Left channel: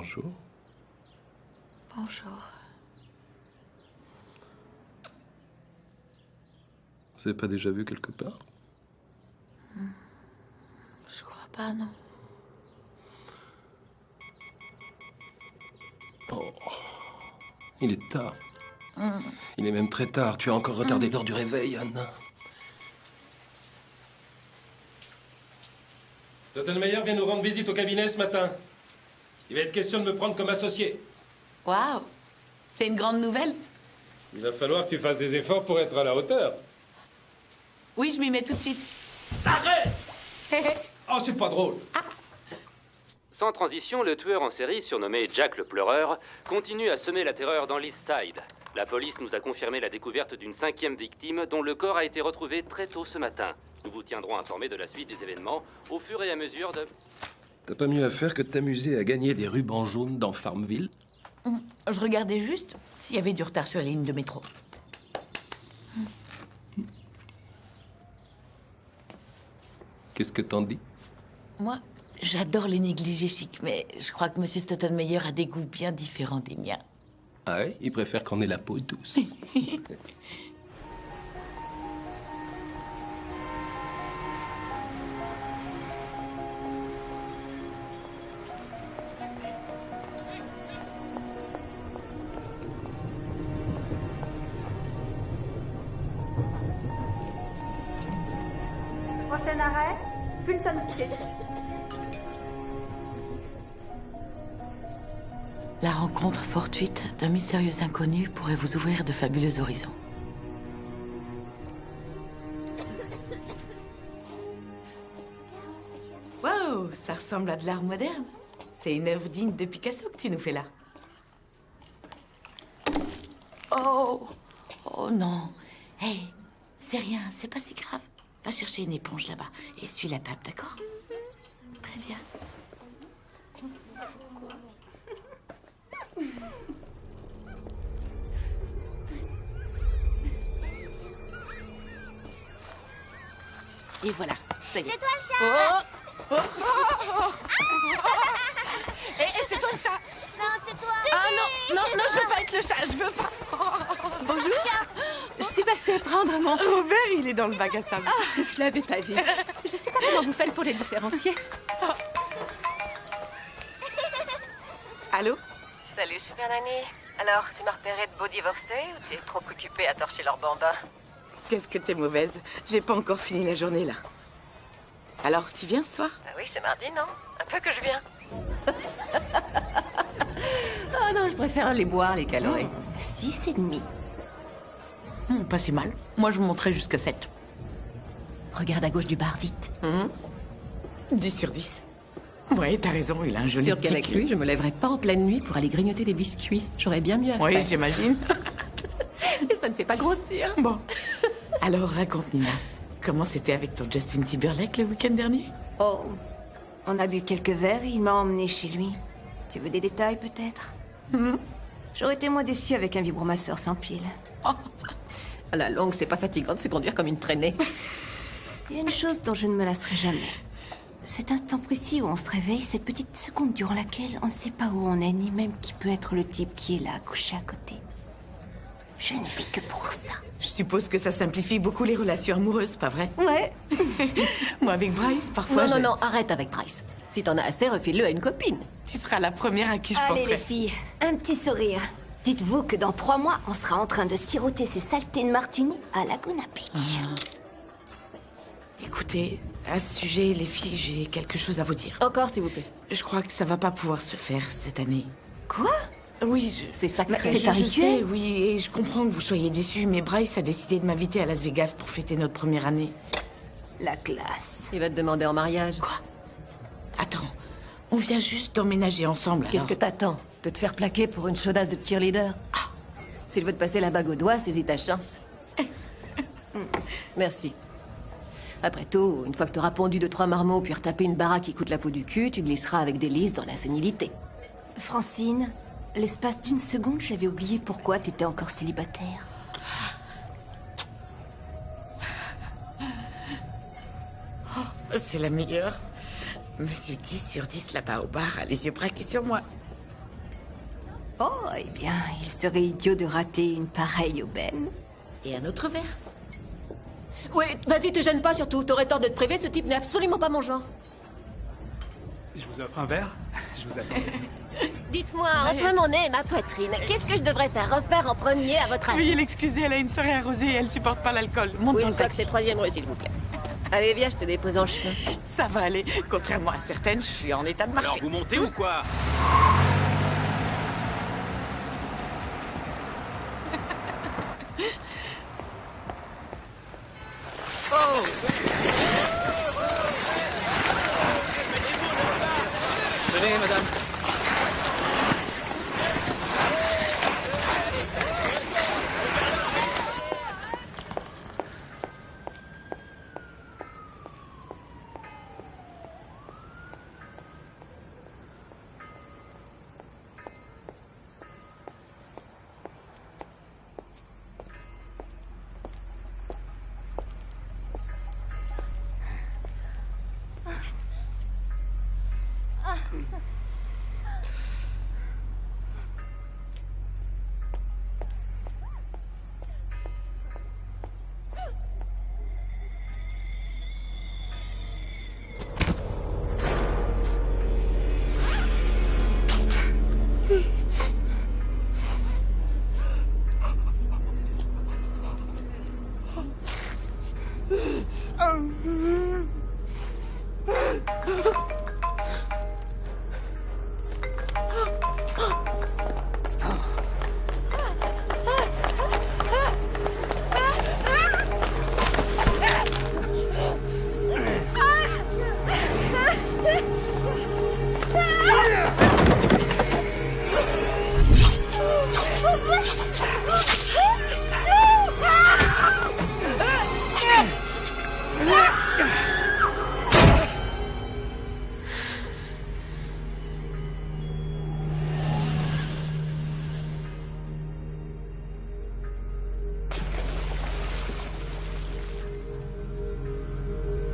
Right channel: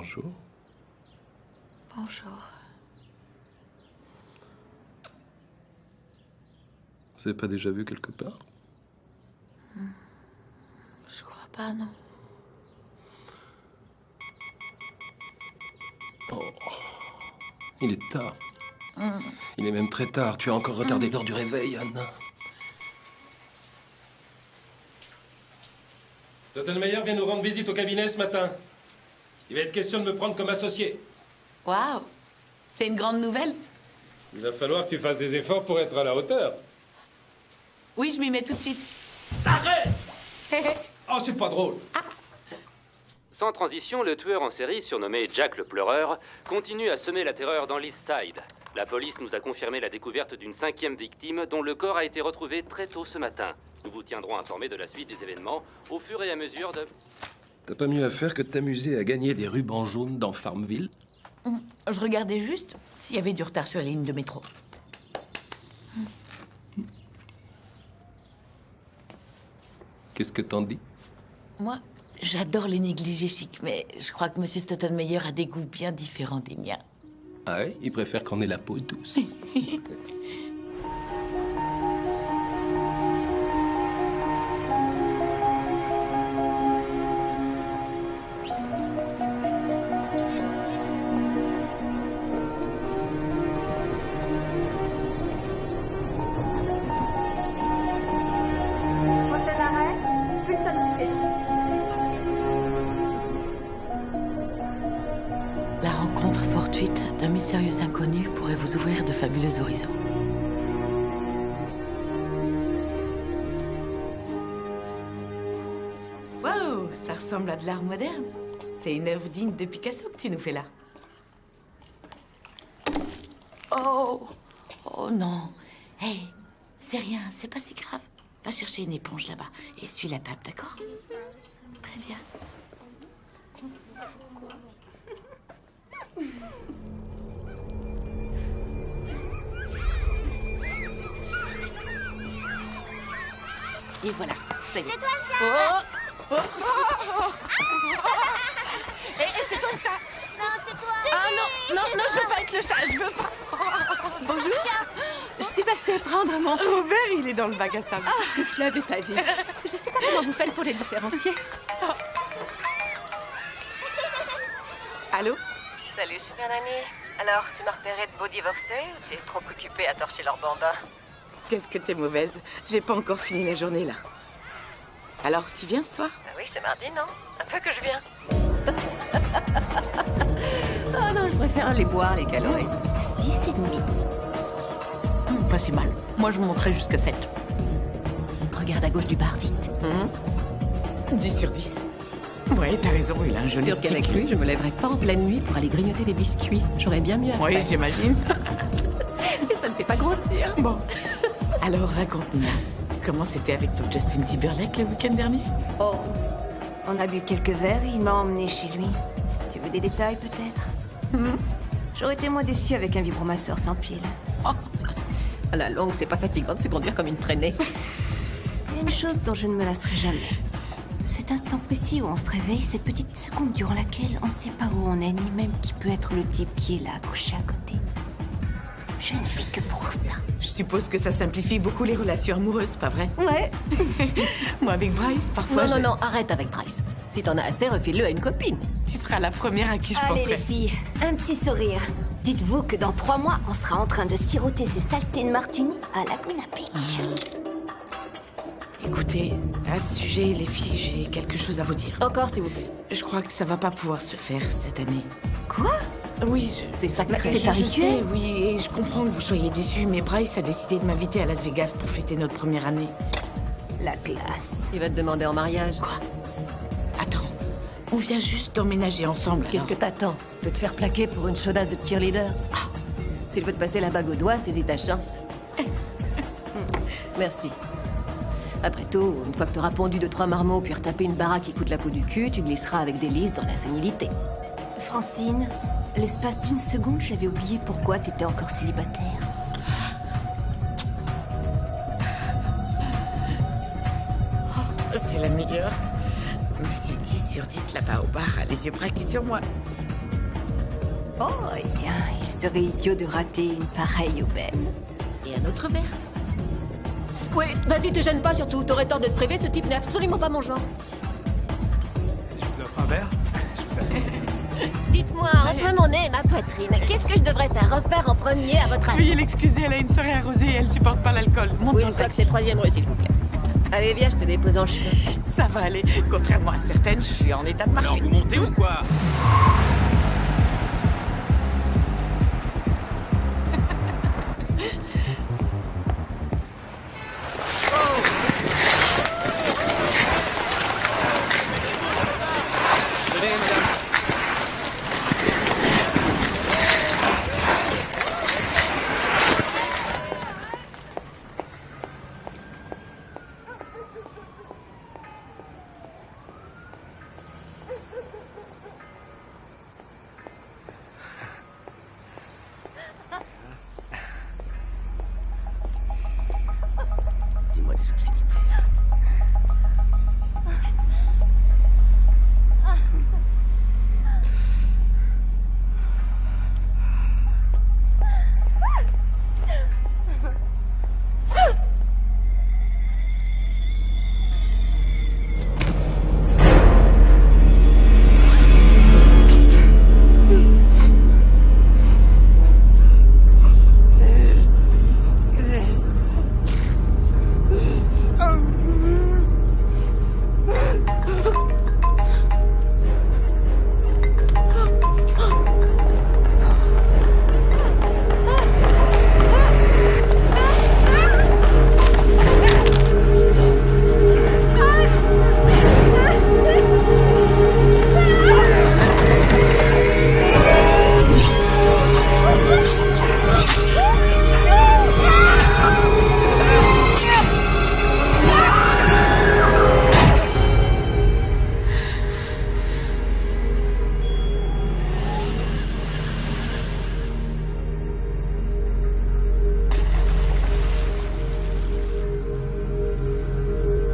Bonjour. Bonjour. Vous avez pas déjà vu quelque part? Je crois pas, non. Oh. Il est tard. Il est même très tard. Tu as encore retardé l'heure du réveil, Anne. Stottenmeyer vient nous rendre visite au cabinet ce matin. Il va être question de me prendre comme associé. Waouh! C'est une grande nouvelle? Il va falloir que tu fasses des efforts pour être à la hauteur. Oui, je m'y mets tout de suite. Arrête! Oh, c'est pas drôle. Sans transition, le tueur en série, surnommé Jack le Pleureur, continue à semer la terreur dans l'East Side. La police nous a confirmé la découverte d'une 5e victime dont le corps a été retrouvé très tôt ce matin. Nous vous tiendrons informés de la suite des événements au fur et à mesure de... T'as pas mieux à faire que de t'amuser à gagner des rubans jaunes dans Farmville? Je regardais juste s'il y avait du retard sur la ligne de métro. Qu'est-ce que t'en dis? Moi, j'adore les négligés chics, mais je crois que Monsieur Stottenmeyer a des goûts bien différents des miens. Ah ouais? Il préfère qu'on ait la peau douce. Prochain arrêt, Fulton City. La rencontre fortuite d'un mystérieux inconnu pourrait vous ouvrir de fabuleux horizons. Wow, ça ressemble à de l'art moderne. C'est une œuvre digne de Picasso que tu nous fais là. Oh, oh non. Hey, c'est rien, c'est pas si grave. Va chercher une éponge là-bas et essuie la table, d'accord? Très bien. Et voilà, ça y est. C'est toi le chat. Oh, Et c'est toi le chat. Non, c'est toi. Ah non, non, non, je veux pas être le chat, je veux pas. Bonjour. Je suis passée prendre mon... Robert, il est dans le bac à sable. Ah, je l'avais pas vu. Je sais pas comment vous faites pour les différencier. Allô? Salut Super Nanny. Alors, tu m'as repéré de beaux divorcés ou tu es trop occupée à torcher leurs bambins? Qu'est-ce que t'es mauvaise. J'ai pas encore fini la journée, là. Alors, tu viens ce soir? Ah oui, c'est mardi, non? Un peu que je viens. Ah non, je préfère les boire, les calories. 6,5. Pas si mal. Moi, je monterais jusqu'à 7. Regarde à gauche du bar, vite. 10 sur 10. Ouais, t'as raison, il a un joli Sûr petit qu'avec cul. lui, je me lèverais pas en pleine nuit pour aller grignoter des biscuits. J'aurais bien mieux à Oui, faire. j'imagine. Et ça ne fait pas grossir. Bon. Alors, raconte, Nina. Comment c'était avec ton Justin Timberlake le week-end dernier? Oh, on a bu quelques verres et il m'a emmené chez lui. Tu veux des détails, peut-être? J'aurais été moins déçue avec un vibromasseur sans pile. À la longue, c'est pas fatigant de se conduire comme une traînée. Il y a une chose dont je ne me lasserai jamais. Cet instant précis où on se réveille, cette petite seconde durant laquelle on ne sait pas où on est, ni même qui peut être le type qui est là, couché à côté. Je ne vis que pour ça. Je suppose que ça simplifie beaucoup les relations amoureuses, pas vrai? Ouais. Moi, avec Bryce, parfois, Non, non, non, arrête avec Bryce. Si t'en as assez, refile-le à une copine. Tu seras la première à qui je Allez, penserai. les filles, un petit sourire. Dites-vous que dans 3 mois, on sera en train de siroter ces saletés de martini à Laguna Beach. Écoutez, à ce sujet, les filles, j'ai quelque chose à vous dire. Encore, s'il vous plaît. Je crois que ça va pas pouvoir se faire cette année. Quoi? Oui, C'est sacré. Mais c'est un je rituel? sais, oui, et je comprends que vous soyez déçus, mais Bryce a décidé de m'inviter à Las Vegas pour fêter notre première année. La classe. Il va te demander en mariage. Attends, on vient juste d'emménager ensemble, Qu'est-ce que alors. t'attends? De te faire plaquer pour une chaudasse de cheerleader? S'il veut te passer la bague au doigt, saisis ta chance. Merci. Après tout, une fois que t'auras pondu 2-3 marmots puis retapé une baraque qui coûte la peau du cul, tu glisseras avec délice dans la sénilité. Francine, l'espace d'une seconde, j'avais oublié pourquoi t'étais encore célibataire. C'est la meilleure. Monsieur 10 sur 10 là-bas au bar a les yeux braqués sur moi. Oh, eh bien, il serait idiot de rater une pareille aubaine. Et un autre verre. Oui, vas-y, te gêne pas surtout. T'aurais tort de te priver, ce type n'est absolument pas mon genre. Je vous offre un verre? Je vous attends. Dites-moi, entre mon nez et ma poitrine, qu'est-ce que je devrais faire refaire en premier à votre avis? Veuillez l'excuser, elle a une soirée arrosée et elle supporte pas l'alcool. Monte Oui, dans une le fois que taxi. c'est troisième rue, s'il vous plaît. Allez, viens, je te dépose en chemin. Ça va aller. Contrairement à certaines, je suis en état de Alors marcher. vous montez ou quoi? Tenez, madame. Dis-moi les subtilités.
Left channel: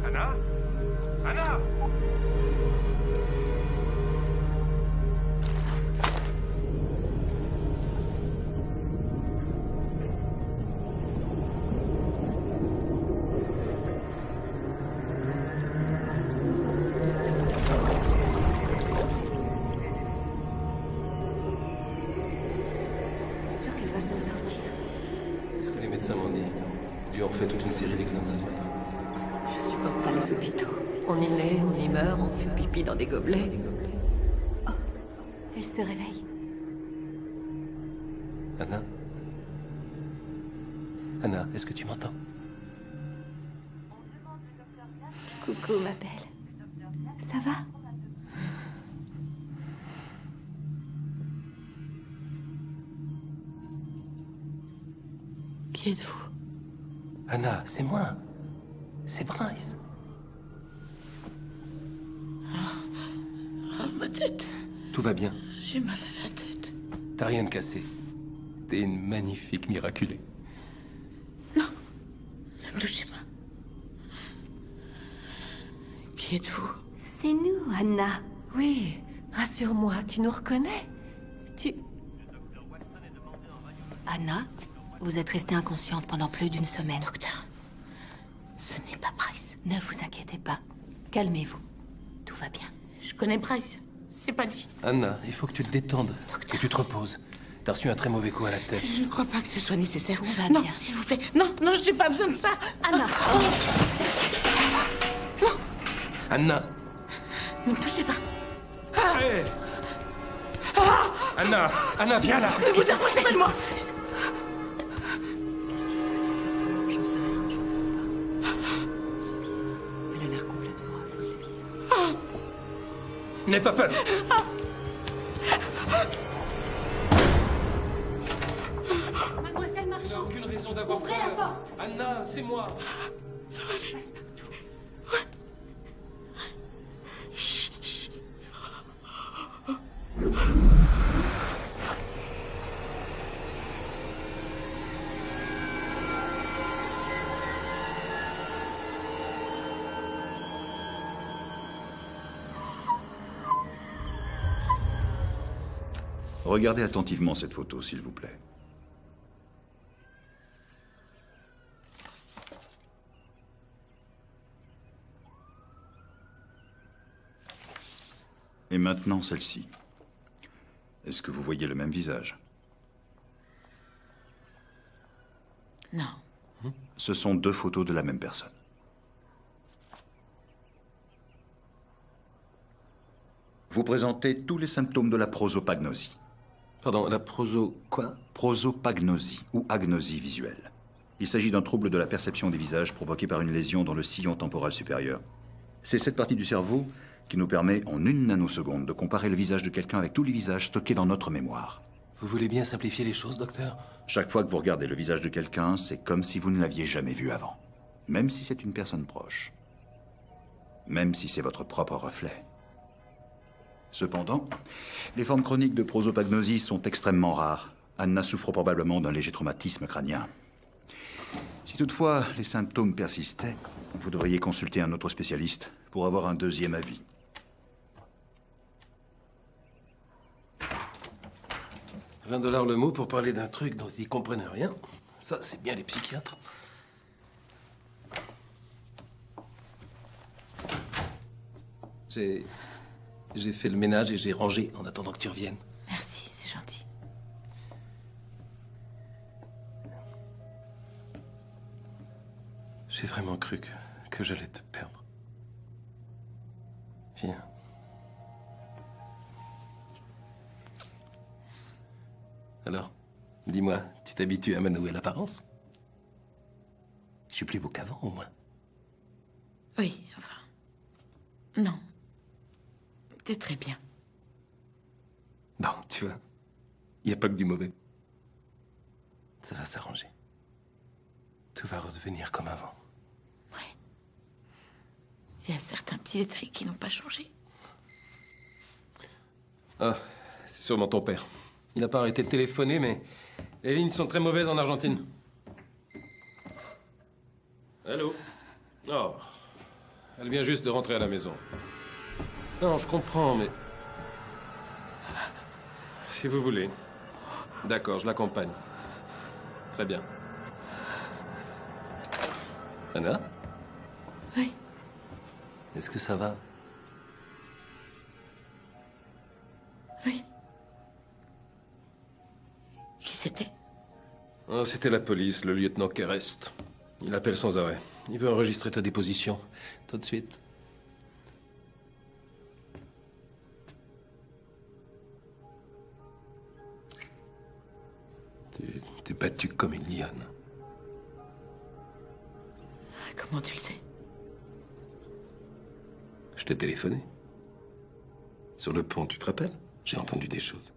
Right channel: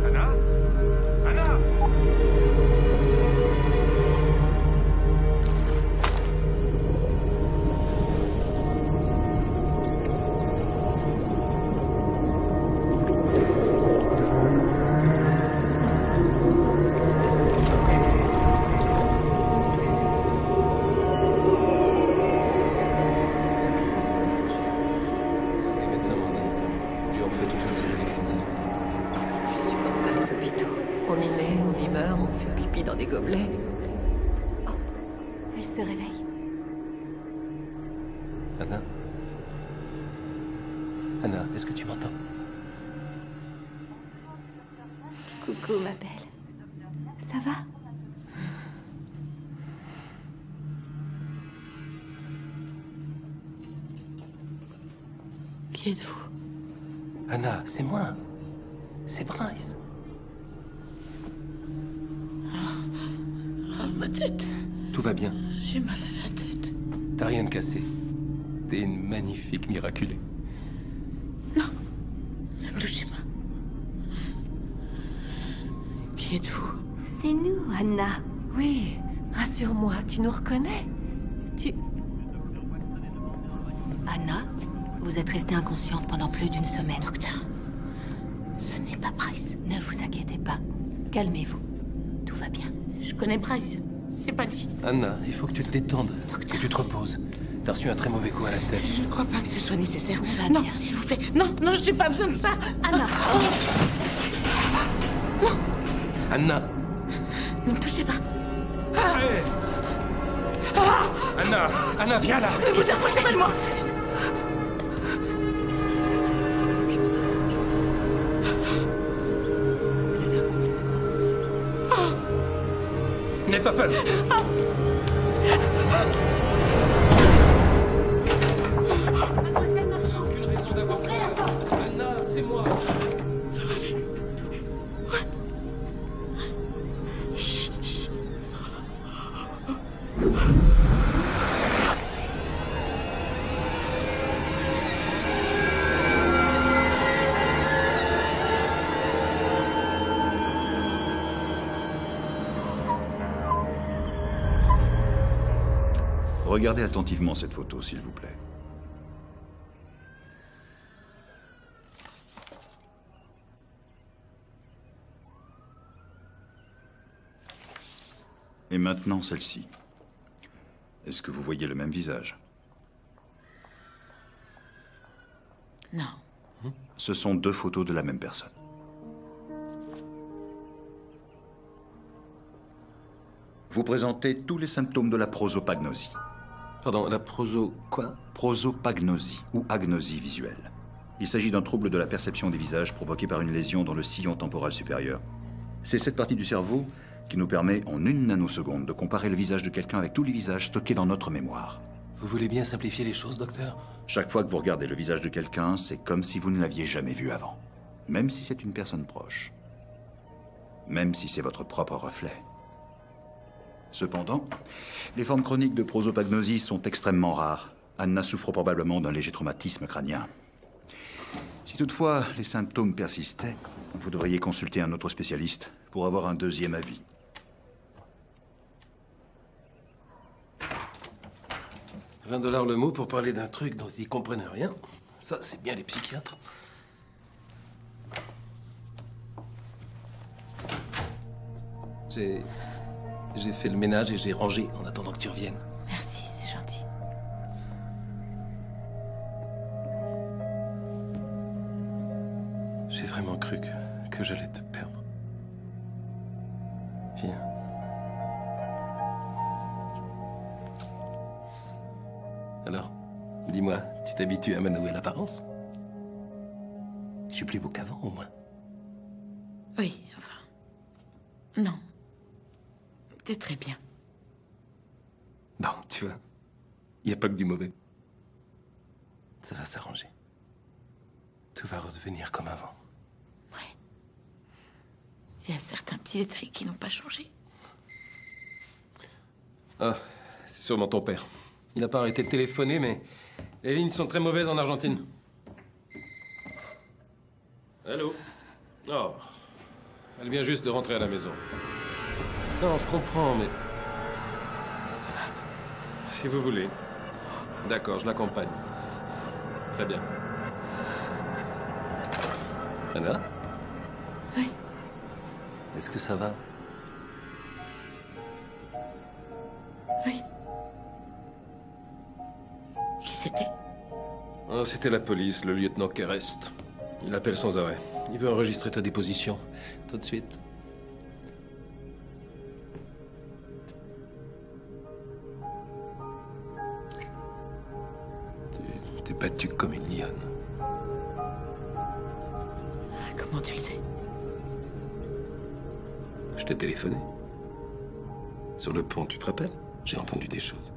Anna? Anna? C'est sûr qu'elle va s'en sortir. C'est ce que les médecins m'ont dit. Ils lui ont fait toute une série d'examens ce matin. Je supporte pas les hôpitaux. Elle se réveille. Anna? Anna, est-ce que tu m'entends? Coucou, ma belle. Ça va? Qui êtes-vous? Anna, c'est moi. C'est Bryce. Ah, ma tête. Tout va bien. J'ai mal à la tête. T'as rien de cassé. T'es une magnifique miraculée. Ne me touchez pas. Qui êtes-vous? C'est nous, Anna. Oui, rassure-moi, tu nous reconnais? Anna, vous êtes restée inconsciente pendant plus d'une semaine. Docteur, ce n'est pas Bryce. Ne vous inquiétez pas. Calmez-vous. Tout va bien. Je connais Bryce. C'est pas lui. Anna, il faut que tu te détendes. Que tu te reposes. T'as reçu un très mauvais coup à la tête. Je ne crois pas que ce soit nécessaire. Tout va non, bien. s'il vous plaît. Non, non, j'ai pas besoin de ça. Anna. Anna! Ne me touchez pas. Hey! Anna! Anna, viens là! Ne vous approchez pas de moi. Elle a l'air complètement affolée. N'aie pas peur! Mademoiselle Marchand, Aucune raison d'avoir ouvrez la peur. porte. Anna, c'est moi! Regardez attentivement cette photo, s'il vous plaît. Et maintenant, celle-ci. Est-ce que vous voyez le même visage? Non. Ce sont deux photos de la même personne. Vous présentez tous les symptômes de la prosopagnosie. Pardon, la quoi? Prosopagnosie, ou agnosie visuelle. Il s'agit d'un trouble de la perception des visages provoqué par une lésion dans le sillon temporal supérieur. C'est cette partie du cerveau qui nous permet en une nanoseconde de comparer le visage de quelqu'un avec tous les visages stockés dans notre mémoire. Vous voulez bien simplifier les choses, docteur? Chaque fois que vous regardez le visage de quelqu'un, c'est comme si vous ne l'aviez jamais vu avant. Même si c'est une personne proche. Même si c'est votre propre reflet. Cependant, les formes chroniques de prosopagnosie sont extrêmement rares. Anna souffre probablement d'un léger traumatisme crânien. Si toutefois les symptômes persistaient, vous devriez consulter un autre spécialiste pour avoir un deuxième avis. $20 le mot pour parler d'un truc dont ils comprennent rien. Ça, c'est bien les psychiatres. J'ai fait le ménage et j'ai rangé en attendant que tu reviennes. Merci, c'est gentil. J'ai vraiment cru que j'allais te perdre. Viens. Alors, dis-moi, tu t'habitues à ma nouvelle apparence? Je suis plus beau qu'avant, au moins. Oui, enfin... Non. T'es très bien. Bon, tu vois, il n'y a pas que du mauvais. Ça va s'arranger. Tout va redevenir comme avant. Ouais. Il y a certains petits détails qui n'ont pas changé. Ah, c'est sûrement ton père. Il n'a pas arrêté de téléphoner, mais les lignes sont très mauvaises en Argentine. Allô? Oh, elle vient juste de rentrer à la maison. Non, je comprends, mais... Si vous voulez. D'accord, je l'accompagne. Très bien. Anna? Oui. Est-ce que ça va? Oui. Qui c'était? Oh, c'était la police, le lieutenant Kerest. Il appelle sans arrêt. Il veut enregistrer ta déposition. Tout de suite. Tu t'es battue comme une lionne. Comment tu le sais? Je t'ai téléphoné. Sur le pont, tu te rappelles? J'ai entendu des choses.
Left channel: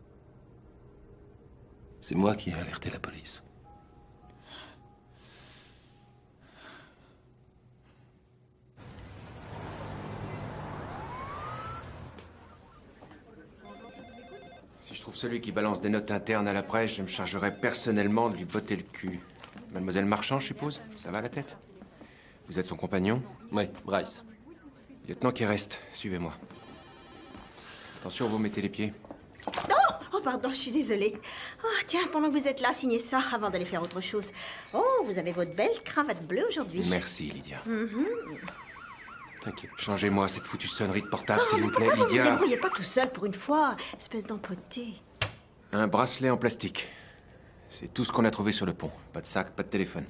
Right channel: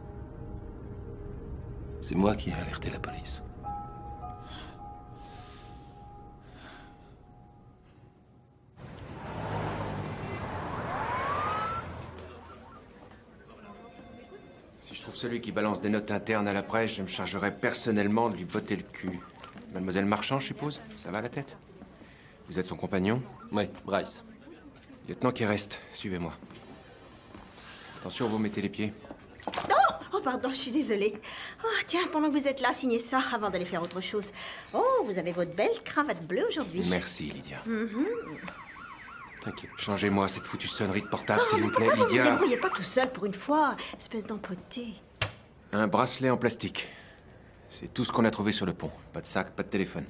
C'est moi qui ai alerté la police. Si je trouve celui qui balance des notes internes à la presse, je me chargerai personnellement de lui botter le cul. Mademoiselle Marchand, je suppose? Ça va la tête? Vous êtes son compagnon? Oui, Bryce. Lieutenant Kerest, suivez-moi. Attention, vous mettez les pieds. Oh, pardon, je suis désolée. Oh, tiens, pendant que vous êtes là, signez ça avant d'aller faire autre chose. Oh, vous avez votre belle cravate bleue aujourd'hui. Merci, Lydia. T'inquiète. Changez-moi cette foutue sonnerie de portable, s'il vous plaît, Pourquoi vous ne Lydia. vous débrouillez pas tout seul pour une fois? Espèce d'empoté. Un bracelet en plastique. C'est tout ce qu'on a trouvé sur le pont. Pas de sac, pas de téléphone.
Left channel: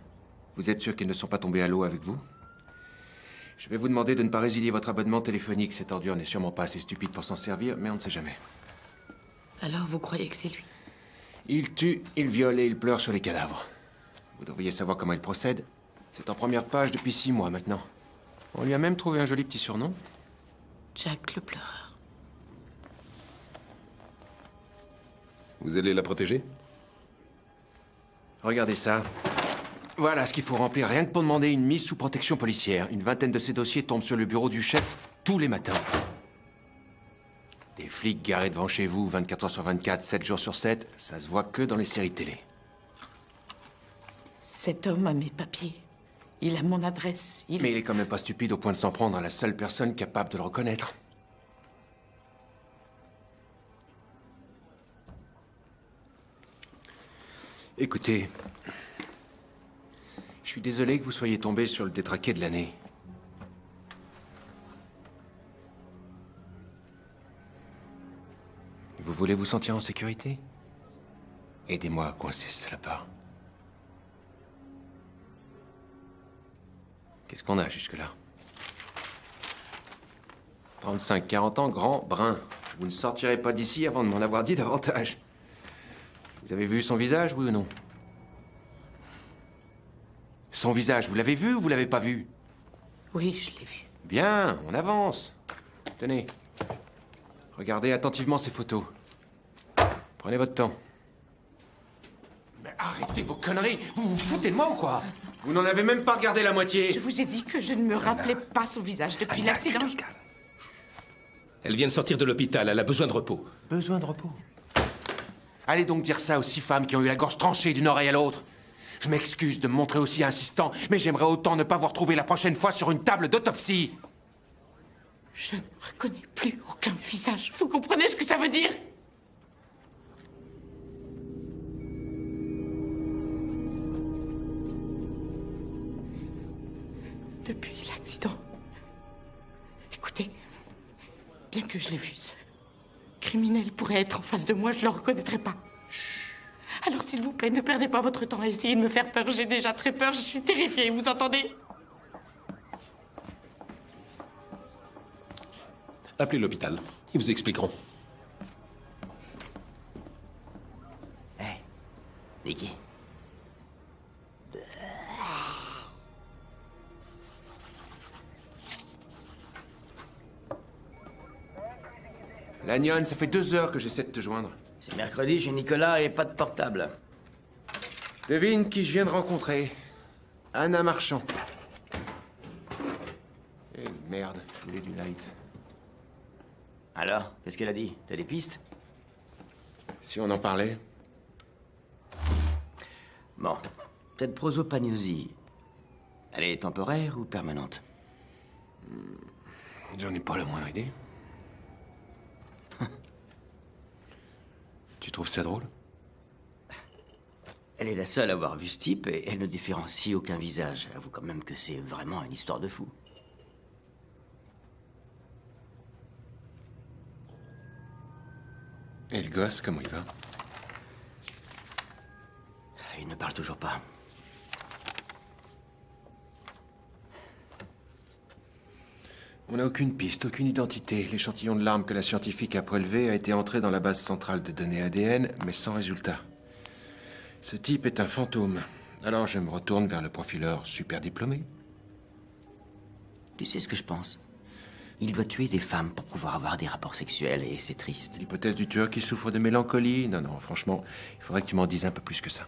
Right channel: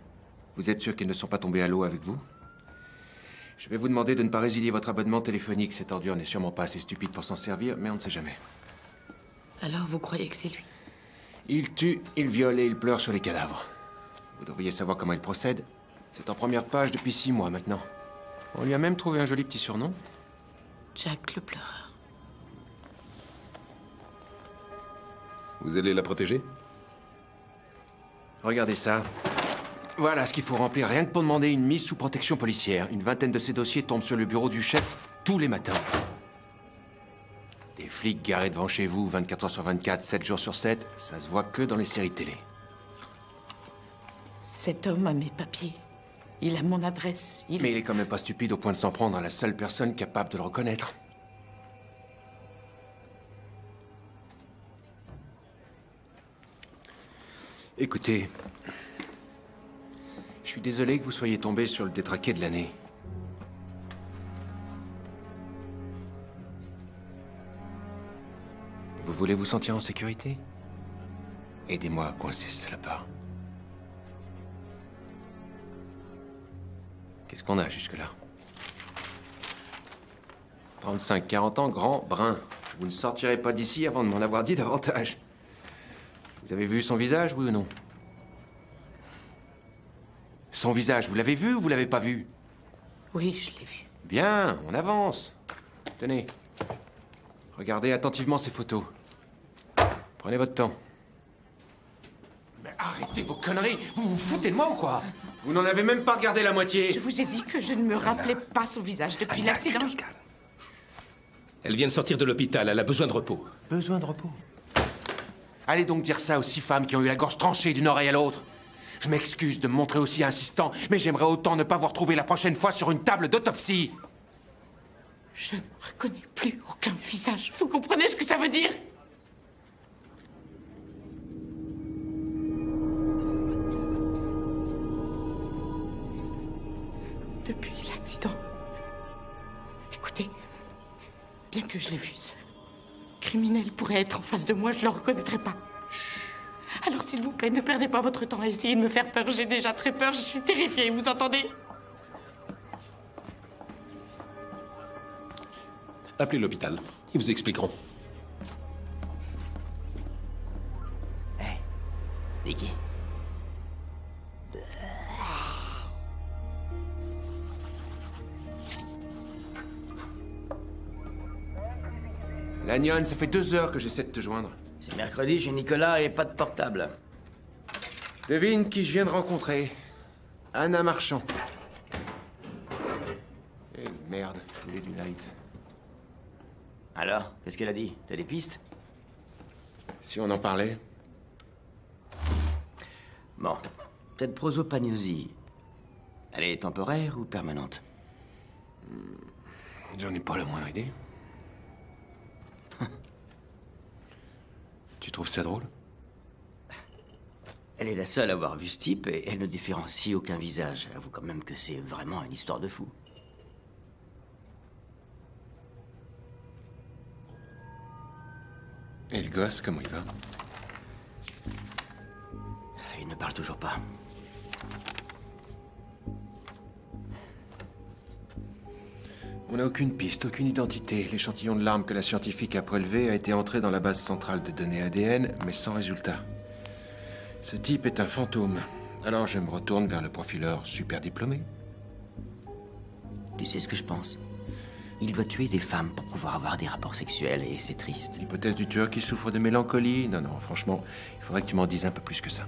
Vous êtes sûr qu'ils ne sont pas tombés à l'eau avec vous? Je vais vous demander de ne pas résilier votre abonnement téléphonique. Cette ordure n'est sûrement pas assez stupide pour s'en servir, mais on ne sait jamais. Alors vous croyez que c'est lui? Il tue, il viole et il pleure sur les cadavres. Vous devriez savoir comment il procède. C'est en première page depuis 6 mois maintenant. On lui a même trouvé un joli petit surnom. Jack le pleureur. Vous allez la protéger? Regardez ça. Voilà ce qu'il faut remplir rien que pour demander une mise sous protection policière. Une vingtaine de ces dossiers tombent sur le bureau du chef tous les matins. Des flics garés devant chez vous 24 heures sur 24, 7 jours sur 7, ça se voit que dans les séries télé. Cet homme a mes papiers. Il a mon adresse. Mais il est quand même pas stupide au point de s'en prendre à la seule personne capable de le reconnaître. Écoutez, je suis désolé que vous soyez tombé sur le détraqué de l'année. Vous voulez vous sentir en sécurité? Aidez-moi à coincer ce salopard. Qu'est-ce qu'on a jusque-là? 35, 40 ans, grand, brun. Vous ne sortirez pas d'ici avant de m'en avoir dit davantage. Vous avez vu son visage, oui ou non? Son visage, vous l'avez vu ou vous l'avez pas vu? Oui, je l'ai vu. Bien, on avance. Tenez. Regardez attentivement ces photos. Prenez votre temps. Mais arrêtez vos conneries! Vous vous foutez de moi ou quoi? Vous n'en avez même pas regardé la moitié! Je vous ai dit que je ne me rappelais pas son visage depuis l'accident. Elle vient de sortir de l'hôpital, elle a besoin de repos. Besoin de repos? Allez donc dire ça aux 6 femmes qui ont eu la gorge tranchée d'une oreille à l'autre. Je m'excuse de me montrer aussi insistant, mais j'aimerais autant ne pas vous retrouver la prochaine fois sur une table d'autopsie. Je ne reconnais plus aucun visage. Vous comprenez ce que ça veut dire? Depuis l'accident. Écoutez, bien que je l'ai vu, ce criminel pourrait être en face de moi, je ne le reconnaîtrais pas. Chut. Alors s'il vous plaît, ne perdez pas votre temps à essayer de me faire peur. J'ai déjà très peur, je suis terrifiée, vous entendez? Appelez l'hôpital, ils vous expliqueront. Hé, Nicky. Lanyon, ça fait 2 heures que j'essaie de te joindre. C'est mercredi chez Nicolas et pas de portable. Devine qui je viens de rencontrer. Anna Marchand. Eh merde, je voulais du light. Alors, qu'est-ce qu'elle a dit? T'as des pistes? Si on en parlait. Bon, cette prosopagnosie, elle est temporaire ou permanente? J'en ai pas la moindre idée. Tu trouves ça drôle? Elle est la seule à avoir vu ce type et elle ne différencie aucun visage. Avoue quand même que c'est vraiment une histoire de fou. Et le gosse, comment il va? Il ne parle toujours pas. On n'a aucune piste, aucune identité. L'échantillon de l'arme que la scientifique a prélevé a été entré dans la base centrale de données ADN, mais sans résultat. Ce type est un fantôme. Alors je me retourne vers le profileur super diplômé. Tu sais ce que je pense? Il doit tuer des femmes pour pouvoir avoir des rapports sexuels et c'est triste. L'hypothèse du tueur qui souffre de mélancolie? Non, non, franchement, il faudrait que tu m'en dises un peu plus que ça.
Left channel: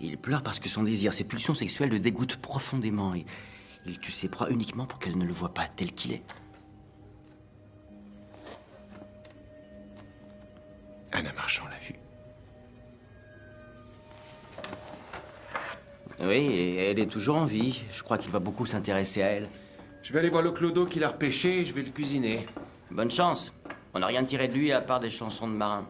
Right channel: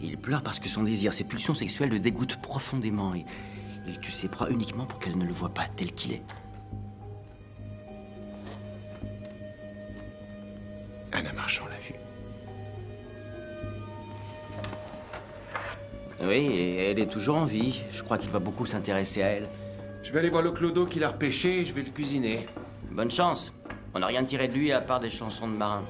Il pleure parce que son désir, ses pulsions sexuelles le dégoûtent profondément et il tue ses proies uniquement pour qu'elles ne le voient pas tel qu'il est. Anna Marchand l'a vu. Oui, et elle est toujours en vie. Je crois qu'il va beaucoup s'intéresser à elle. Je vais aller voir le clodo qui l'a repêché et je vais le cuisiner. Bonne chance. On n'a rien tiré de lui à part des chansons de marins.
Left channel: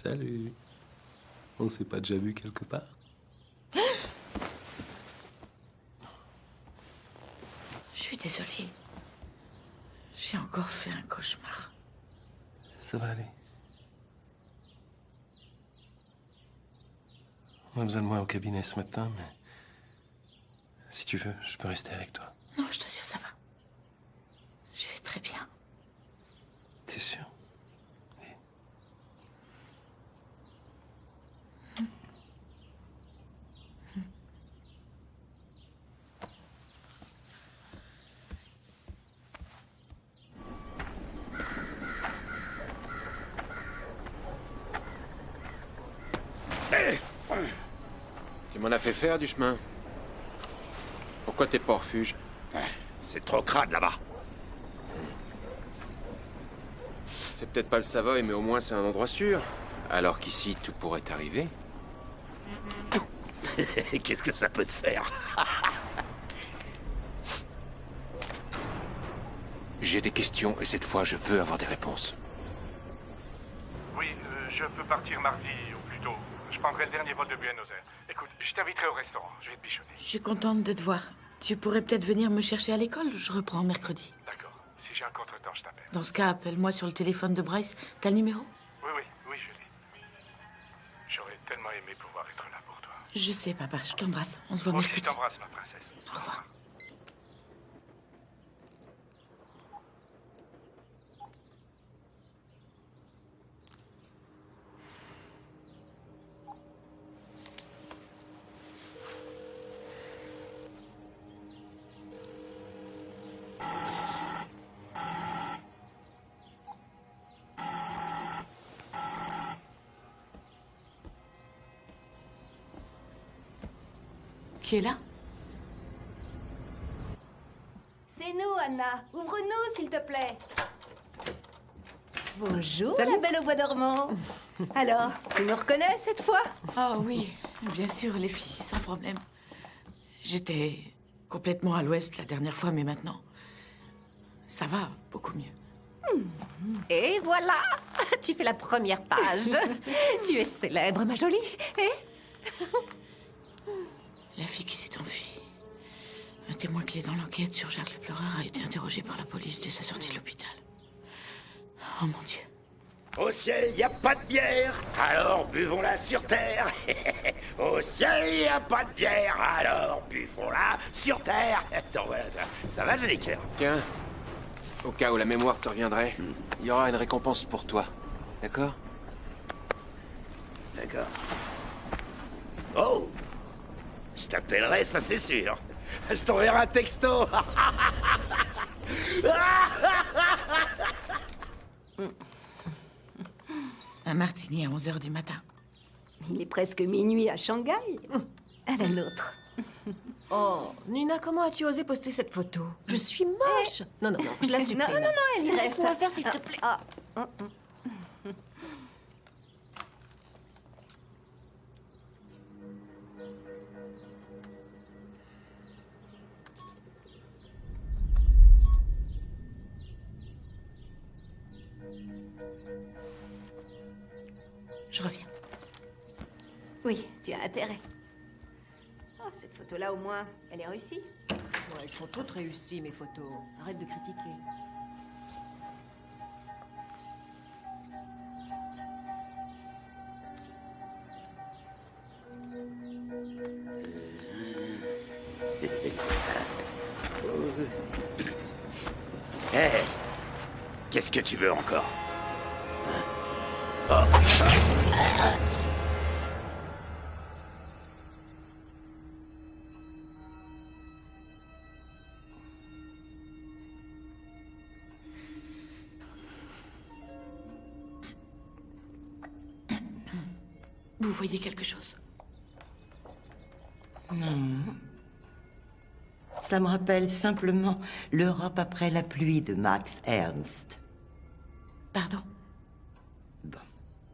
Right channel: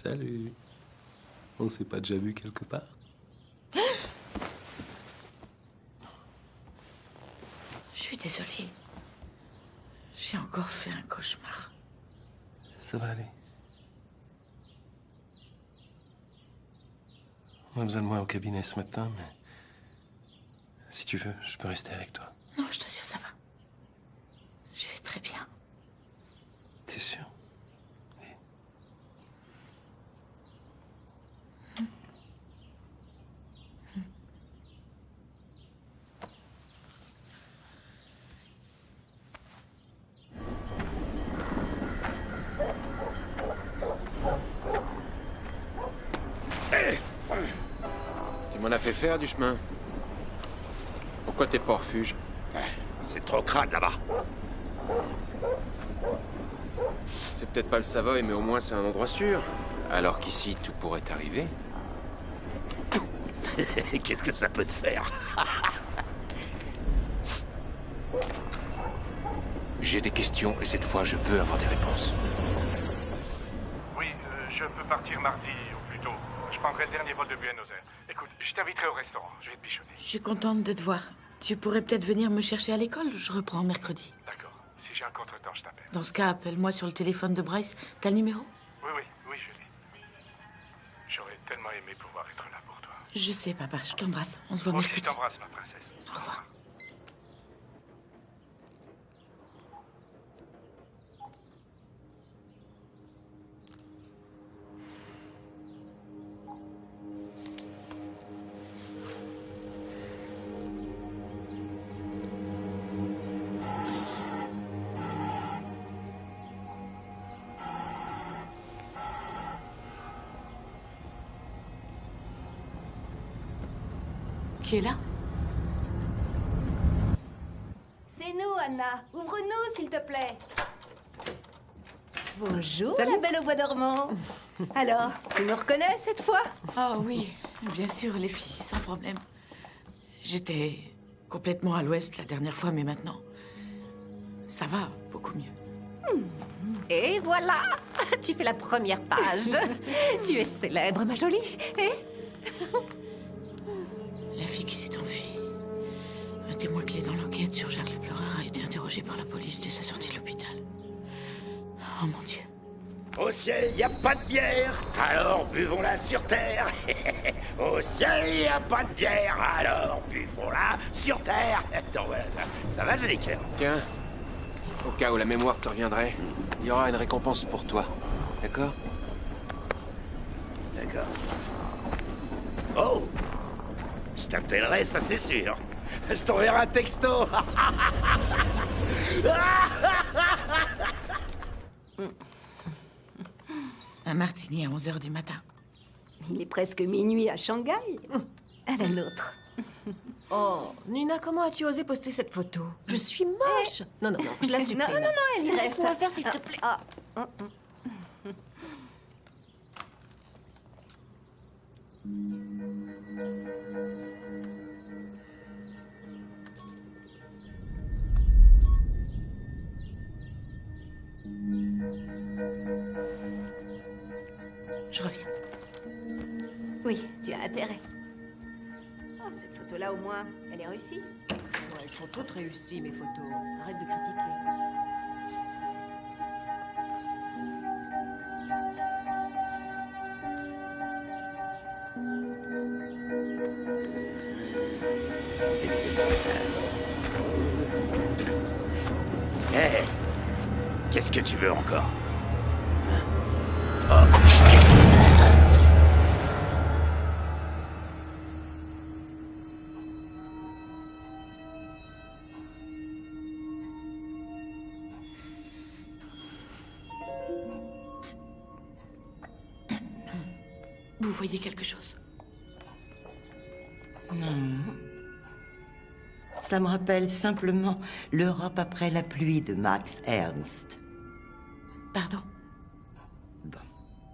Salut. On s'est pas déjà vu quelque part? Je suis désolée. J'ai encore fait un cauchemar. Ça va aller. On a besoin de moi au cabinet ce matin, mais... Si tu veux, je peux rester avec toi. Non, je t'assure, ça va. Je vais très bien. T'es sûr? Tu m'en as fait faire du chemin. Pourquoi t'es pas au refuge? C'est trop crade là-bas. C'est peut-être pas le Savoy, mais au moins c'est un endroit sûr. Alors qu'ici, tout pourrait arriver. Qu'est-ce que ça peut te faire? J'ai des questions et cette fois, je veux avoir des réponses. Oui, je peux partir mardi au plus tôt. Je prendrai le dernier vol de Buenos Aires. Écoute, je t'inviterai au restaurant. Je vais te bichonner. Je suis contente de te voir. Tu pourrais peut-être venir me chercher à l'école. Je reprends mercredi. D'accord. Si j'ai un contretemps, je t'appelle. Dans ce cas, appelle-moi sur le téléphone de Bryce. T'as le numéro? Oui, je l'ai. J'aurais tellement aimé pouvoir être là pour toi. Je sais, papa. Je t'embrasse. On se voit Moi mercredi. aussi, je t'embrasse, ma princesse. Au revoir. Qui est là? C'est nous, Anna. Ouvre-nous, s'il te plaît. Bonjour, Salut. la belle au bois dormant. Alors, tu me reconnais cette fois? Ah oui, bien sûr, les filles, sans problème. J'étais complètement à l'ouest la dernière fois, mais maintenant, ça va beaucoup mieux. Et voilà, tu fais la première page. Tu es célèbre, ma jolie. Et La fille qui s'est enfuie. Un témoin clé dans l'enquête sur Jacques le Pleureur a été interrogé par la police dès sa sortie de l'hôpital. Oh mon Dieu. Au ciel, y a pas de bière, alors buvons-la sur terre. Au ciel, y a pas de bière, alors buvons-la sur terre. Attends, voilà, ça va, joli cœur? Tiens, au cas où la mémoire te reviendrait, il y aura une récompense pour toi. D'accord? D'accord. Oh! Je t'appellerai, ça c'est sûr. Je t'enverrai un texto. Un martini à 11h du matin. Il est presque minuit à Shanghai. À la nôtre. oh, Nina, comment as-tu osé poster cette photo? Je suis moche. Non, je la supprime. Non, elle y reste. Laisse-moi faire, s'il te plaît. Je reviens. Oui, tu as intérêt. Oh, cette photo-là, au moins, elle est réussie. Ouais, elles sont toutes réussies, mes photos. Arrête de critiquer. Hé, qu'est-ce que tu veux encore? Vous voyez quelque chose? Non. Ça me rappelle simplement l'Europe après la pluie de Max Ernst. Pardon? Bon,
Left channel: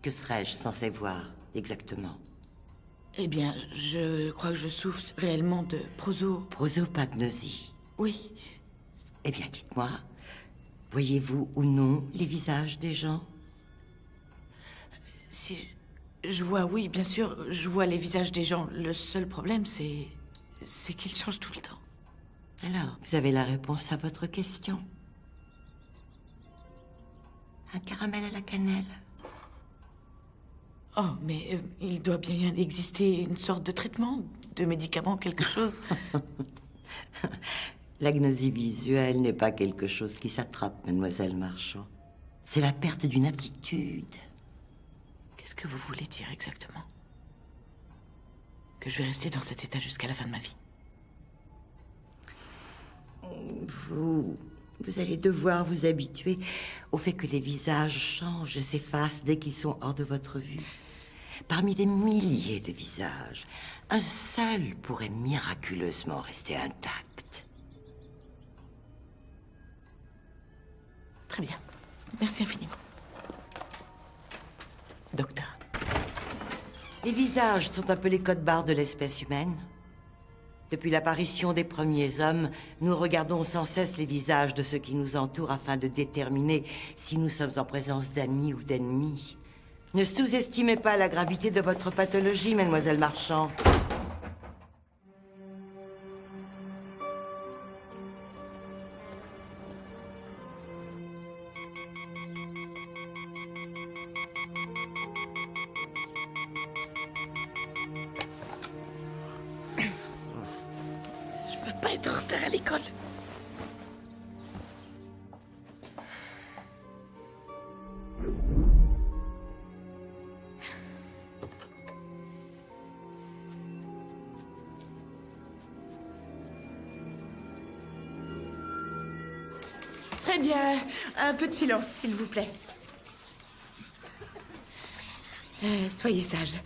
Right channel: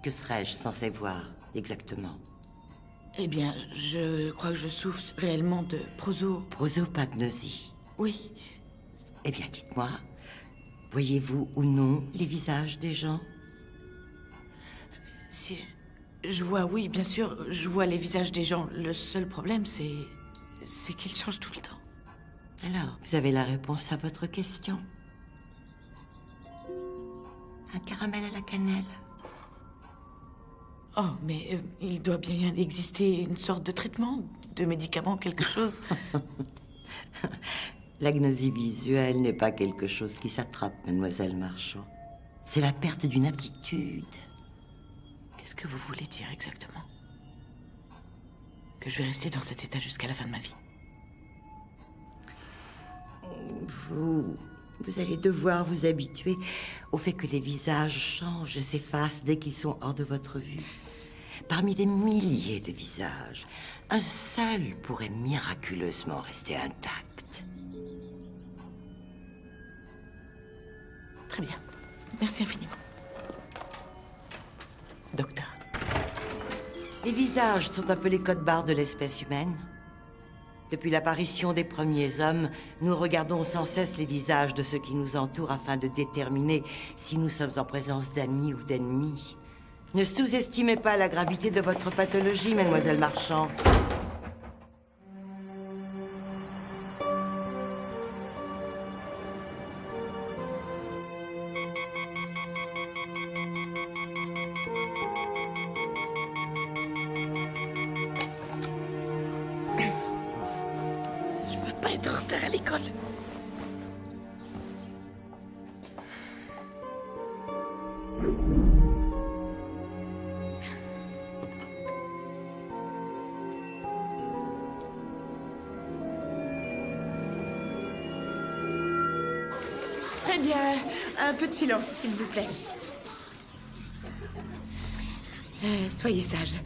que serais-je censé voir exactement? Eh bien, je crois que je souffre réellement de prosopagnosie. Oui. Eh bien, dites-moi, voyez-vous ou non les visages des gens? Si je vois, oui, bien sûr, je vois les visages des gens. Le seul problème, c'est qu'ils changent tout le temps. Alors, vous avez la réponse à votre question. Un caramel à la cannelle. Oh, mais il doit bien exister une sorte de traitement, de médicament, quelque chose. L'agnosie visuelle n'est pas quelque chose qui s'attrape, mademoiselle Marchand. C'est la perte d'une aptitude. Qu'est-ce que vous voulez dire exactement? Que je vais rester dans cet état jusqu'à la fin de ma vie? Vous allez devoir vous habituer au fait que les visages changent, s'effacent dès qu'ils sont hors de votre vue. Parmi des milliers de visages, un seul pourrait miraculeusement rester intact. Très bien. Merci infiniment. Docteur. Les visages sont un peu les codes-barres de l'espèce humaine. Depuis l'apparition des premiers hommes, nous regardons sans cesse les visages de ceux qui nous entourent afin de déterminer si nous sommes en présence d'amis ou d'ennemis. Ne sous-estimez pas la gravité de votre pathologie, mademoiselle Marchand. Je veux pas être en retard à l'école. Très bien. Un peu de silence, s'il vous plaît. Soyez sages.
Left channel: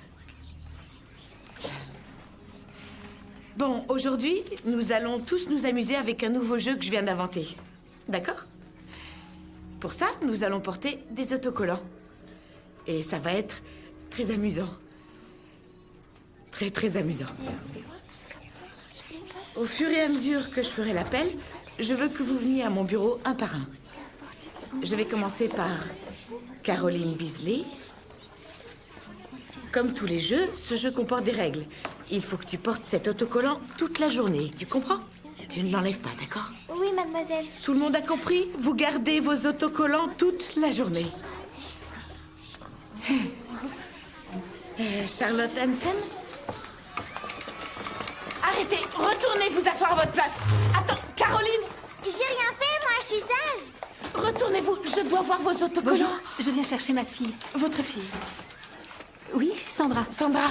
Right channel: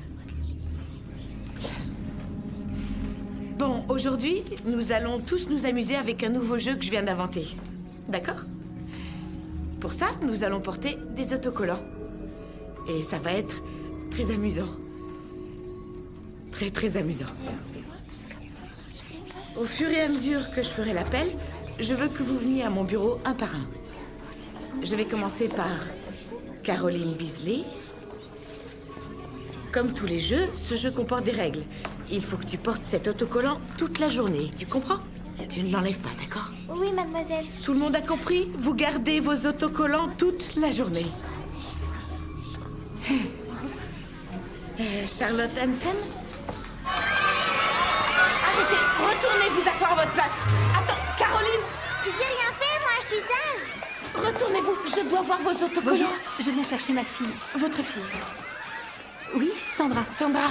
Bon, aujourd'hui, nous allons tous nous amuser avec un nouveau jeu que je viens d'inventer. D'accord? Pour ça, nous allons porter des autocollants. Et ça va être très amusant. Très, très amusant. Au fur et à mesure que je ferai l'appel, je veux que vous veniez à mon bureau un par un. Je vais commencer par Caroline Beasley. Comme tous les jeux, ce jeu comporte des règles. Il faut que tu portes cet autocollant toute la journée, tu comprends? Tu ne l'enlèves pas, d'accord? Oui, mademoiselle. Tout le monde a compris? Vous gardez vos autocollants toute la journée. Charlotte Hansen? Arrêtez! Retournez vous asseoir à votre place! Attends, Caroline! J'ai rien fait, moi, je suis sage. Retournez-vous, je dois voir vos autocollants. Bonjour, je viens chercher ma fille. Votre fille? Oui, Sandra. Sandra.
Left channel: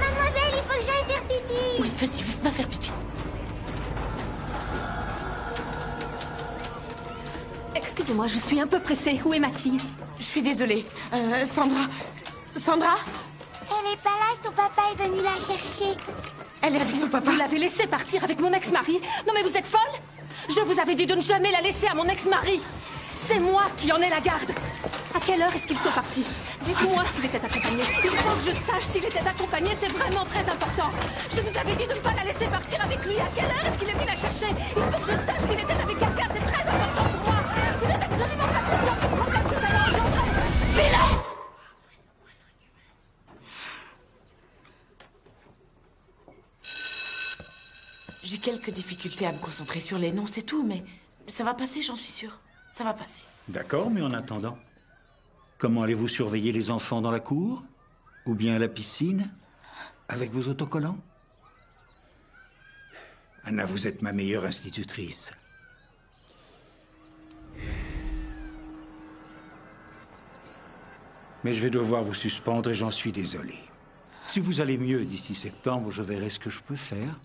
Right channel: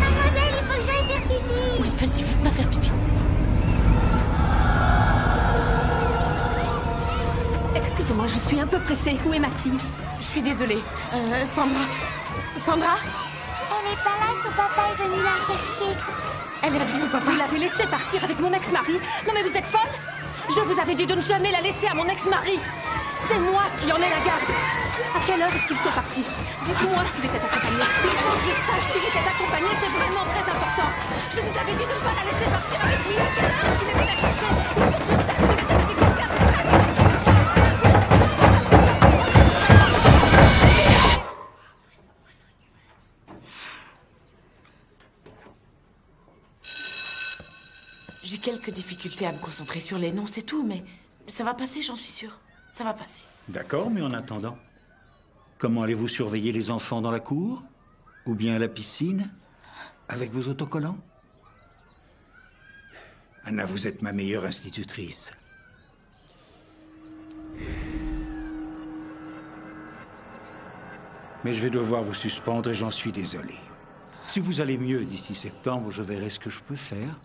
Mademoiselle, il faut que j'aille faire pipi. Oui, vas-y, va faire pipi. Excusez-moi, je suis un peu pressée. Où est ma fille? Je suis désolée. Sandra? Elle est pas là, son papa est venu la chercher. Elle est avec son papa. Vous l'avez laissée partir avec mon ex-mari? Non mais vous êtes folle? Je vous avais dit de ne jamais la laisser à mon ex-mari. C'est moi qui en ai la garde. À quelle heure est-ce qu'ils sont partis? Dites-moi s'il était accompagné. Il faut que je sache s'il était accompagné, c'est vraiment très important. Je vous avais dit de ne pas la laisser partir avec lui. À quelle heure est-ce qu'il est venu la chercher? Il faut que je sache s'il était avec quelqu'un, c'est très important pour moi. Vous êtes absolument pas conscient de comprendre. Silence! J'ai quelques difficultés à me concentrer sur les noms, c'est tout, mais ça va passer, j'en suis sûre. Ça va passer. D'accord, mais en attendant, comment allez-vous surveiller les enfants dans la cour? Ou bien à la piscine? Avec vos autocollants? Anna, vous êtes ma meilleure institutrice. Mais je vais devoir vous suspendre et j'en suis désolé. Si vous allez mieux d'ici septembre, je verrai ce que je peux faire.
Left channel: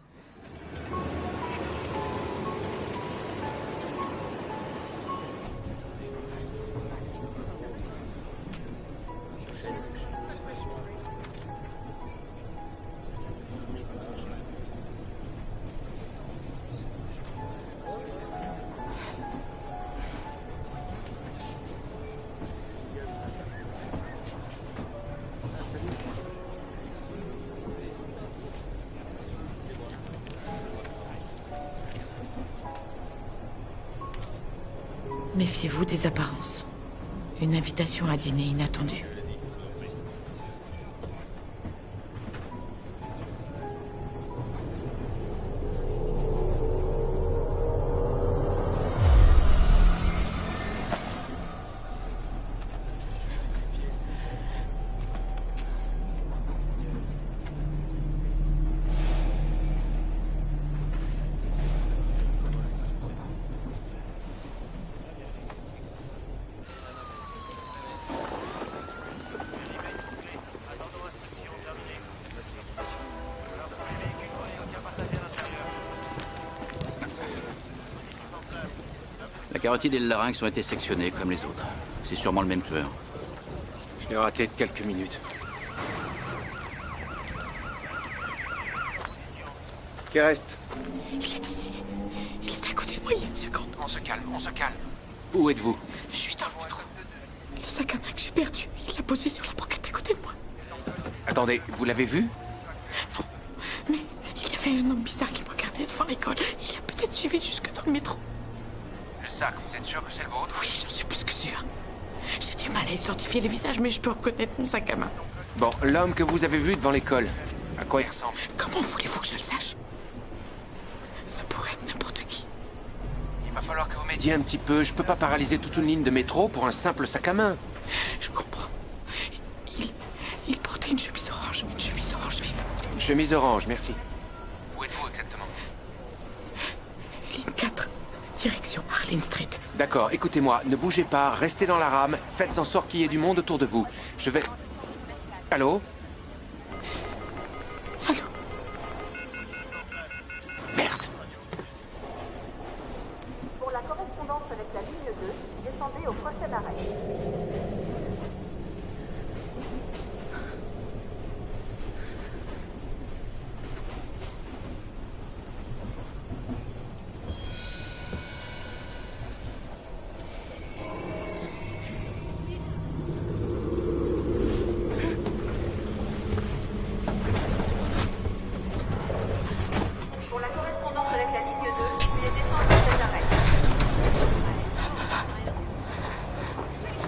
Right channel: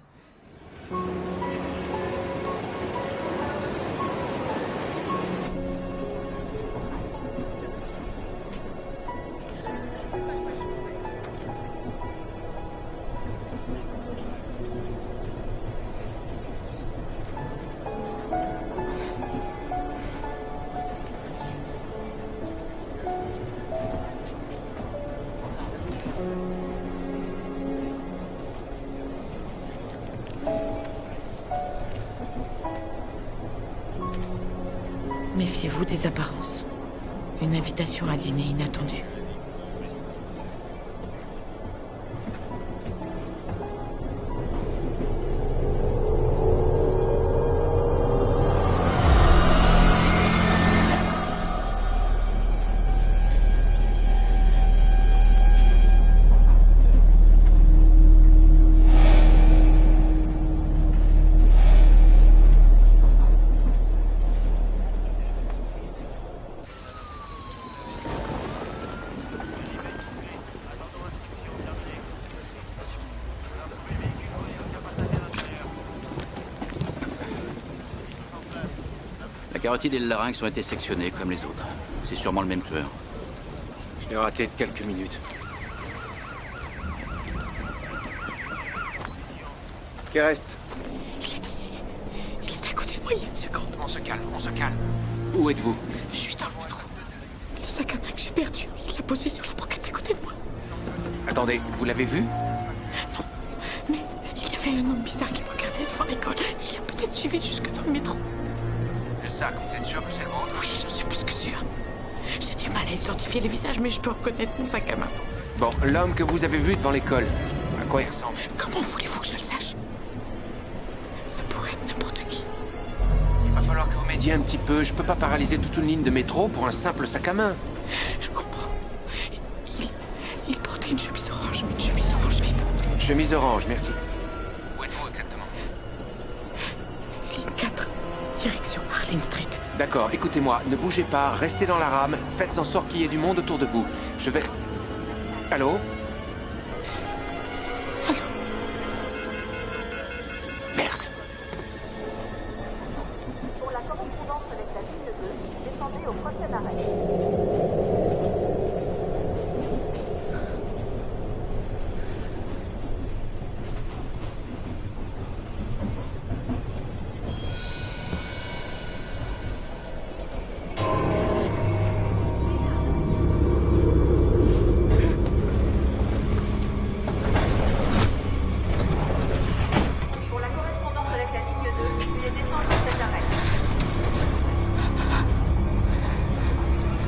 Méfiez-vous des apparences. Une invitation à dîner inattendue. La carotide et le larynx ont été sectionnés comme les autres. C'est sûrement le même tueur. Je l'ai raté de quelques minutes. Qui reste? Il est ici. Il est à côté de moi il y a une seconde. On se calme, on se calme. Où êtes-vous? Je suis dans le métro. Le sac à main que j'ai perdu, il l'a posé sur la banquette à côté de moi. Attendez, vous l'avez vu? Non, mais il y avait un homme bizarre qui me regardait devant l'école. Il a peut-être suivi jusque dans le métro. Le sac, vous êtes sûr que c'est le vôtre? Oui, j'en suis plus que sûr. J'ai du mal à identifier les visages, mais je peux reconnaître mon sac à main. Bon, l'homme que vous avez vu devant l'école, à quoi il ressemble? Comment voulez-vous que je le sache? Ça pourrait être n'importe qui. Il va falloir que vous m'aidiez un petit peu. Je peux pas paralyser toute une ligne de métro pour un simple sac à main. Je comprends. Il portait une chemise orange vive. Une chemise orange, merci. Où êtes-vous exactement? Ligne 4, direction Harlyn Street. D'accord, écoutez-moi, ne bougez pas, restez dans la rame, faites en sorte qu'il y ait du monde autour de vous. Je vais... Allô? Allô? Merde! Pour la correspondance avec la ligne 2, descendez au prochain arrêt. Pour la correspondance avec la ligne 2, veuillez descendre à cet arrêt.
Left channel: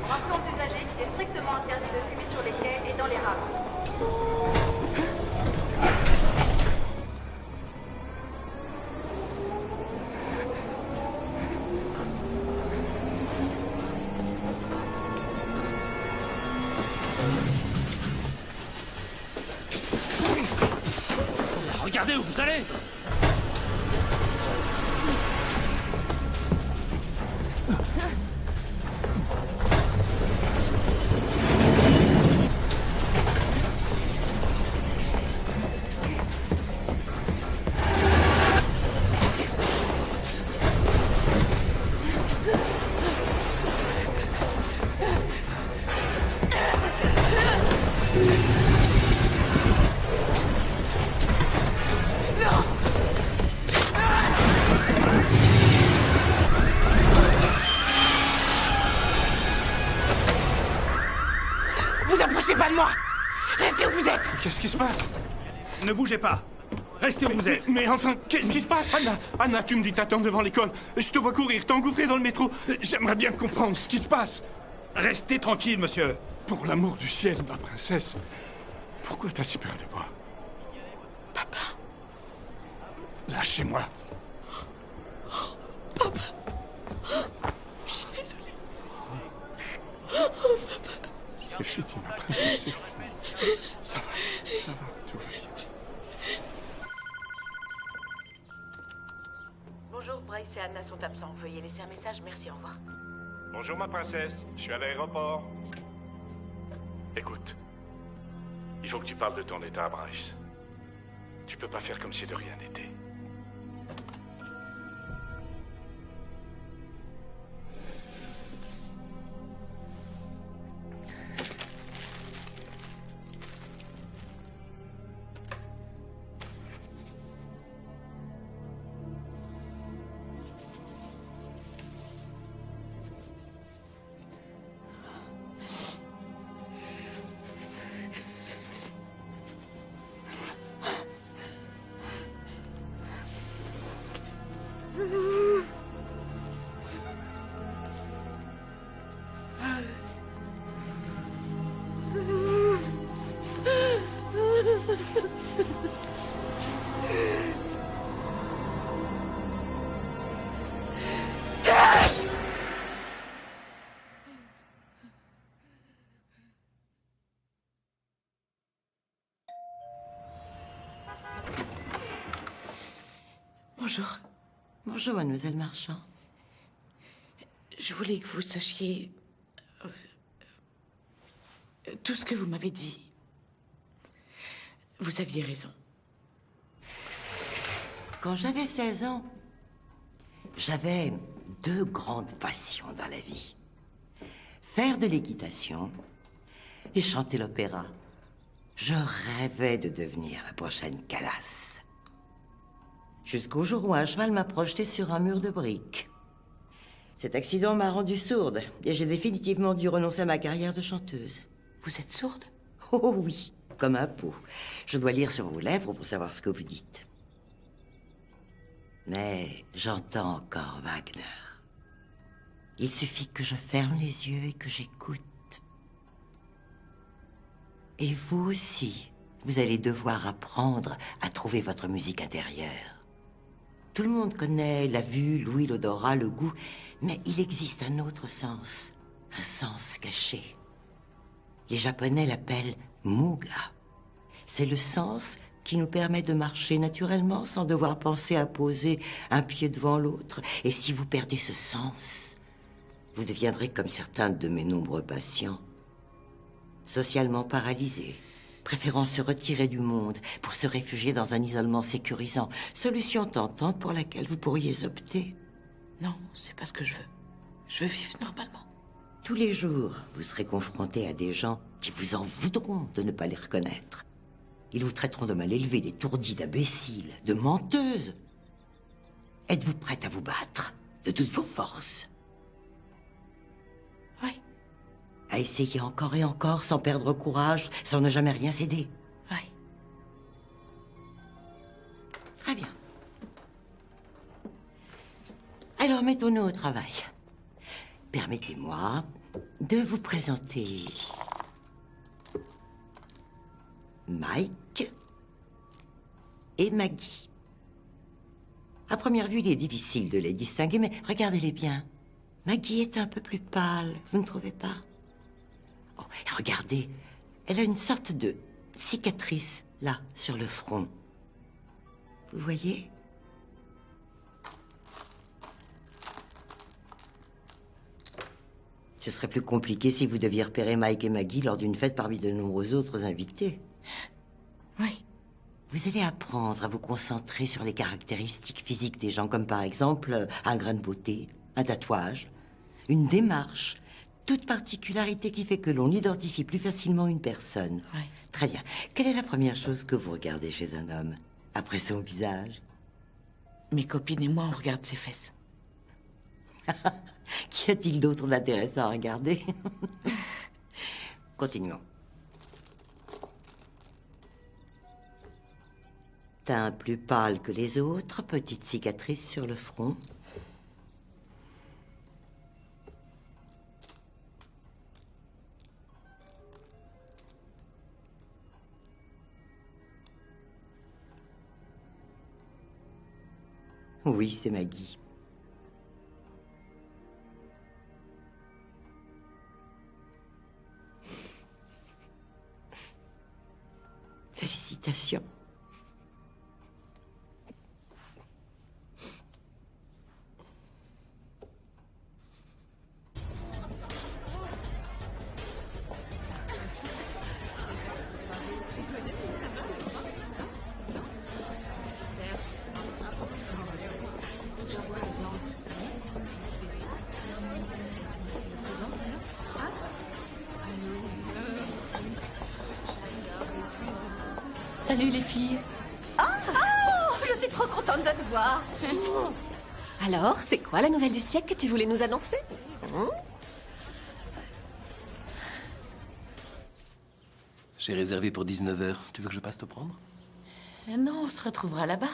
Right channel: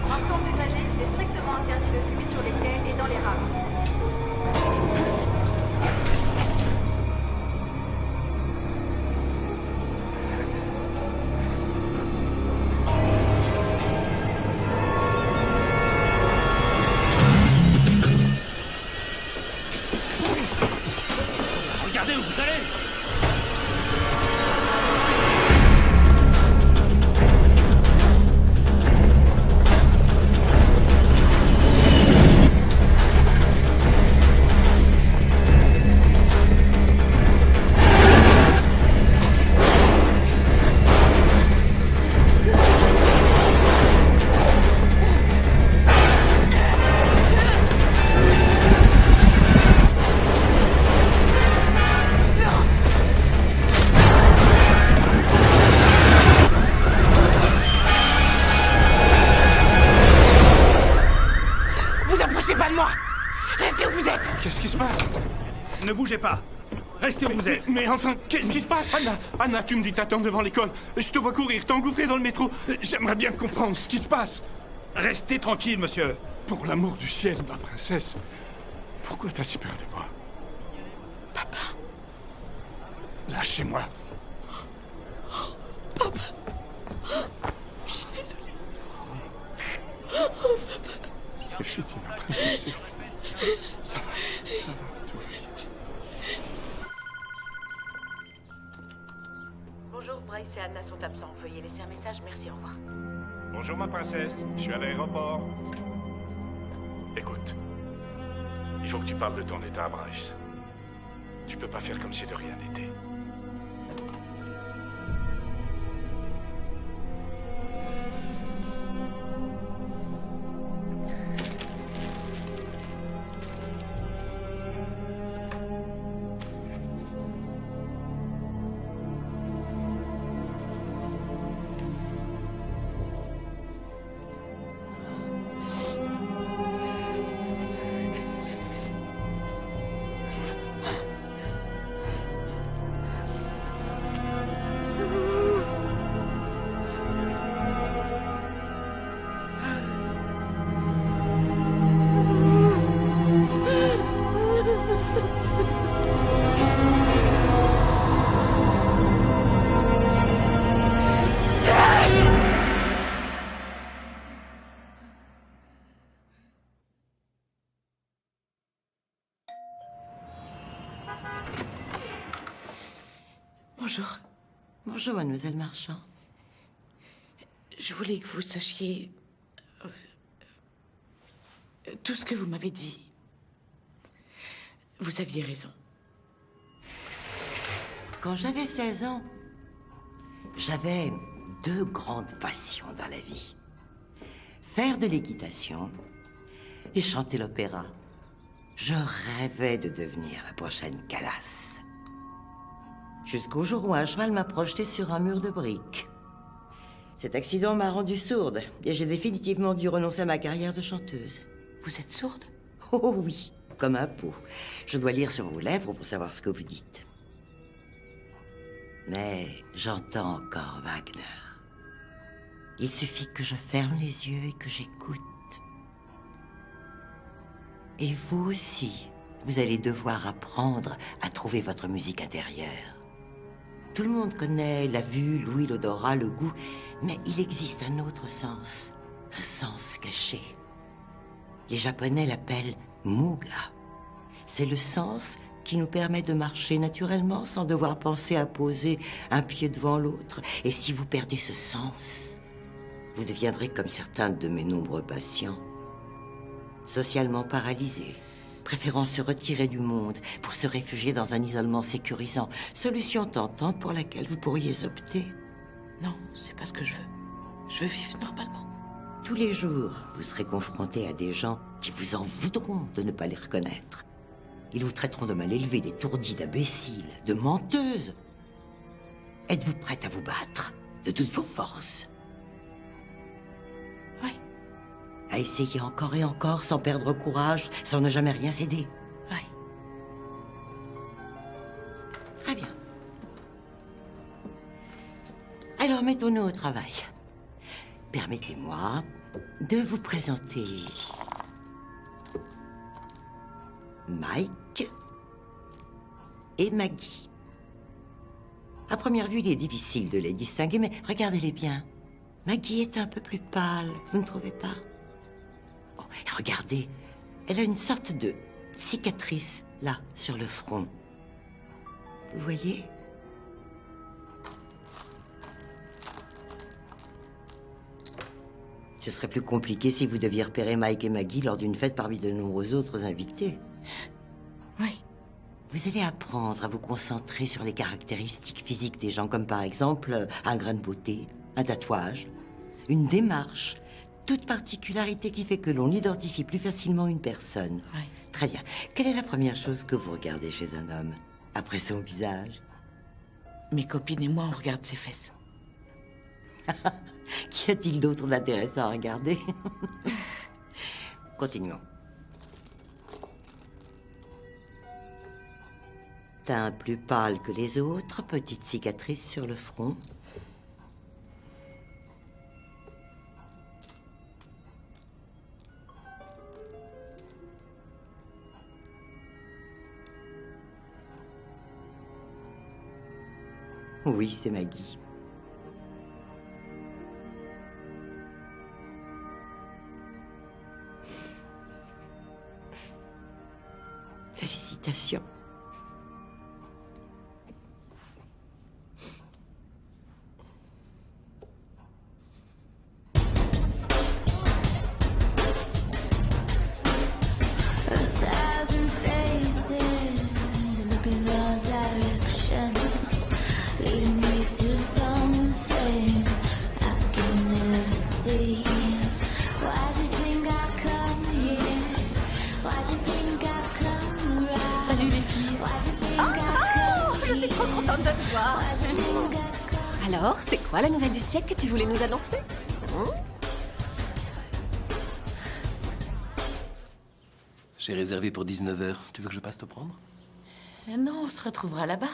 Rappelons aux usagers qu'il est strictement interdit de fumer sur les quais et dans les rames. Regardez où vous allez! Vous approchez pas de moi! Restez où vous êtes! Qu'est-ce qui se passe? Ne bougez pas! Restez où vous êtes! Mais enfin, qu'est-ce qui se passe, Anna? Anna, tu me dis t'attends devant l'école. Je te vois courir, t'engouffrer dans le métro. J'aimerais bien comprendre ce qui se passe. Restez tranquille, monsieur! Pour l'amour du ciel, ma princesse. Pourquoi t'as si peur de moi? Papa. Lâchez-moi. Papa. Je suis désolée. Papa. C'est fini, ma princesse, c'est fini. Ça va, tout va bien. Bonjour, Bryce et Anna sont absents. Veuillez laisser un message. Merci, au revoir. Bonjour ma princesse, je suis à l'aéroport. Écoute, il faut que tu parles de ton état à Bryce. Tu peux pas faire comme si de rien n'était. Bonjour. Bonjour, mademoiselle Marchand. Je voulais que vous sachiez tout ce que vous m'avez dit. Vous aviez raison. Quand j'avais 16 ans, j'avais 2 grandes passions dans la vie. Faire de l'équitation et chanter l'opéra. Je rêvais de devenir la prochaine Callas. Jusqu'au jour où un cheval m'a projeté sur un mur de briques. Cet accident m'a rendue sourde et j'ai définitivement dû renoncer à ma carrière de chanteuse. Vous êtes sourde? Oh oui, comme un pot. Je dois lire sur vos lèvres pour savoir ce que vous dites. Mais j'entends encore Wagner. Il suffit que je ferme les yeux et que j'écoute. Et vous aussi, vous allez devoir apprendre à trouver votre musique intérieure. Tout le monde connaît la vue, l'ouïe, l'odorat, le goût, mais il existe un autre sens, un sens caché. Les Japonais l'appellent muga. C'est le sens qui nous permet de marcher naturellement sans devoir penser à poser un pied devant l'autre. Et si vous perdez ce sens, vous deviendrez comme certains de mes nombreux patients, socialement paralysés, préférant se retirer du monde pour se réfugier dans un isolement sécurisant, solution tentante pour laquelle vous pourriez opter. Non, c'est pas ce que je veux. Je veux vivre normalement. Tous les jours, vous serez confronté à des gens qui vous en voudront de ne pas les reconnaître. Ils vous traiteront de mal élevés, d'étourdis, d'imbéciles, de menteuses. Êtes-vous prête à vous battre de toutes vos forces? Oui. À essayer encore et encore, sans perdre courage, sans ne jamais rien céder? Oui. Très bien. Alors mettons-nous au travail. Permettez-moi de vous présenter Mike et Maggie. À première vue, il est difficile de les distinguer, mais regardez-les bien. Maggie est un peu plus pâle, vous ne trouvez pas? Oh, et regardez, elle a une sorte de cicatrice, là, sur le front. Vous voyez? Ce serait plus compliqué si vous deviez repérer Mike et Maggie lors d'une fête parmi de nombreux autres invités. Oui. Vous allez apprendre à vous concentrer sur les caractéristiques physiques des gens, comme par exemple un grain de beauté, un tatouage, une démarche, toute particularité qui fait que l'on identifie plus facilement une personne. Oui. Très bien. Quelle est la première chose que vous regardez chez un homme, après son visage? Mes copines et moi, on regarde ses fesses. Qu'y a-t-il d'autre d'intéressant à regarder? Continuons. Teint plus pâle que les autres, petite cicatrice sur le front. Oui, c'est Maggie. Félicitations. Salut les filles. Oh, je suis trop contente de te voir. Alors, c'est quoi la nouvelle du siècle que tu voulais nous annoncer? J'ai réservé pour 19h. Tu veux que je passe te prendre? Non, on se retrouvera là-bas.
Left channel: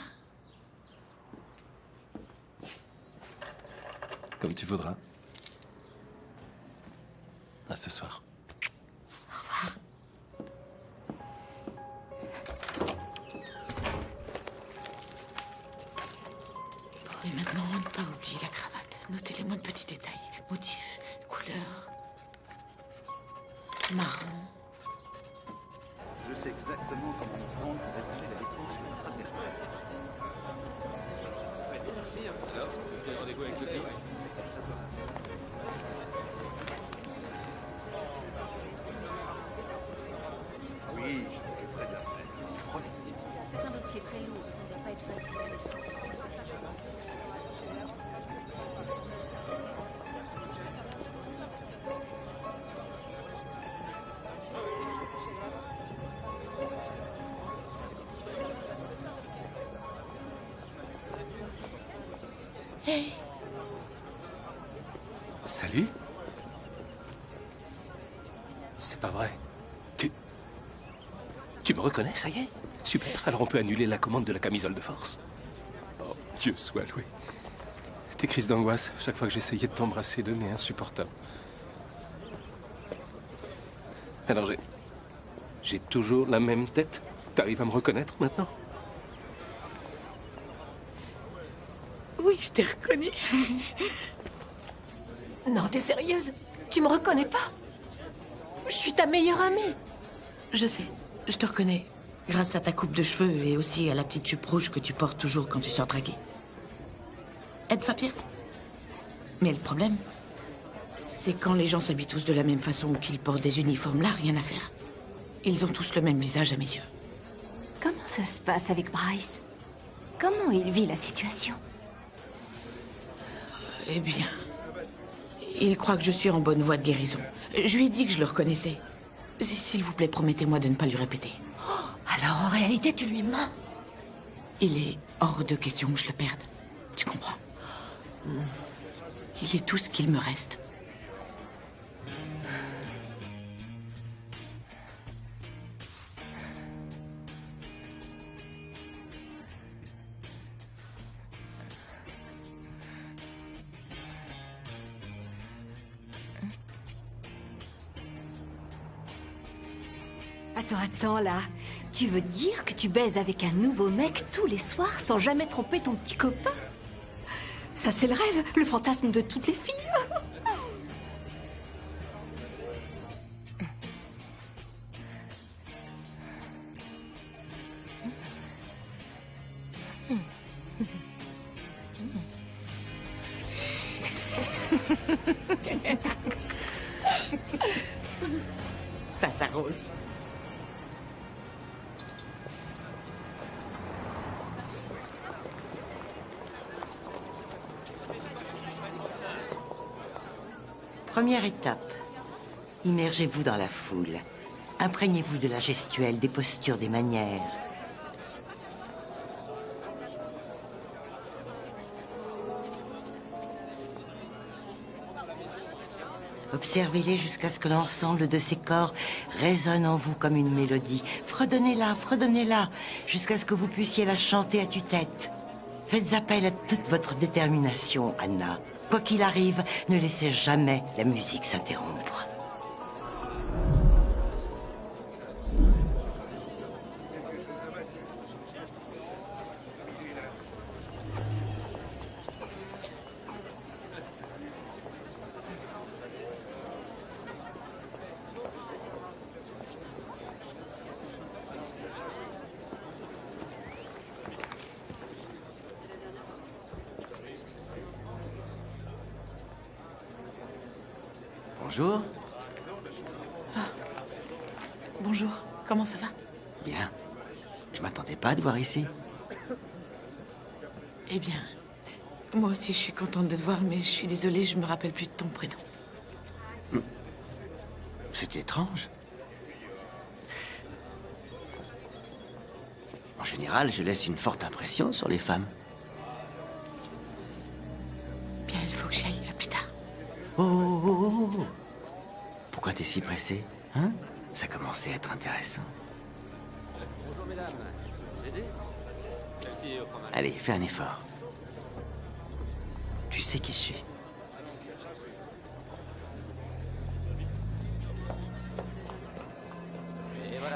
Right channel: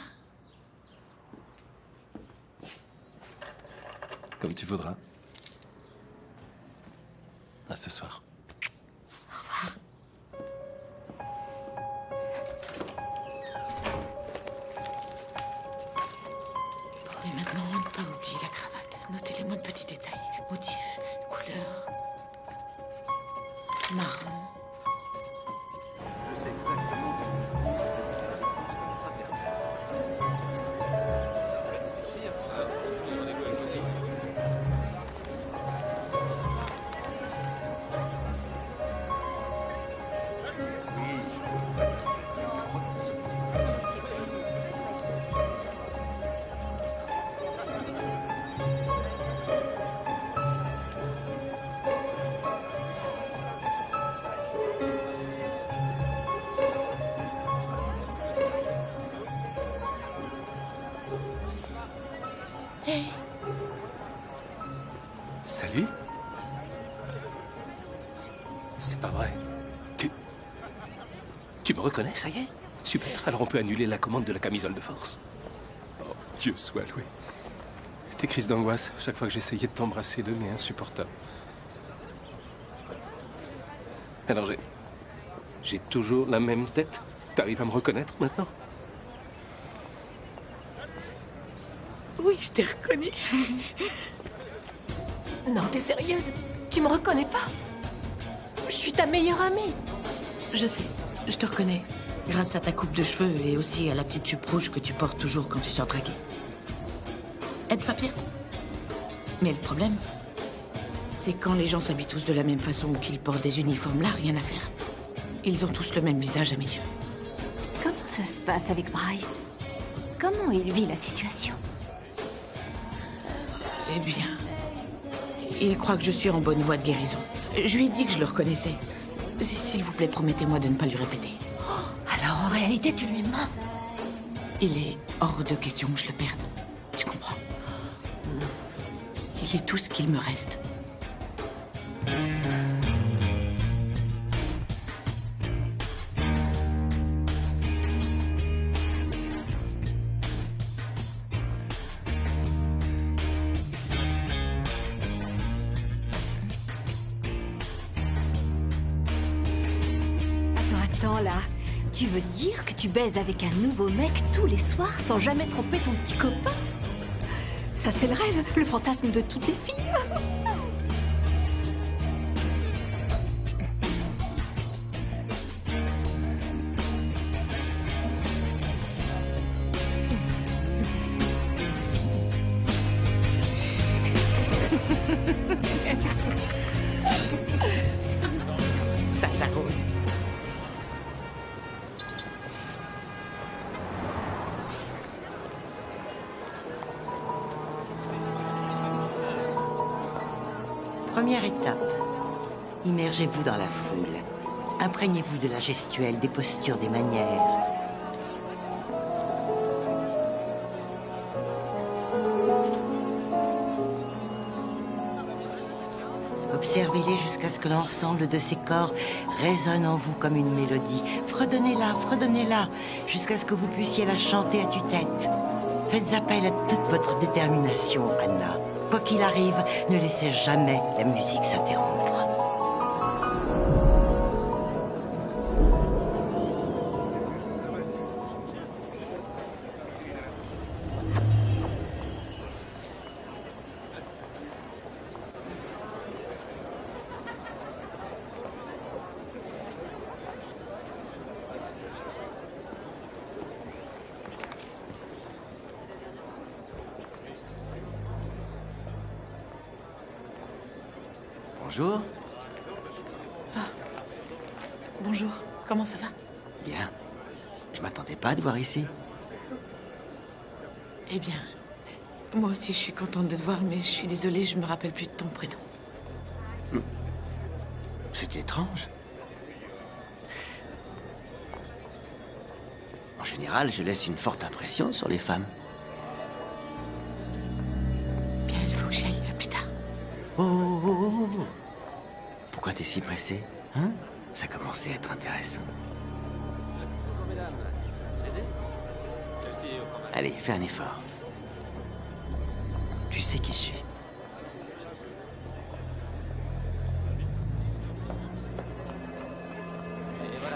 Comme tu voudras. À ce soir. Au revoir. Et maintenant, ne pas oublier la cravate. Notez les moindres petits détails. Motifs, couleurs. Marron. Je sais exactement comment nous prendre pour rédiger la défense de notre adversaire. Merci. Alors, j'ai pris rendez-vous avec le client. Oui, je m'occuperai de l'affaire. Promis. C'est un dossier très lourd, ça ne va pas être facile. Hey. Salut. C'est pas vrai. Tu me reconnais, ça y est? Super, alors on peut annuler la commande de la camisole de force. Oh, Dieu soit loué. Tes crises d'angoisse, chaque fois que j'essayais de t'embrasser, devenaient insupportables. Alors j'ai toujours la même tête? T'arrives à me reconnaître maintenant? Oui, je t'ai reconnu. Non, t'es sérieuse? Tu me reconnais pas? Je suis ta meilleure amie. Je sais, je te reconnais. Grâce à ta coupe de cheveux et aussi à la petite jupe rouge que tu portes toujours quand tu sors draguer. Ed Fapien. Mais le problème, c'est quand les gens s'habillent tous de la même façon ou qu'ils portent des uniformes, là, rien à faire. Ils ont tous le même visage à mes yeux. Comment ça se passe avec Bryce? Comment il vit la situation? Eh bien, il croit que je suis en bonne voie de guérison. Je lui ai dit que je le reconnaissais. S'il vous plaît, promettez-moi de ne pas lui répéter. Alors en réalité, tu lui mens. Il est hors de question que je le perde. Tu comprends? Il est tout ce qu'il me reste. Attends, là. Tu veux dire que tu baises avec un nouveau mec tous les soirs sans jamais tromper ton petit copain? Ça, c'est le rêve, le fantasme de toutes les filles. Ça s'arrose. Première étape. Immergez-vous dans la foule. Imprégnez-vous de la gestuelle, des postures, des manières. Observez-les jusqu'à ce que l'ensemble de ces corps résonne en vous comme une mélodie. Fredonnez-la, jusqu'à ce que vous puissiez la chanter à tue-tête. Faites appel à toute votre détermination, Anna. Quoi qu'il arrive, ne laissez jamais la musique s'interrompre. Bonjour. Bonjour, comment ça va? Bien. Je m'attendais pas à te voir ici. Eh bien, moi aussi je suis contente de te voir, mais je suis désolée, je me rappelle plus de ton prénom. C'est étrange. En général, je laisse une forte impression sur les femmes. Bien, il faut que j'y aille, à plus tard. Oh. Pourquoi t'es si pressé, hein? Ça commençait à être intéressant. Bonjour mesdames, je peux vous aider? Celle-ci est au fromage. Allez, fais un effort. Tu sais qui je suis.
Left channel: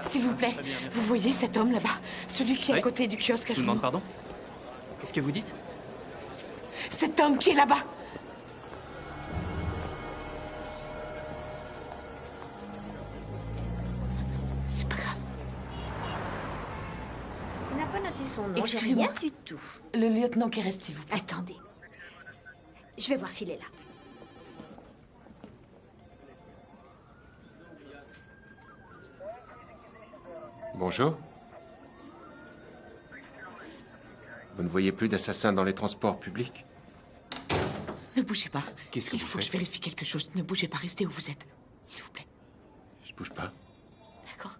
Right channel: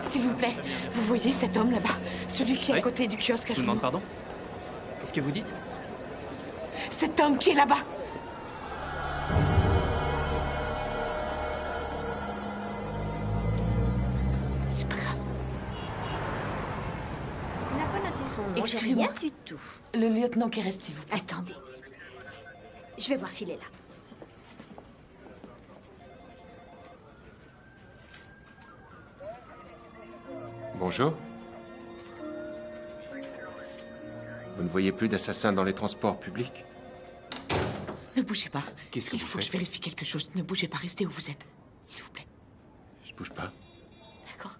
S'il vous plaît, vous voyez cet homme là-bas? Celui qui est à côté du kiosque à Je vous demande pardon? Qu'est-ce que vous dites? Cet homme qui est là-bas! C'est pas grave. Il n'a pas noté son nom, j'ai Excusez-moi. rien du tout. Le lieutenant qui reste, s'il vous plaît. Attendez. Je vais voir s'il est là. Bonjour. Vous ne voyez plus d'assassins dans les transports publics? Ne bougez pas. Qu'est-ce que Il vous faut que faites? je vérifie quelque chose. Ne bougez pas, restez où vous êtes. S'il vous plaît. Je bouge pas. D'accord.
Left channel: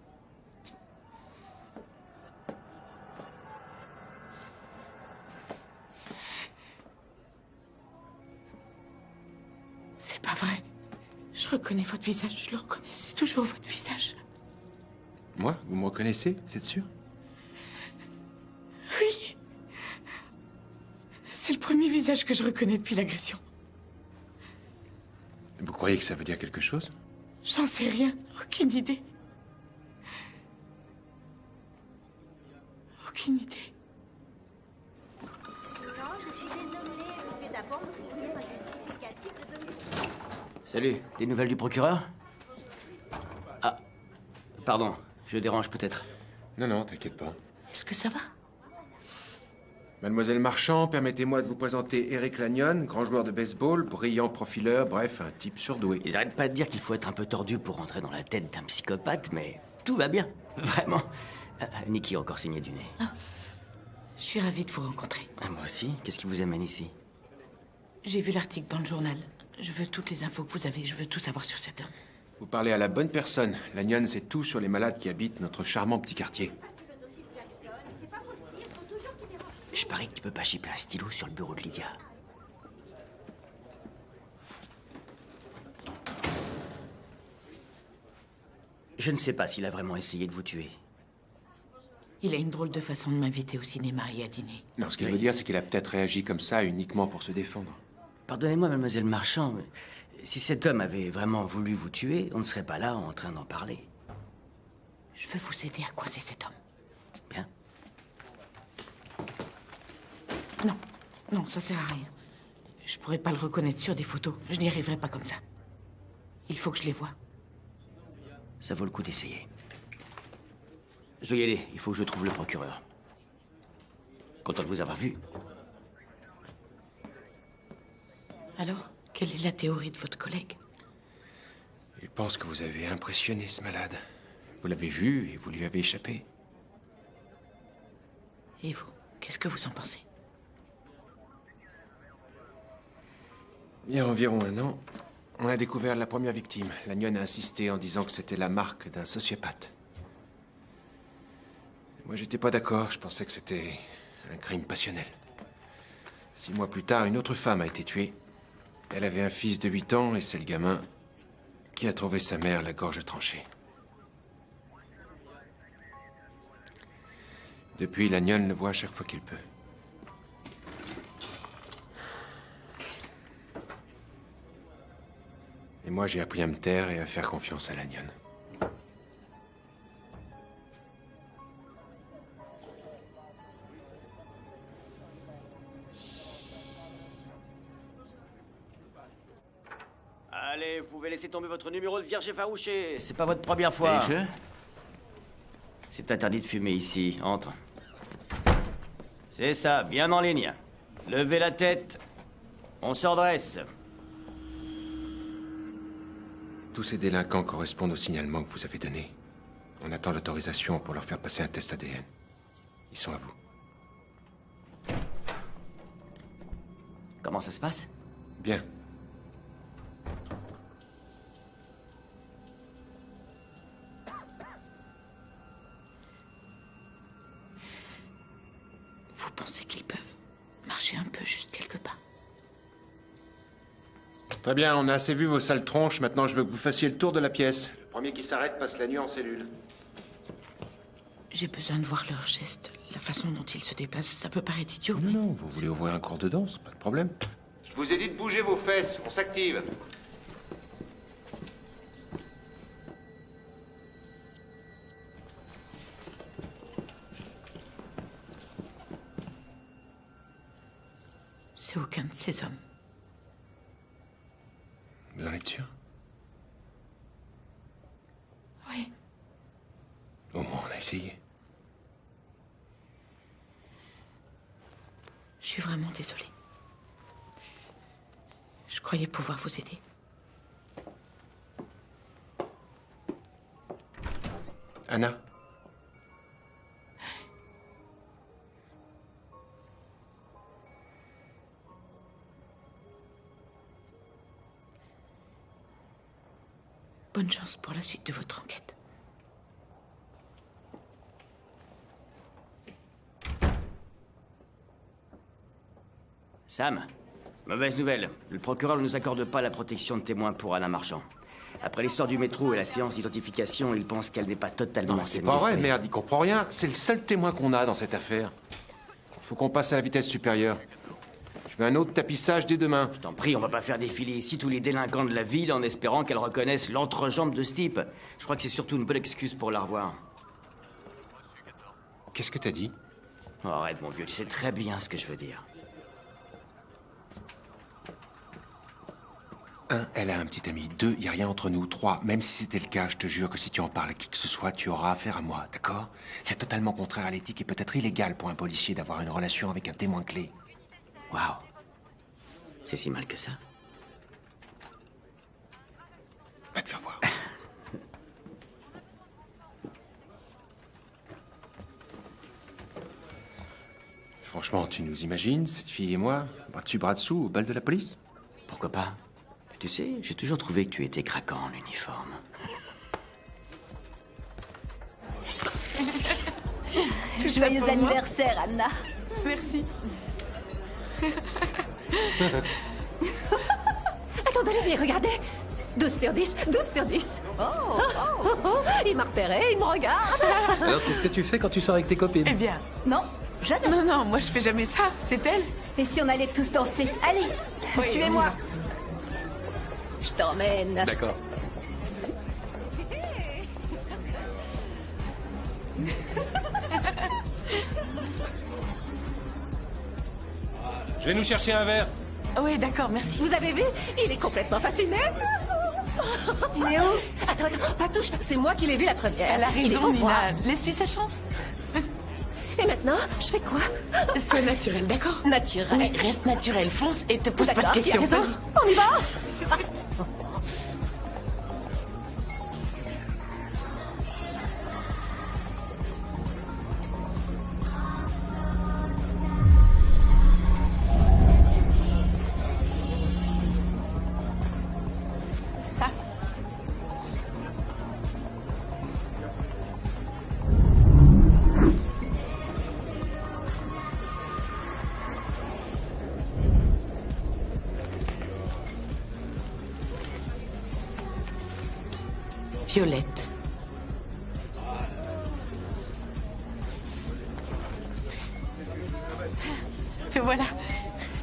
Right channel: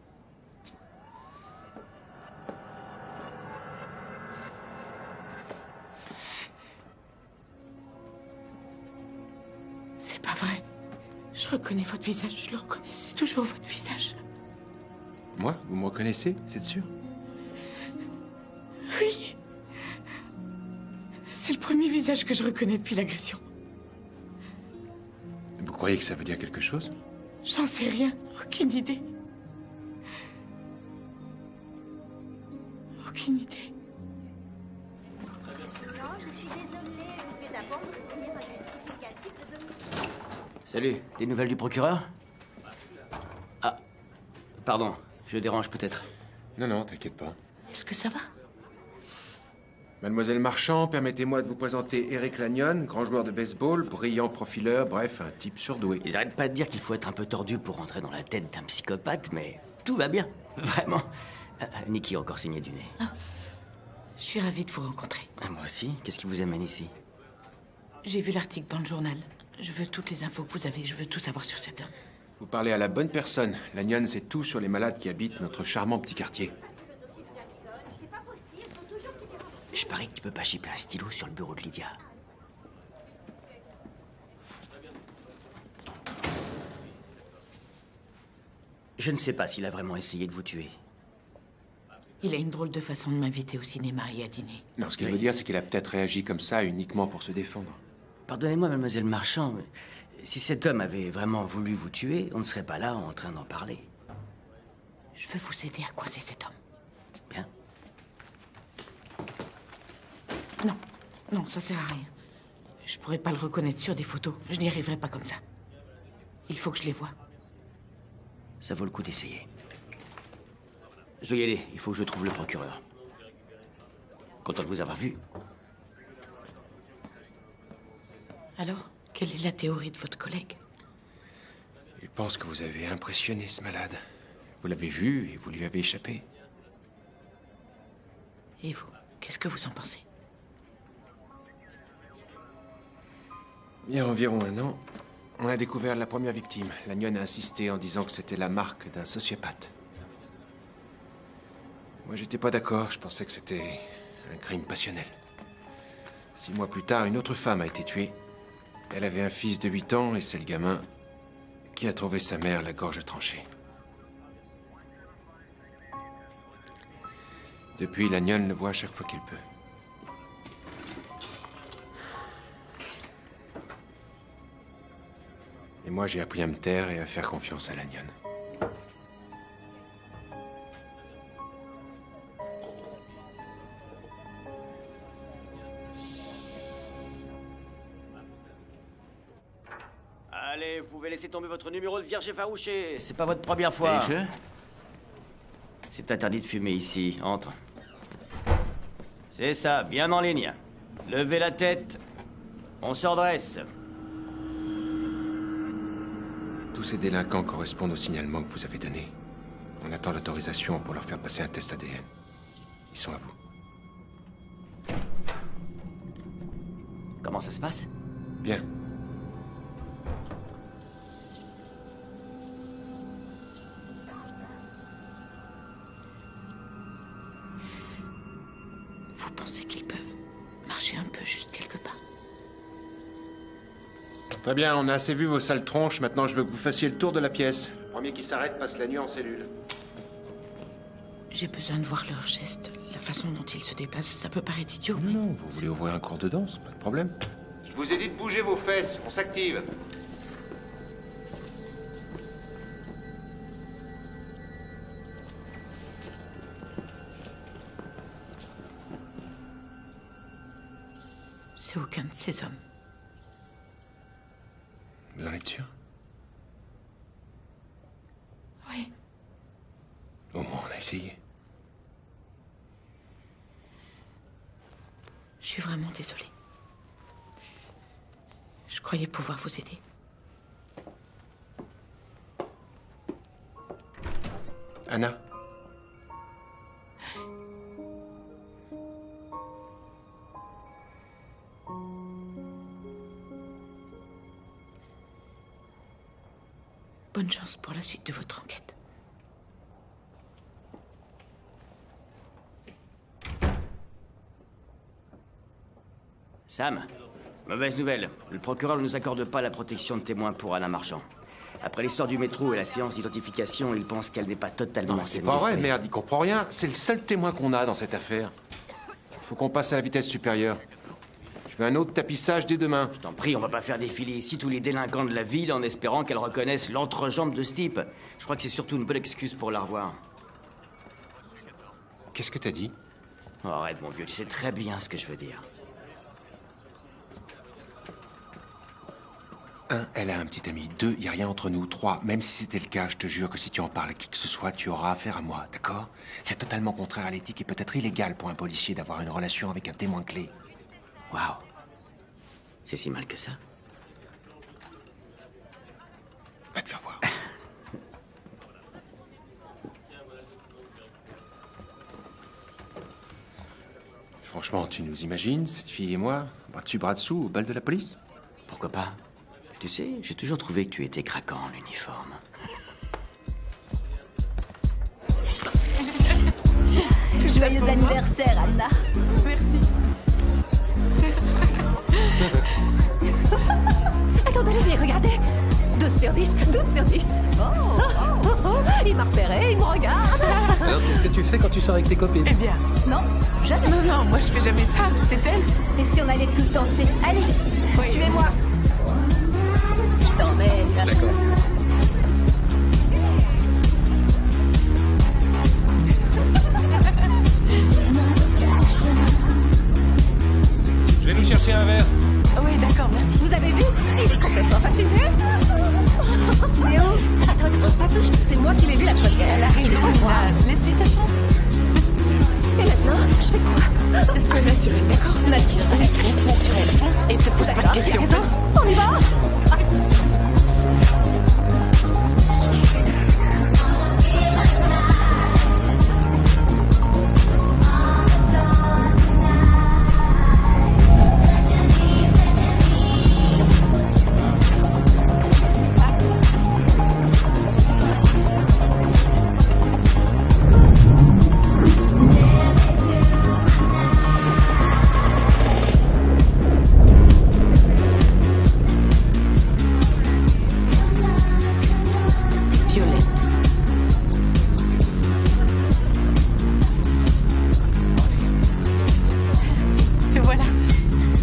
vrai. Je reconnais votre visage, je le reconnais. C'est toujours votre visage. Moi? Vous me reconnaissez? Vous êtes sûr? Oui. C'est le premier visage que je reconnais depuis l'agression. Vous croyez que ça veut dire quelque chose? J'en sais rien. Aucune idée. Aucune idée. Non, je suis désolée. Vous devez d'abord me fournir un justificatif de domicile. Salut, des nouvelles du procureur? Ah, pardon, je dérange peut-être. Non, non, t'inquiète pas. Est-ce que ça va? Mademoiselle Marchand, permettez-moi de vous présenter Eric Lanyon, grand joueur de baseball, brillant profileur, bref, un type surdoué. Ils arrêtent pas de dire qu'il faut être un peu tordu pour rentrer dans la tête d'un psychopathe, mais tout va bien, vraiment. Nikki a encore signé du nez. Je suis ravie de vous rencontrer. Moi aussi, qu'est-ce qui vous amène ici? J'ai vu l'article dans le journal. Je veux toutes les infos que vous avez. Je veux tout savoir sur cet homme. Vous parlez à la bonne personne. Lanyon sait tout sur les malades qui habitent notre charmant petit quartier. Je parie que tu peux pas chipper un stylo sur le bureau de Lydia. Je ne sais pas s'il a vraiment essayé de vous tuer. Il a une drôle de façon de m'inviter au cinéma et à dîner. Non, ce qu'il veut dire, c'est qu'il a peut-être réagi comme ça uniquement pour se défendre. Pardonnez-moi, mademoiselle Marchand, mais si cet homme avait vraiment voulu vous tuer, on ne serait pas là en train d'en parler. Je veux vous aider à coincer cet homme. Bien. Non, non, ça sert à rien. Je pourrais pas le reconnaître sur des photos. Je n'y arriverai pas comme ça. Il faut que je les voie. Ça vaut le coup d'essayer. Je dois y aller, il faut que je trouve le procureur. Content de vous avoir vu. Alors, quelle est la théorie de votre collègue? Il pense que vous avez impressionné ce malade. Vous l'avez vu et vous lui avez échappé. Et vous, qu'est-ce que vous en pensez? Il y a environ un an, on a découvert la première victime. Lanyon a insisté en disant que c'était la marque d'un sociopathe. Moi, j'étais pas d'accord. Je pensais que c'était un crime passionnel. 6 mois plus tard, une autre femme a été tuée. Elle avait un fils de 8 ans et c'est le gamin qui a trouvé sa mère la gorge tranchée. Depuis, Lanyon le voit à chaque fois qu'il peut. Et moi, j'ai appris à me taire et à faire confiance à Lanyon. Allez, vous pouvez laisser tomber votre numéro de vierge effarouché. C'est pas votre première fois. Et je? C'est interdit de fumer ici. Entre. C'est ça, bien en ligne. Levez la tête. On se redresse. Tous ces délinquants correspondent au signalement que vous avez donné. On attend l'autorisation pour leur faire passer un test ADN. Ils sont à vous. Comment ça se passe? Bien. Vous pensez qu'ils peuvent marcher un peu, juste quelques pas? Très bien, on a assez vu vos sales tronches. Maintenant, je veux que vous fassiez le tour de la pièce. Le premier qui s'arrête passe la nuit en cellule. J'ai besoin de voir leurs gestes, la façon dont ils se déplacent. Ça peut paraître idiot, mais... Non, vous voulez ouvrir un cours de danse, pas de problème. Je vous ai dit de bouger vos fesses, on s'active. C'est aucun de ces hommes. Vous en êtes sûr? Oui. Au moins, on a essayé. Je suis vraiment désolée. Je croyais pouvoir vous aider. Anna? Bonne chance pour la suite de votre enquête. Sam, Mauvaise nouvelle. Le procureur ne nous accorde pas la protection de témoin pour Anna Marchand. Après l'histoire du métro et la séance d'identification, il pense qu'elle n'est pas totalement C'est pas vrai, merde, il comprend rien. C'est le seul témoin qu'on a dans cette affaire. Faut qu'on passe à la vitesse supérieure. Je veux un autre tapissage dès demain. Je t'en prie, on va pas faire défiler ici tous les délinquants de la ville en espérant qu'elle reconnaisse l'entrejambe de ce type. Je crois que c'est surtout une bonne excuse pour la revoir. Qu'est-ce que t'as dit? Oh, arrête, mon vieux, tu sais très bien ce que je veux dire. 1, elle a un petit ami. 2, y a rien entre nous. 3, même si c'était le cas, je te jure que si tu en parles à qui que ce soit, tu auras affaire à moi, d'accord? C'est totalement contraire à l'éthique et peut-être illégal pour un policier d'avoir une relation avec un témoin clé. Waouh. C'est si mal que ça? Va te faire voir. Franchement, tu nous imagines, cette fille et moi, bras dessus, bras dessous, au bal de la police? Pourquoi pas? Tu sais, j'ai toujours trouvé que tu étais craquant en uniforme. Joyeux anniversaire, Anna. Merci. Attendez, allez, regardez. 12 sur 10, 12 sur 10. Il m'a repéré, il me regarde. Alors c'est ce que tu fais quand tu sors avec tes copines? Eh bien, Non, jamais. non, moi je fais jamais ça, c'est elle. Et si on allait tous danser? Allez, Oui, suivez-moi. Je t'emmène. D'accord. Je vais nous chercher un verre. Oui, d'accord, merci. Vous avez vu? Il est complètement fasciné. Il est où? Attends, pas touche, c'est moi qui l'ai vu la première. Elle a Il est raison, pas moi. Nina. Laisse-lui sa chance. Et maintenant, je fais quoi? Sois naturel, d'accord? Naturel. Oui, reste naturel, fonce et te pose pas de D'accord, il a questions. raison. On y va? Violette. Te voilà.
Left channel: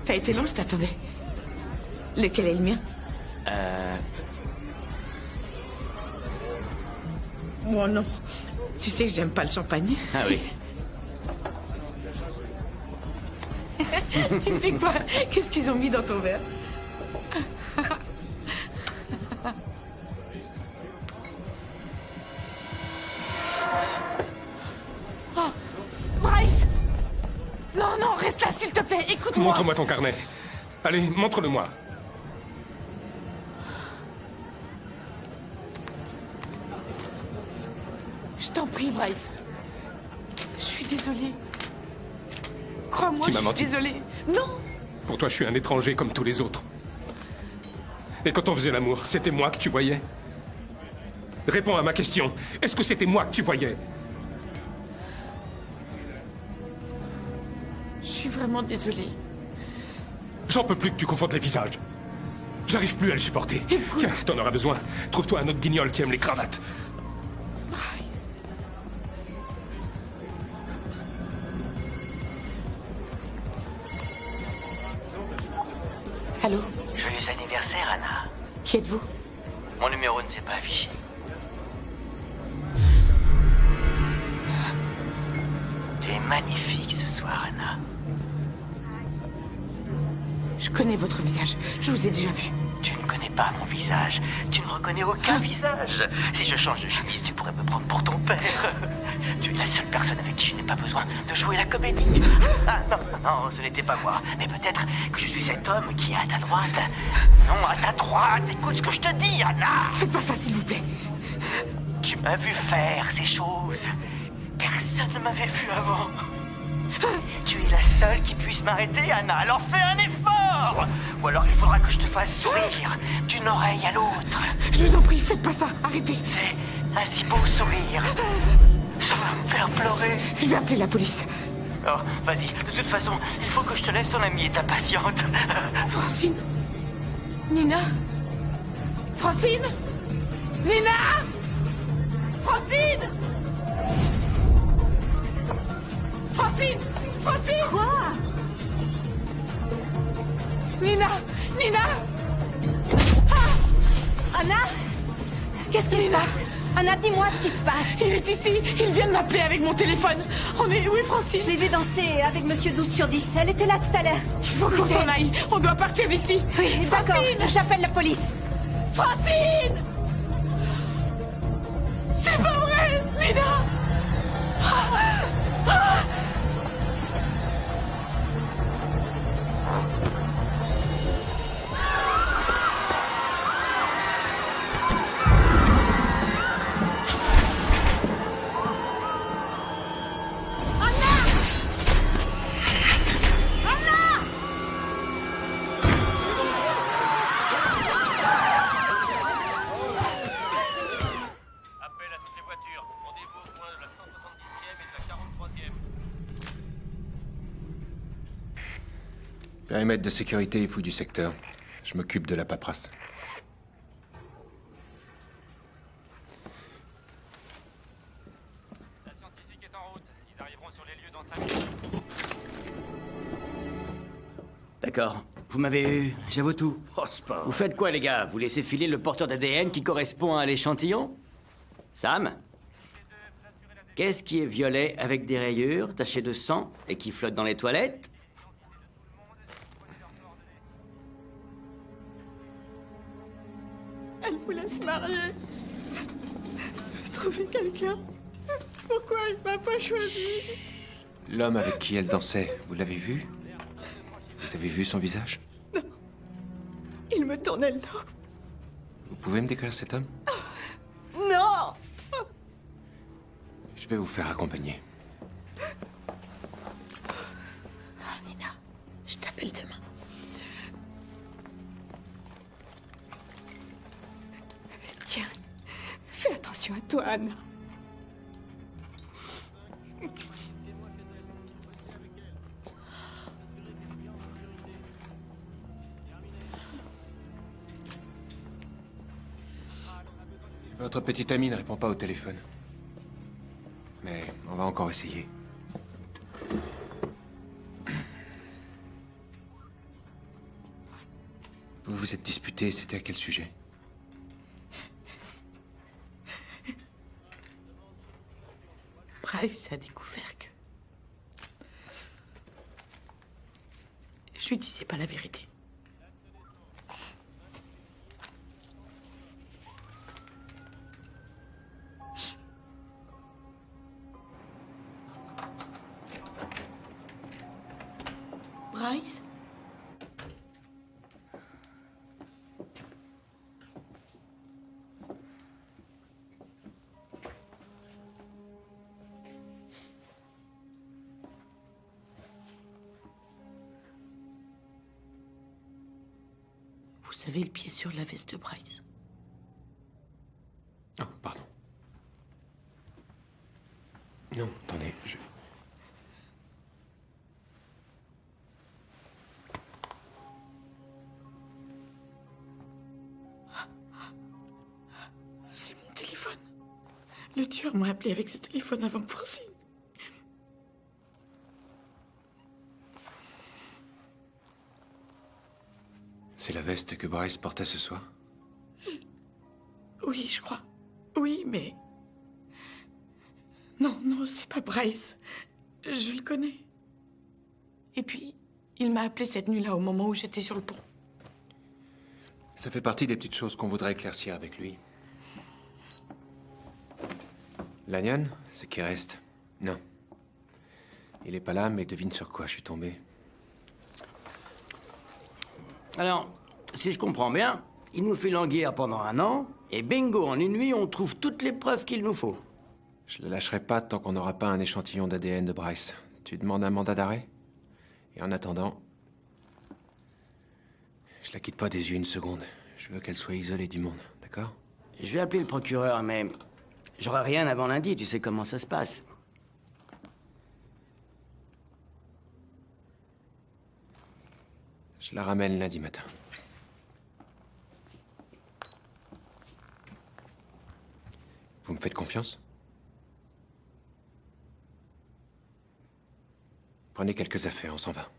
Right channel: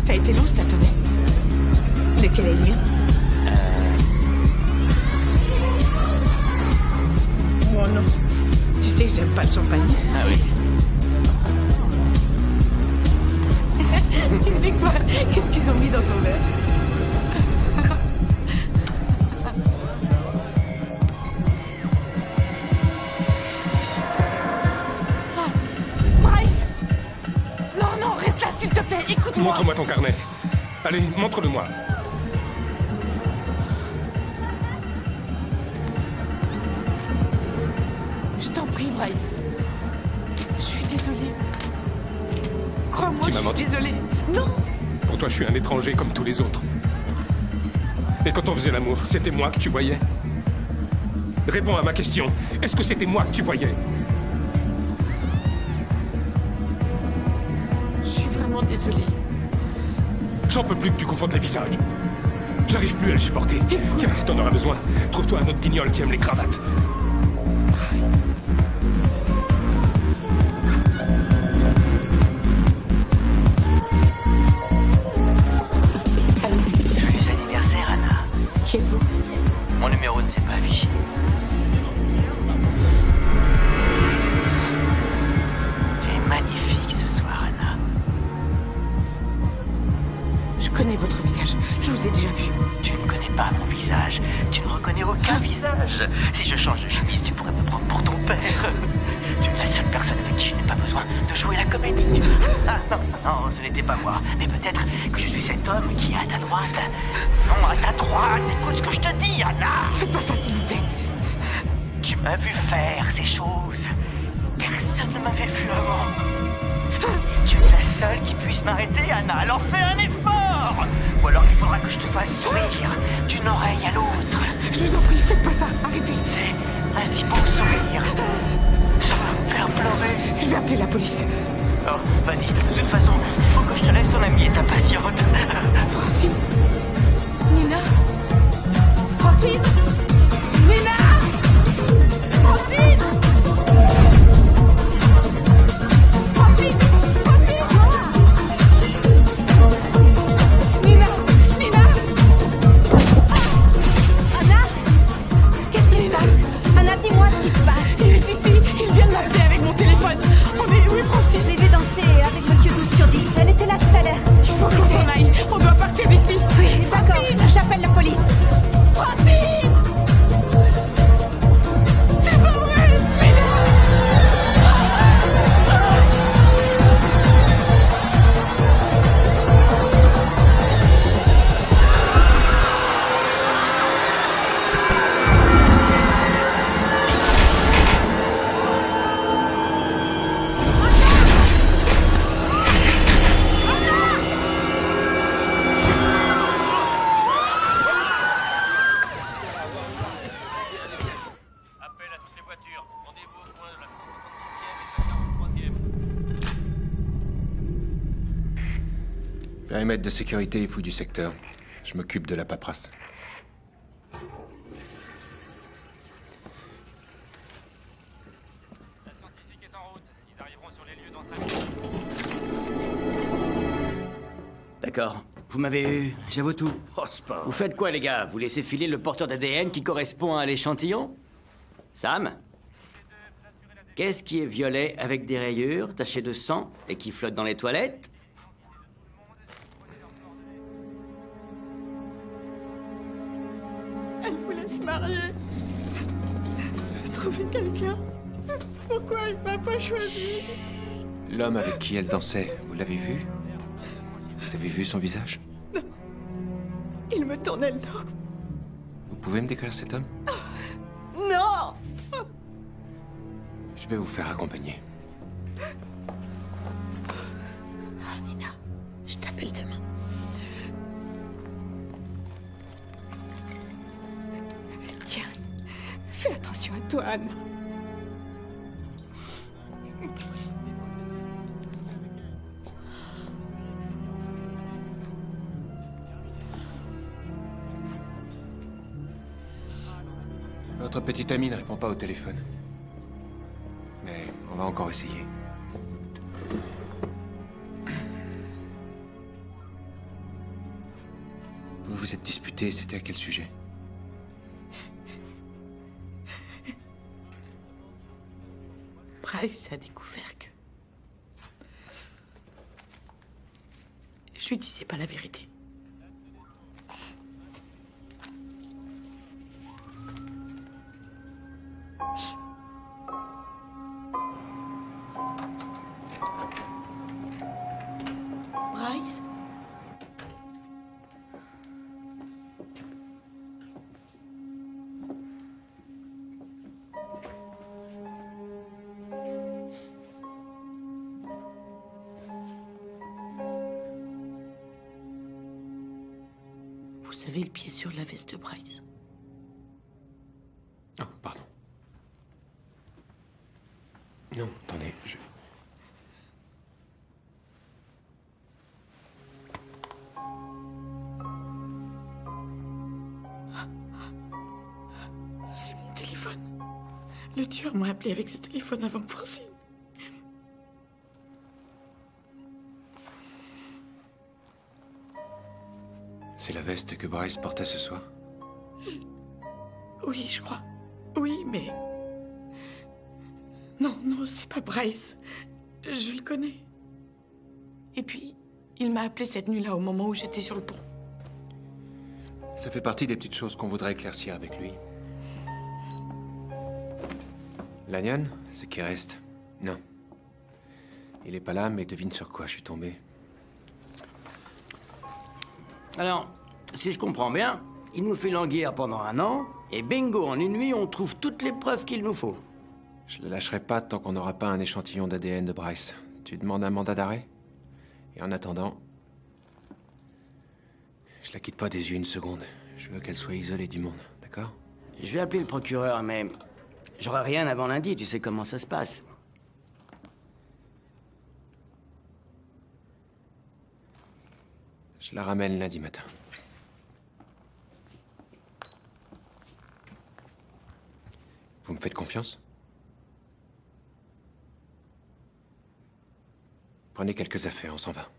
T'as été long, je t'attendais. Lequel est le mien? Oh non. Tu sais que j'aime pas le champagne. Ah oui. Tu fais quoi? Qu'est-ce qu'ils ont mis dans ton verre? Oh, Bryce! Non, reste là, s'il te plaît, écoute-moi. Montre-moi ton carnet. Allez, montre-le-moi. Je t'en prie, Bryce. Je suis désolée. Crois-moi, Tu je m'as suis menti. désolée. Non! Pour toi, je suis un étranger comme tous les autres. Et quand on faisait l'amour, c'était moi que tu voyais? Réponds à ma question. Est-ce que c'était moi que tu voyais? Je suis vraiment désolée. J'en peux plus que tu confondes les visages. J'arrive plus à le supporter. Tiens, si t'en auras besoin, trouve-toi un autre guignol qui aime les cravates. Bryce. Allô? Joyeux anniversaire, Anna. Qui êtes-vous? Mon numéro ne s'est pas affiché. Tu es magnifique ce soir, Anna. Je connais votre visage. Je vous ai déjà vu. Tu ne connais pas mon visage. Tu ne reconnais aucun visage. Si je change de chemise, tu pourrais me prendre pour ton père. Tu es la seule personne avec qui je n'ai pas besoin de jouer la comédie. Ah, non, ce n'était pas moi. Mais peut-être que je suis cet homme qui est à ta droite. Non, à ta droite. Écoute ce que je te dis, Anna. Faites pas ça, s'il vous plaît. Tu m'as vu faire ces choses. Personne ne m'avait vu avant. Tu es la seule qui puisse m'arrêter, Anna. Alors fais un effort. Ou alors il faudra que je te fasse sourire d'une oreille à l'autre. Je vous en prie, faites pas ça. Arrêtez. C'est un si beau sourire. Ça va me faire pleurer. Je vais appeler la police. d'accord. Vas-y, de toute façon, il faut que je te laisse, ton amie est impatiente. Francine? Nina? Francine? Nina? Francine? Francine? Francine? Quoi? Nina? Nina? Anna? Qu'est-ce qui se passe? Anna, dis-moi ce qui se passe. Il est ici. Il vient de m'appeler avec mon téléphone. On est... Oui, Francine. Je l'ai vu danser avec Monsieur 12/10. Elle était là tout à l'heure. Il faut qu'on s'en aille. On doit partir d'ici. Oui, d'accord. J'appelle la police. Francine! C'est pas vrai, Nina! Périmètre de sécurité et fou du secteur. Je m'occupe de la paperasse. La scientifique est en route. Ils arriveront sur les lieux dans 5 minutes. D'accord. Vous m'avez eu. J'avoue tout. Oh, c'est pas... Vous faites quoi, les gars? Vous laissez filer le porteur d'ADN qui correspond à l'échantillon? Sam? Qu'est-ce qui est violet avec des rayures, taché de sang et qui flotte dans les toilettes? Elle voulait se marier. Trouver quelqu'un. Pourquoi il m'a pas choisi? L'homme avec qui elle dansait, vous l'avez vu? Vous avez vu son visage? Non. Il me tournait le dos. Vous pouvez me décrire cet homme? Non! Je vais vous faire accompagner. Nina, je t'appelle demain. Tiens, fais attention à toi, Anna. Votre petite amie ne répond pas au téléphone. Mais on va encore essayer. Vous vous êtes disputés, c'était à quel sujet? Bryce a découvert que... Je lui disais pas la vérité. Bryce? Vous avez le pied sur la veste de Bryce. Oh, pardon. Non, attendez, C'est mon téléphone. Le tueur m'a appelé avec ce téléphone avant que Francine. C'est la veste que Bryce portait ce soir? Oui, je crois. Oui, mais... Non, non, c'est pas Bryce. Je le connais. Et puis, il m'a appelé cette nuit-là au moment où j'étais sur le pont. Ça fait partie des petites choses qu'on voudrait éclaircir avec lui. Lanyan, ce qui reste? Non. Il est pas là, mais devine sur quoi je suis tombé. Alors, si je comprends bien, il nous fait languir pendant 1 an, et bingo, en 1 nuit, on trouve toutes les preuves qu'il nous faut. Je le lâcherai pas tant qu'on n'aura pas un échantillon d'ADN de Bryce. Tu demandes un mandat d'arrêt? Et en attendant, je la quitte pas des yeux 1 seconde. Je veux qu'elle soit isolée du monde, d'accord? Je vais appeler le procureur, mais j'aurai rien avant lundi, tu sais comment ça se passe. Je la ramène lundi matin. Vous me faites confiance? Prenez quelques affaires, on s'en va.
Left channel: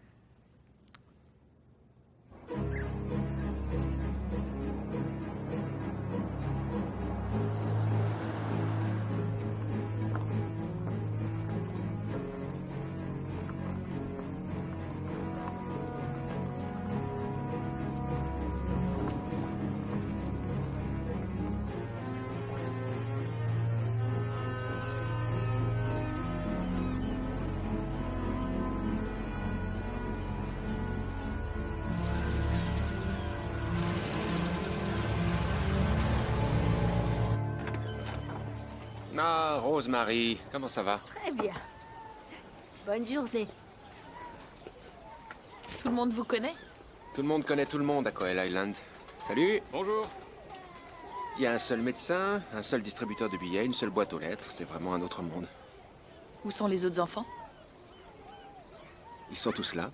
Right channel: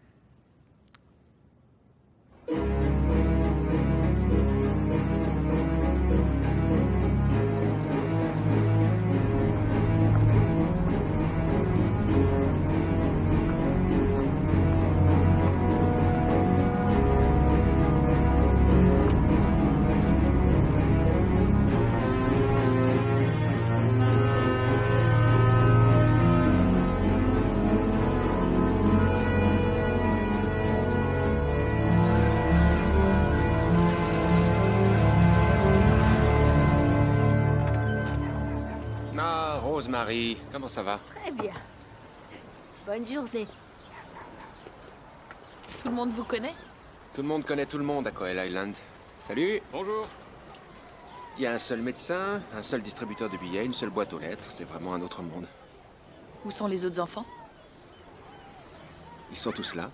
Ah, Rosemary, comment ça va? Très bien. Bonne journée. Tout le monde vous connaît? Tout le monde connaît tout le monde à Coel Island. Salut. Bonjour. Il y a un seul médecin, un seul distributeur de billets, une seule boîte aux lettres. C'est vraiment un autre monde. Où sont les autres enfants? Ils sont tous là.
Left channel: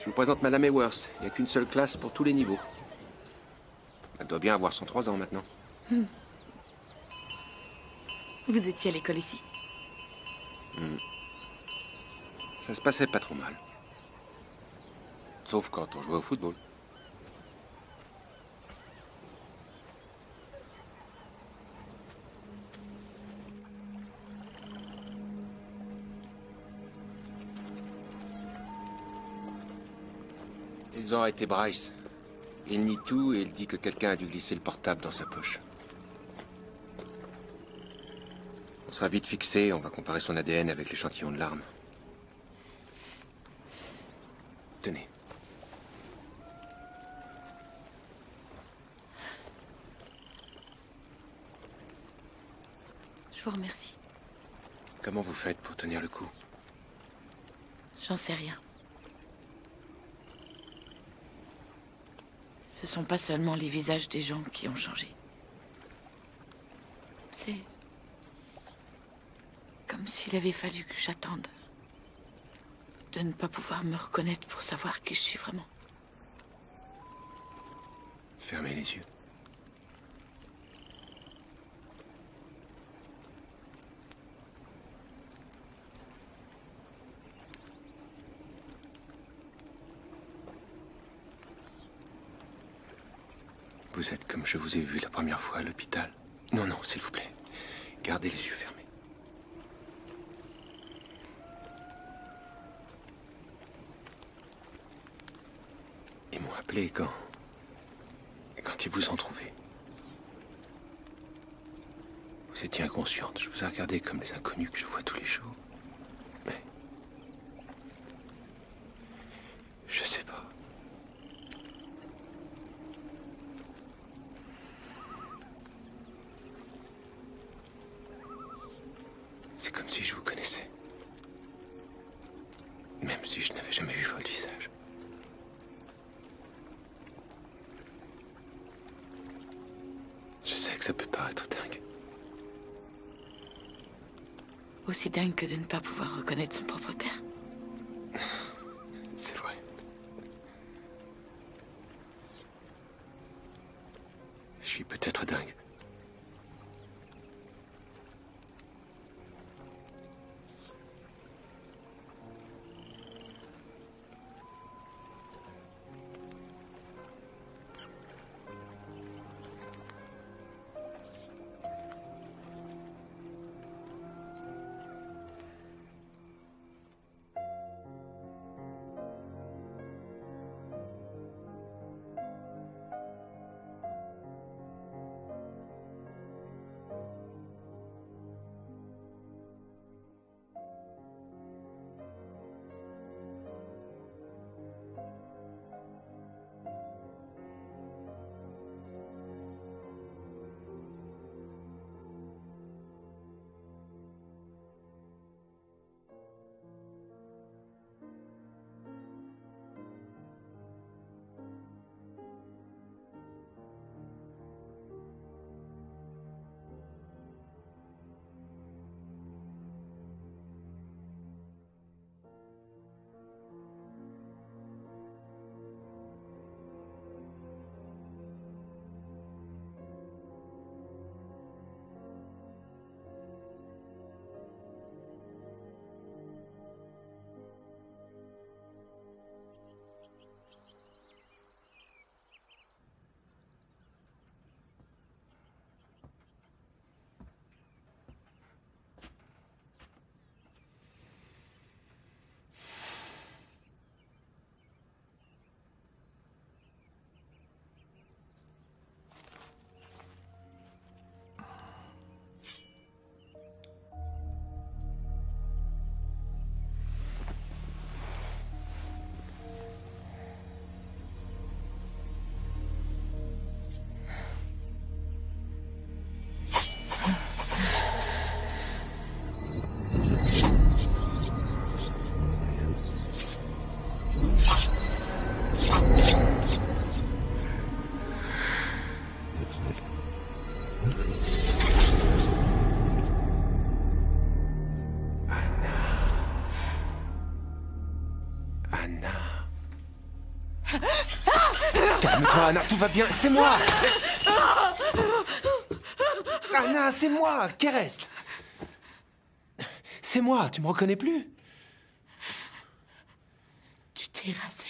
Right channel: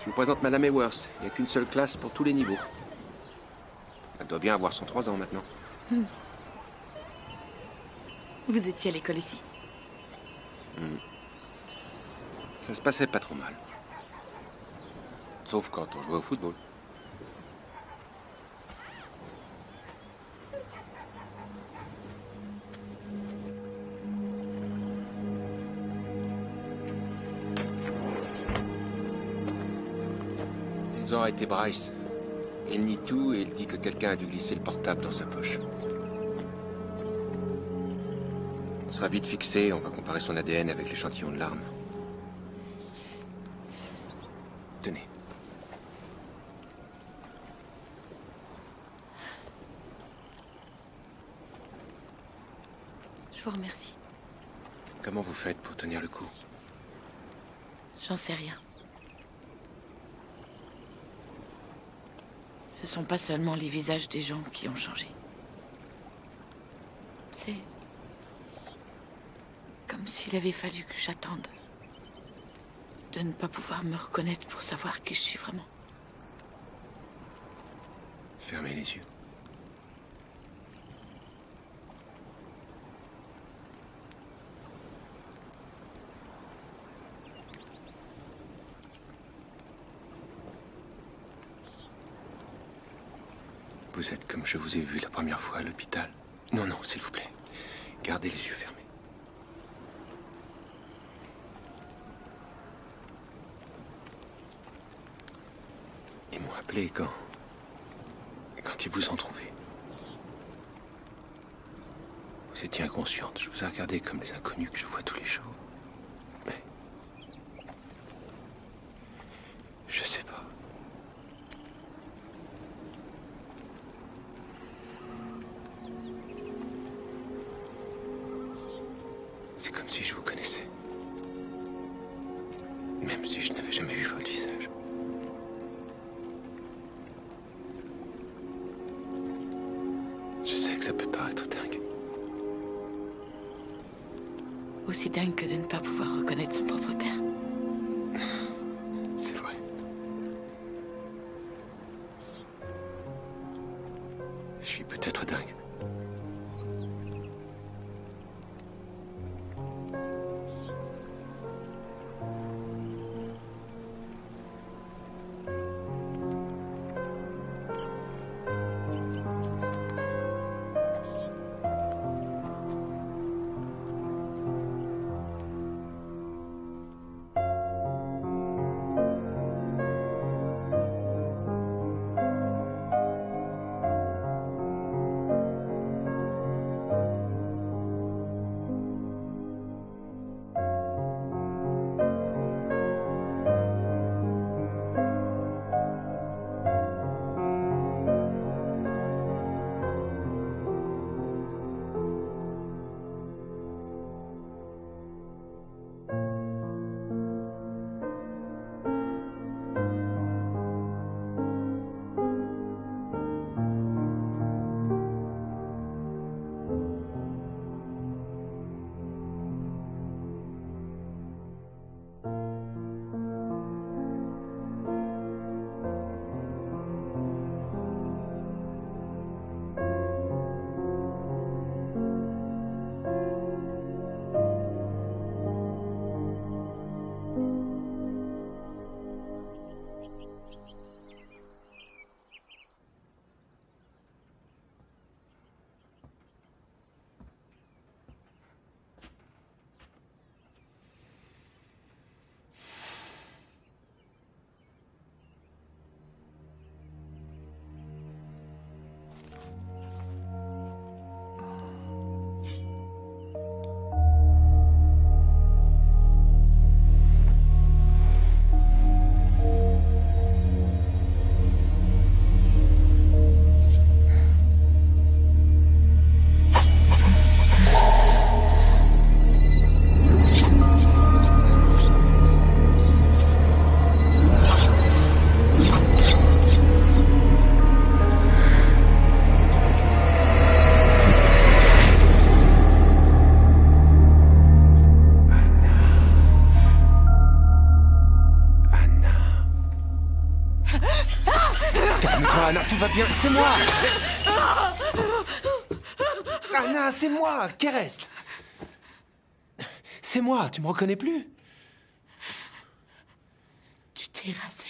Je vous présente Madame Ewers. Il n'y a qu'une seule classe pour tous les niveaux. Elle doit bien avoir 103 ans maintenant. Vous étiez à l'école ici? Ça se passait pas trop mal. Sauf quand on jouait au football. Ils ont arrêté Bryce. Il nie tout et il dit que quelqu'un a dû glisser le portable dans sa poche. On sera vite fixé, on va comparer son ADN avec l'échantillon de l'arme. Tenez. Je vous remercie. Comment vous faites pour tenir le coup? J'en sais rien. Ce sont pas seulement les visages des gens qui ont changé. C'est comme s'il avait fallu que j'attende de ne pas pouvoir me reconnaître pour savoir qui je suis vraiment. Fermez les yeux. Vous êtes comme je vous ai vu la première fois à l'hôpital. Non, non, s'il vous plaît. Gardez les yeux fermés. Ils m'ont appelé quand ils vous ont trouvé. Vous étiez inconsciente. Je vous ai regardé comme les inconnus que je vois tous les jours. Mais je sais pas. C'est comme si je vous connaissais. Même si je n'avais jamais vu votre visage. Je sais que ça peut paraître dingue. Aussi dingue que de ne pas pouvoir reconnaître son propre père. C'est vrai. Je suis peut-être dingue. Calme-toi, Anna, tout va bien. C'est moi. Anna, c'est moi. Qu'est reste? C'est moi, tu me reconnais plus? Tu t'es rasé.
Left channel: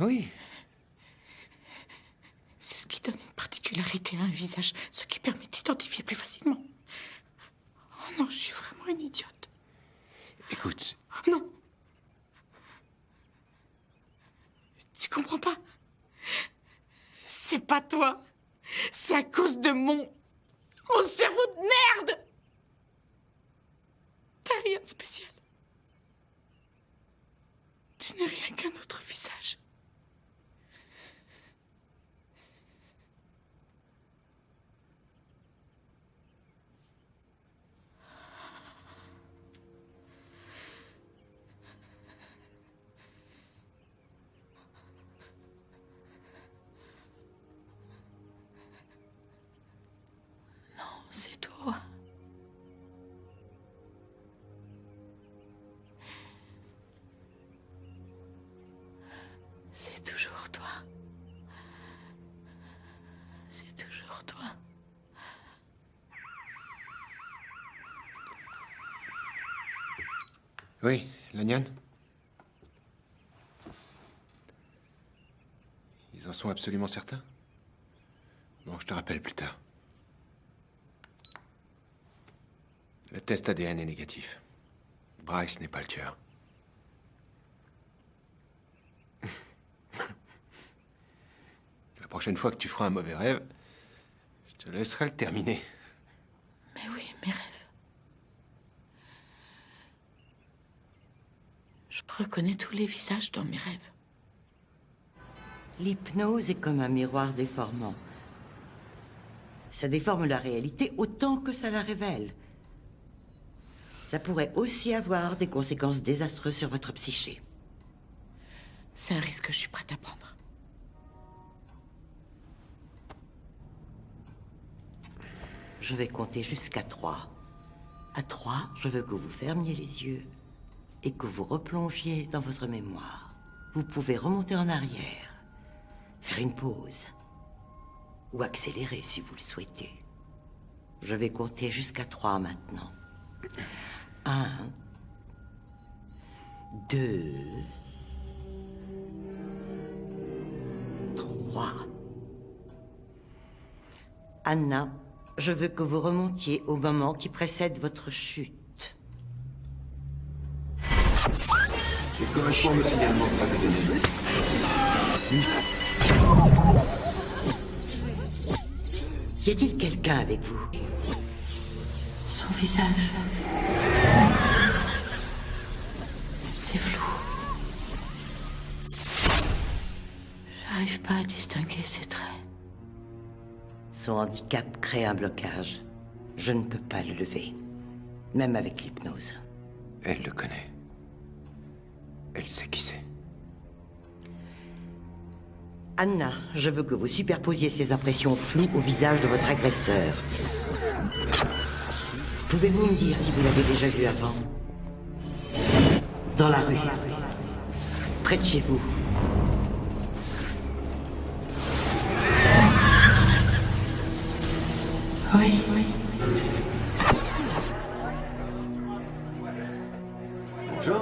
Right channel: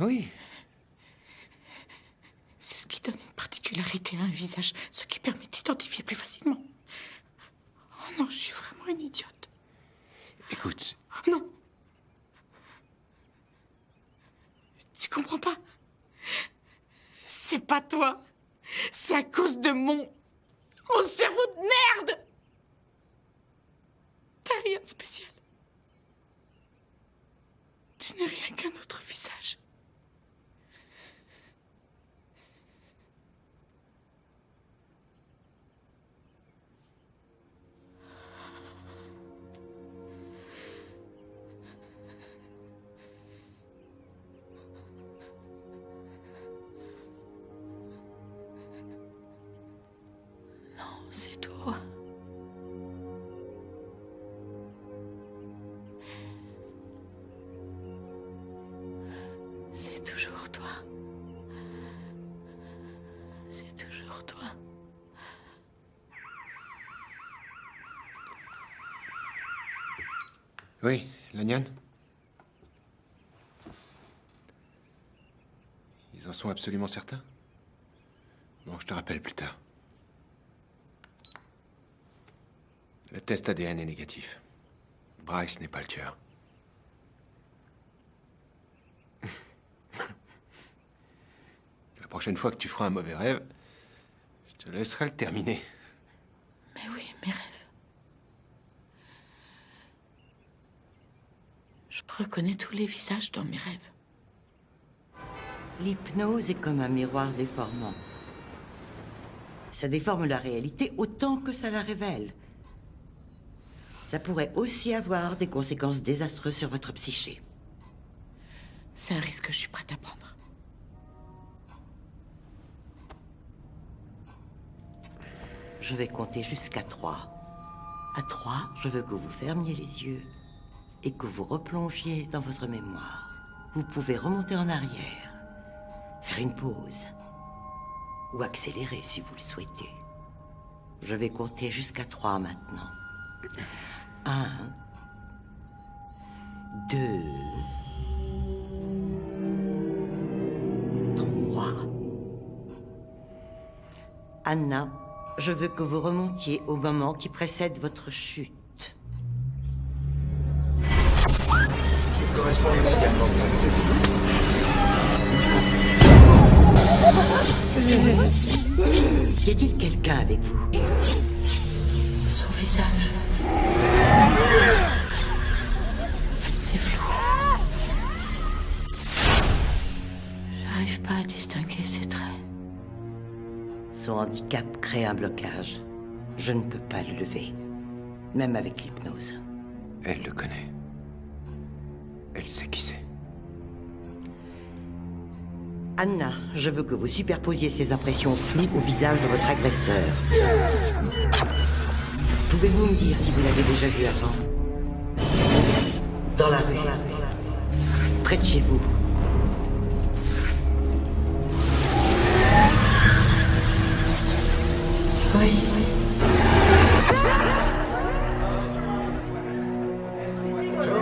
Oui. C'est ce qui donne une particularité à un visage, ce qui permet d'identifier plus facilement. Oh non, je suis vraiment une idiote. Écoute. Non. Tu comprends pas? C'est pas toi. C'est à cause de mon cerveau de merde. T'as rien de spécial. Tu n'es rien qu'un autre visage. C'est toi. C'est toujours toi. C'est toujours toi. Oui, Lanyan? Ils en sont absolument certains? Bon, je te rappelle plus tard. Le test ADN est négatif. Bryce n'est pas le tueur. La prochaine fois que tu feras un mauvais rêve, je te laisserai le terminer. Mais oui, mes rêves. Je reconnais tous les visages dans mes rêves. L'hypnose est comme un miroir déformant. Ça déforme la réalité autant que ça la révèle. Ça pourrait aussi avoir des conséquences désastreuses sur votre psyché. C'est un risque que je suis prête à prendre. Je vais compter jusqu'à 3. À 3, je veux que vous fermiez les yeux et que vous replongiez dans votre mémoire. Vous pouvez remonter en arrière, faire une pause ou accélérer si vous le souhaitez. Je vais compter jusqu'à 3 maintenant. 1, 2, 3. Anna, je veux que vous remontiez au moment qui précède votre chute. Je correspond au signalement que vous avez donné. Y a-t-il quelqu'un avec vous? Son visage. C'est flou. J'arrive pas à distinguer ses traits. Son handicap crée un blocage. Je ne peux pas le lever, même avec l'hypnose. Elle le connaît. Elle sait qui c'est. Anna, je veux que vous superposiez ces impressions floues au visage de votre agresseur. Pouvez-vous me dire si vous l'avez déjà vu avant? Dans la rue. Près de chez vous. Oui. Bonjour.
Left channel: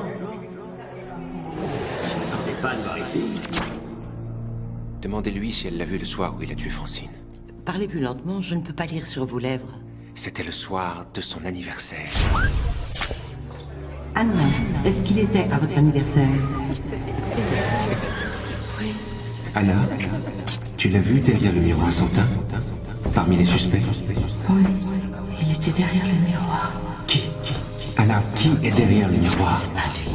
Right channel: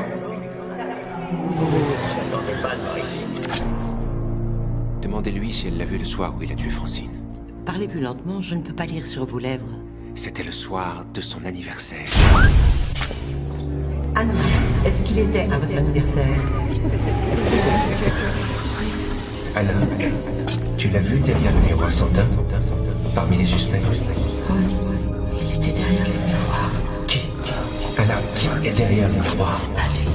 Demandez-lui si elle l'a vu le soir où il a tué Francine. Parlez plus lentement, je ne peux pas lire sur vos lèvres. C'était le soir de son anniversaire. Anna, est-ce qu'il était à votre anniversaire? Oui. Anna, tu l'as vu derrière le miroir sans teint? Parmi les suspects? Oui. Il était derrière le miroir. Qui? Anna, qui est derrière le miroir? C'est pas lui.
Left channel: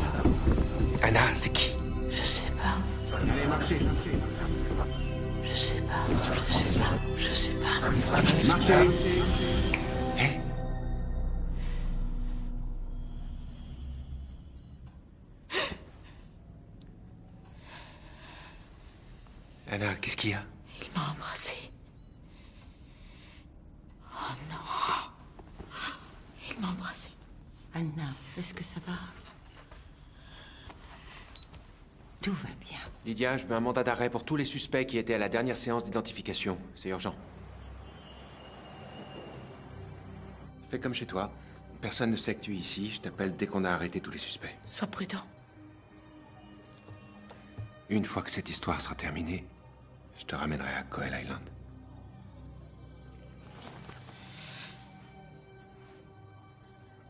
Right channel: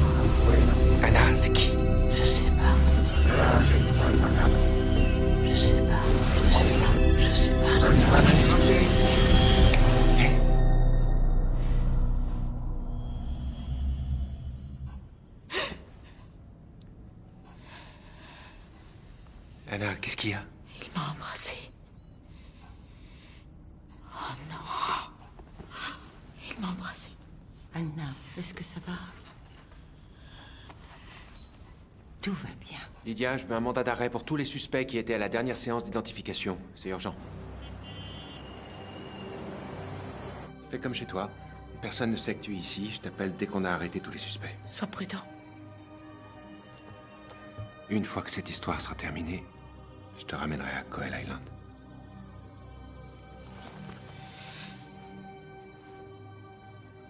Anna, c'est qui? Je sais pas. Je sais pas. Je sais pas. Je sais pas. Hé? Anna, qu'est-ce qu'il y a? Il m'a embrassé. Oh non. Il m'a embrassé. Anna, est-ce que ça va? Tout va bien. Lydia, je veux un mandat d'arrêt pour tous les suspects qui étaient à la dernière séance d'identification. C'est urgent. Fais comme chez toi. Personne ne sait que tu es ici. Je t'appelle dès qu'on a arrêté tous les suspects. Sois prudent. Une fois que cette histoire sera terminée, je te ramènerai à Coel Island.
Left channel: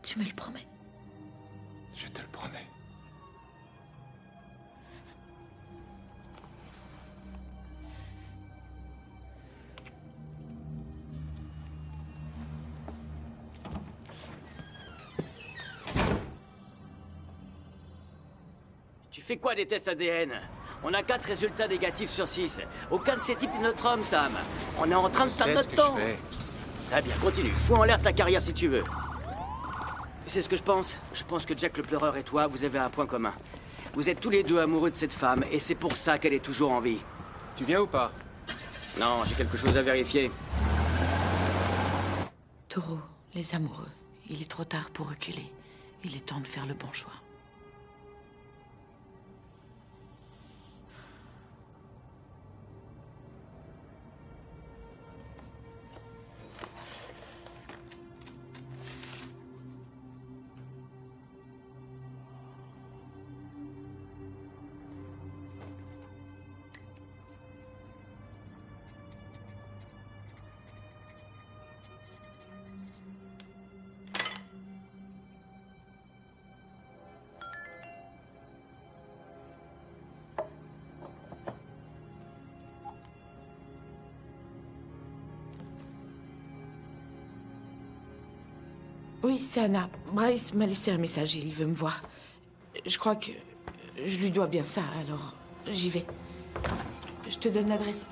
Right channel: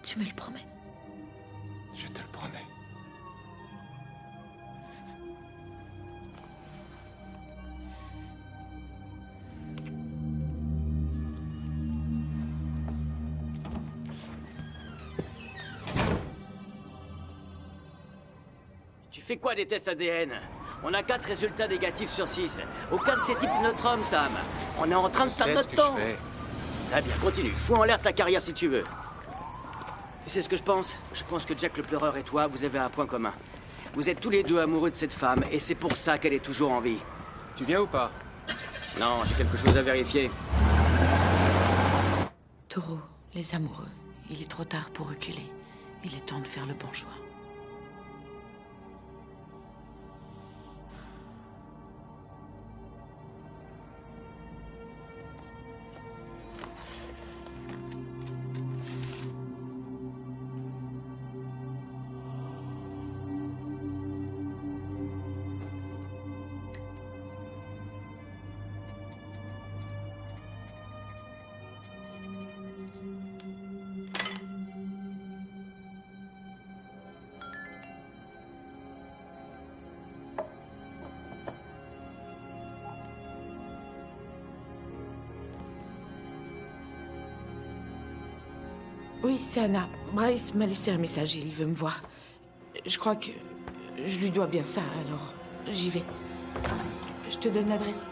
Tu me le promets? Je te le promets. Tu fais quoi des tests ADN? On a 4 résultats négatifs sur 6. Aucun de ces types est notre homme, Sam. On est en train de perdre notre temps. Très bien, continue. Fous en l'air ta carrière si tu veux. Tu sais ce que je pense? Je pense que Jack le pleureur et toi, vous avez un point commun. Vous êtes tous les deux amoureux de cette femme, et c'est pour ça qu'elle est toujours en vie. Tu viens ou pas? Non, j'ai quelque chose à vérifier. Taureau, les amoureux. Il est trop tard pour reculer. Il est temps de faire le bon choix. Oui, c'est Anna. Bryce m'a laissé un message, il veut me voir. Je crois que je lui dois bien ça, alors j'y vais. Je te donne l'adresse.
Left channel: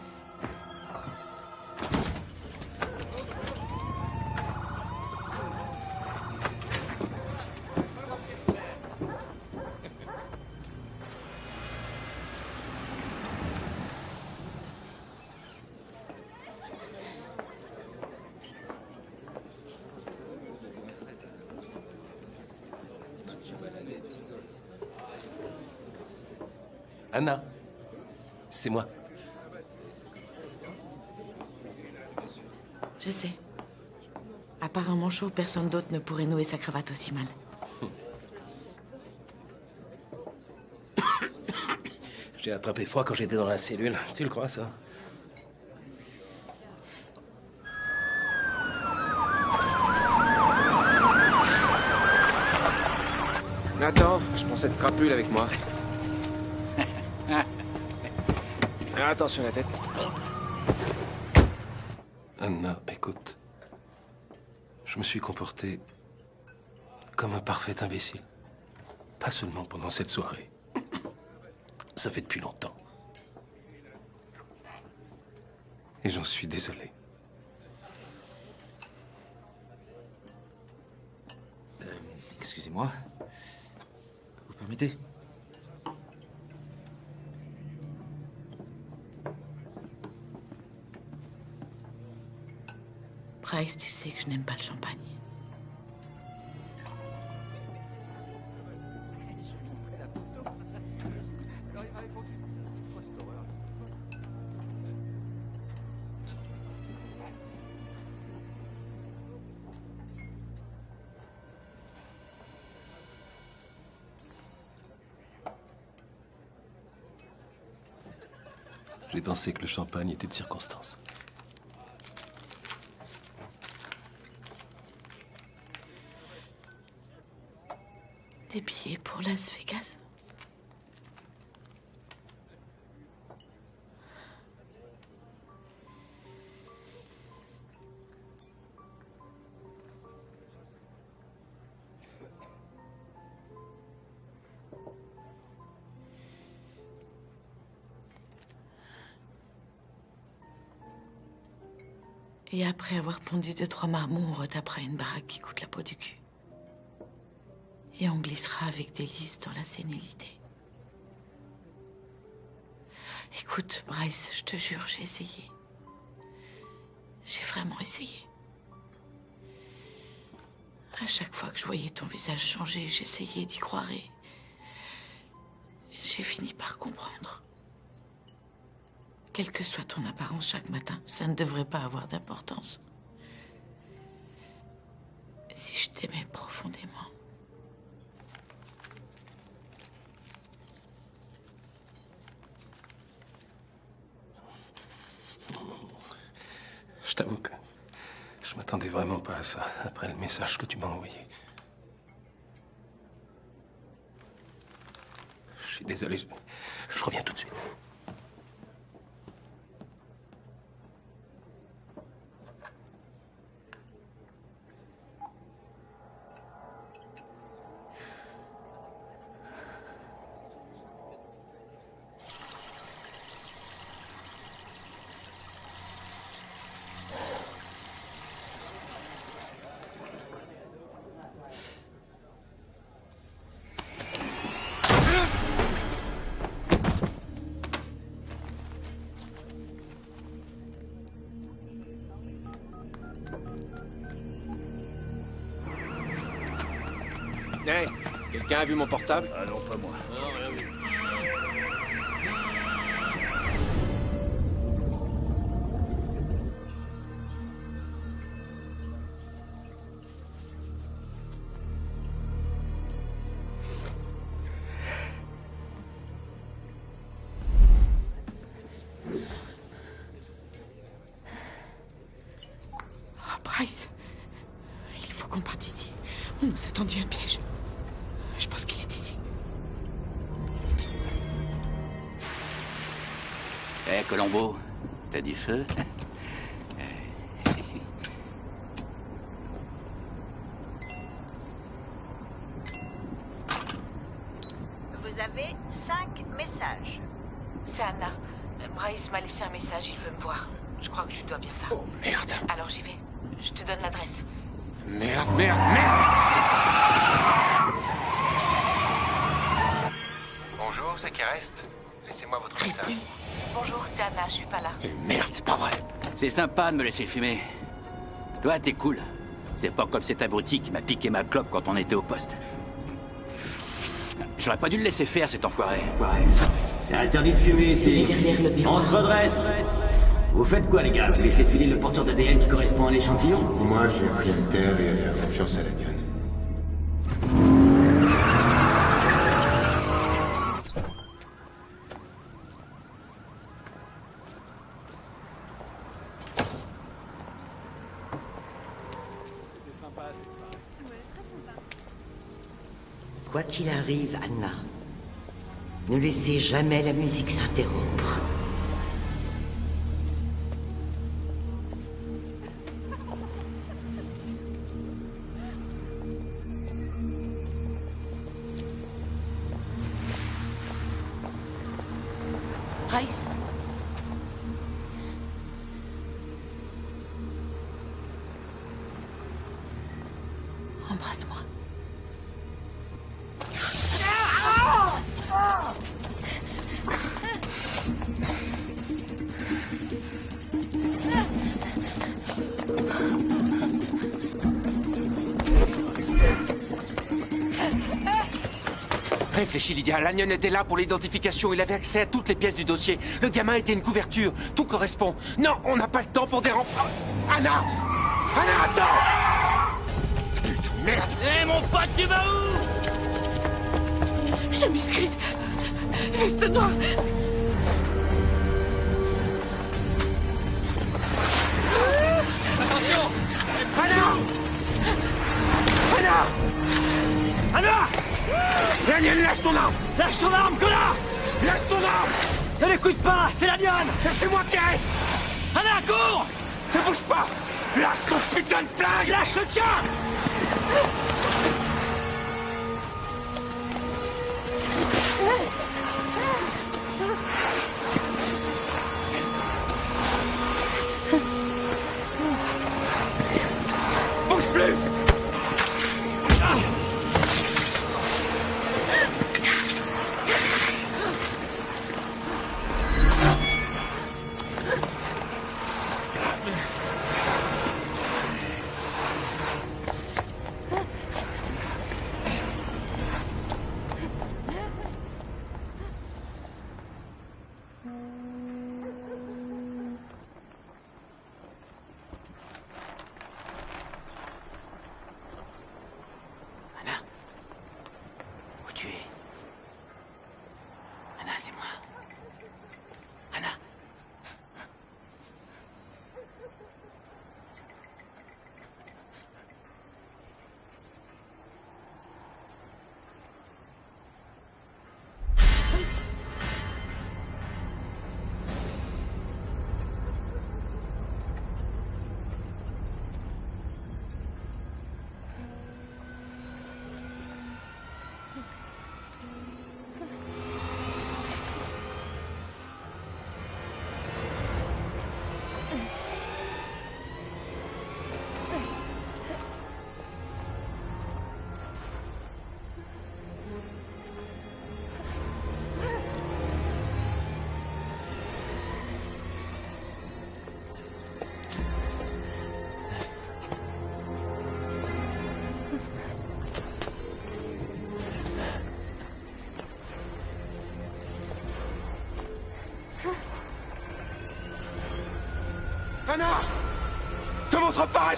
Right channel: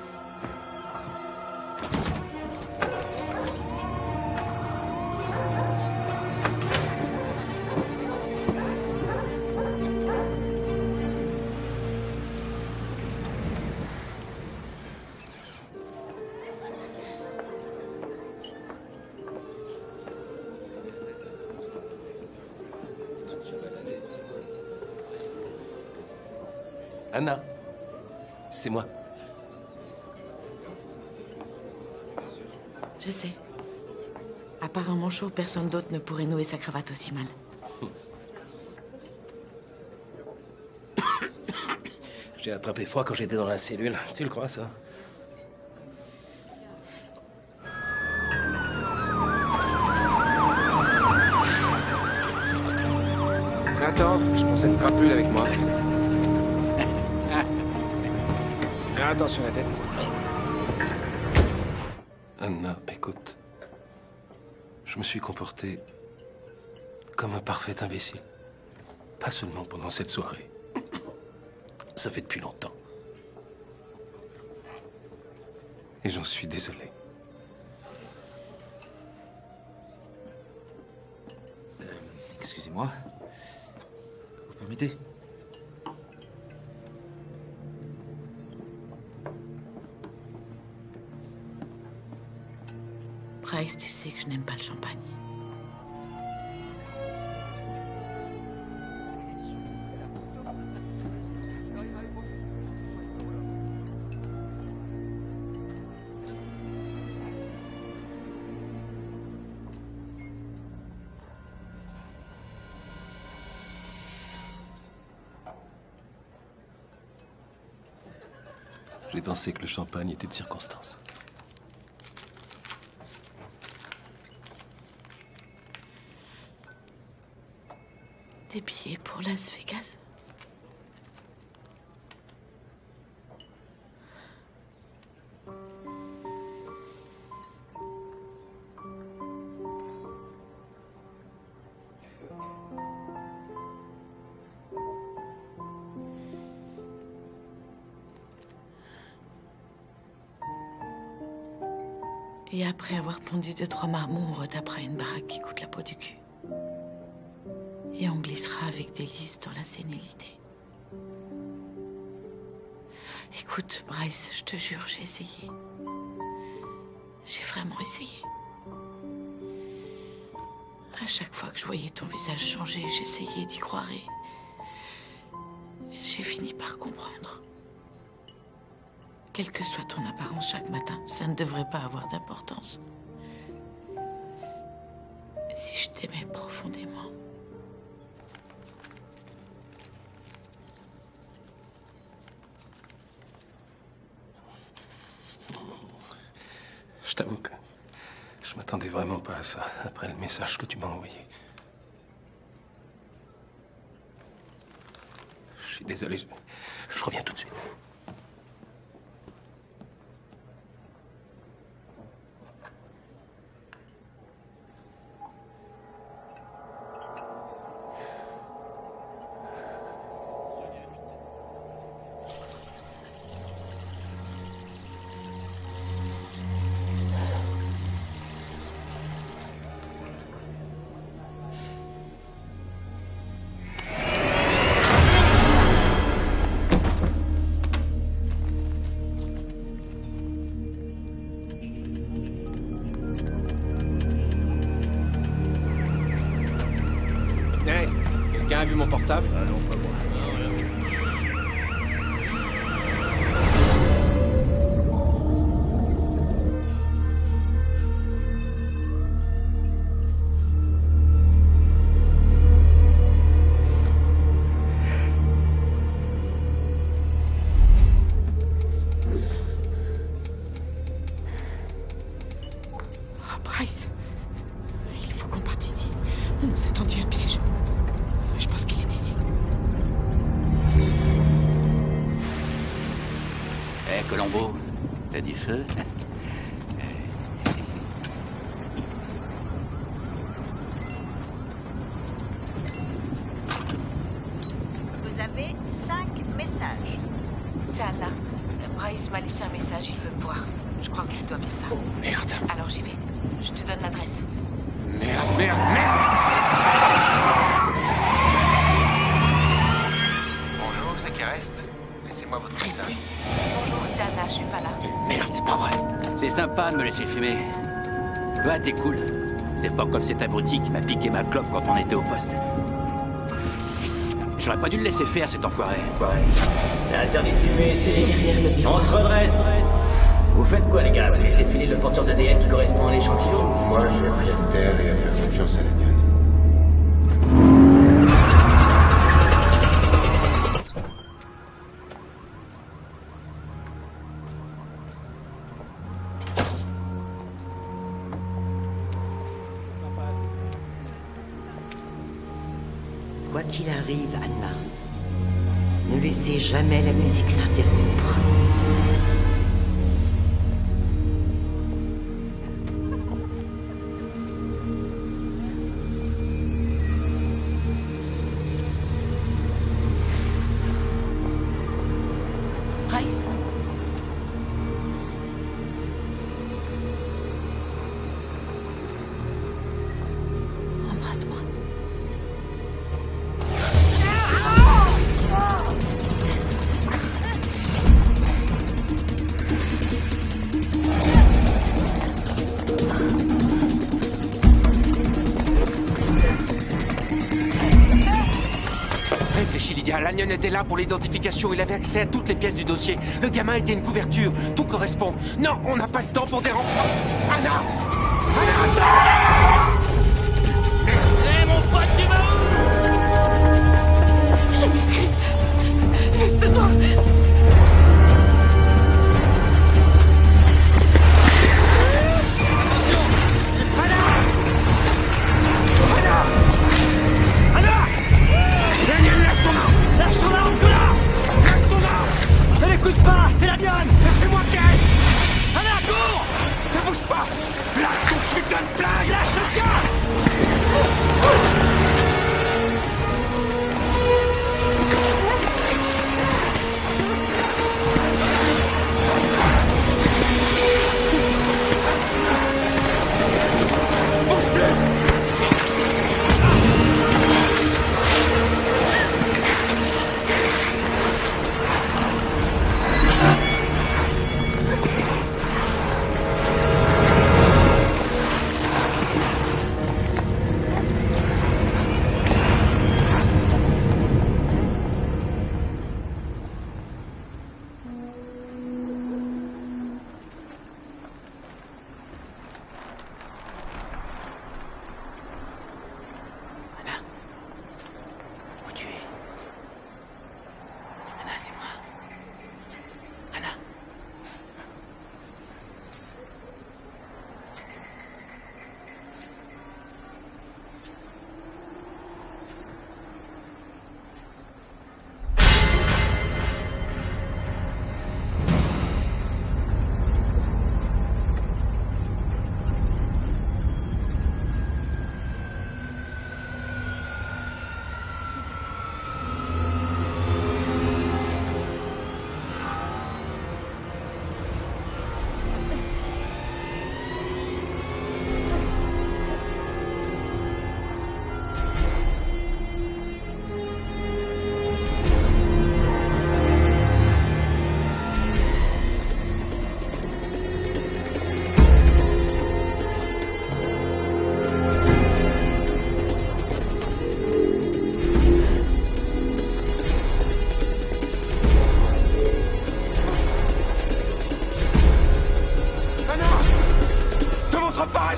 Anna, c'est moi. Je sais. À part un manchot, personne d'autre ne pourrait nouer sa cravate aussi mal. J'ai attrapé froid quand j'étais dans la cellule. Tu le crois, ça? Attends, je prends cette crapule avec moi. Attention la tête. Anna, écoute. Je me suis comporté comme un parfait imbécile. Pas seulement pendant cette soirée. Ça fait depuis longtemps. Et j'en suis désolé. Excusez-moi. Vous permettez? Bryce, tu sais que je n'aime pas le champagne. J'ai pensé que le champagne était de circonstance. Des billets pour Las Vegas? Et après avoir pondu 2-3 marmots, on retapera une baraque qui coûte la peau du cul. Et on glissera avec délice dans la sénilité. Écoute, Bryce, je te jure, j'ai essayé. J'ai vraiment essayé. À chaque fois que je voyais ton visage changer, j'essayais d'y croire et J'ai fini par comprendre. Quelle que soit ton apparence chaque matin, ça ne devrait pas avoir d'importance. Si je t'aimais profondément. Je t'avoue que je m'attendais vraiment pas à ça, après le message que tu m'as envoyé. Je suis désolé, je reviens tout de suite. Hey, quelqu'un a vu mon portable? Ah non, pas moi. Non, rien vu. Oh, Bryce, il faut qu'on parte d'ici. On nous a tendu un piège. Je pense qu'il est ici. Eh, Colombo, t'as du feu? Vous avez 5 messages. C'est Anna. Bryce m'a laissé un message, il veut me voir. Je crois que je lui dois bien ça. Oh, merde. Alors j'y vais. Je te donne l'adresse. Merde, merde, merde! Bonjour, c'est qui reste? Laissez-moi votre message. Bonjour, c'est Anna, je suis pas là. Merde, c'est pas vrai. C'est sympa de me laisser fumer. Toi, t'es cool. C'est pas comme cet abruti qui m'a piqué ma clope quand on était au poste. J'aurais pas dû le laisser faire, cet enfoiré. C'est interdit de fumer, c'est derrière le miroir. Vous faites quoi, les gars? Vous laissez filer le porteur d'ADN qui correspond à l'échantillon? Moi, j'ai rien de terre et à faire confiance à la lionne. Quoi qu'il arrive, Anna, ne laissez jamais la musique s'interrompre. Bryce? Embrasse-moi. Réfléchis, Lydia. Lanyon était là pour l'identification. Il avait accès à toutes les pièces du dossier. Le gamin était une couverture. Tout correspond. Non, on n'a pas le temps pour des renforts. Anna! Anna, attends! Putain, merde! Hé, mon pote, tu vas où? Chemise grise. Veste noire. Attention! Anna! Anna! Anna! Lanyon, lâche ton arme! Lâche ton arme, connard! Lâche ton arme! Ne l'écoute pas, c'est la lionne! Laissez-moi qui reste! Anna, cours! Ne bouge pas! Lâche ton putain de flingue! Lâche le tien! Bouge plus!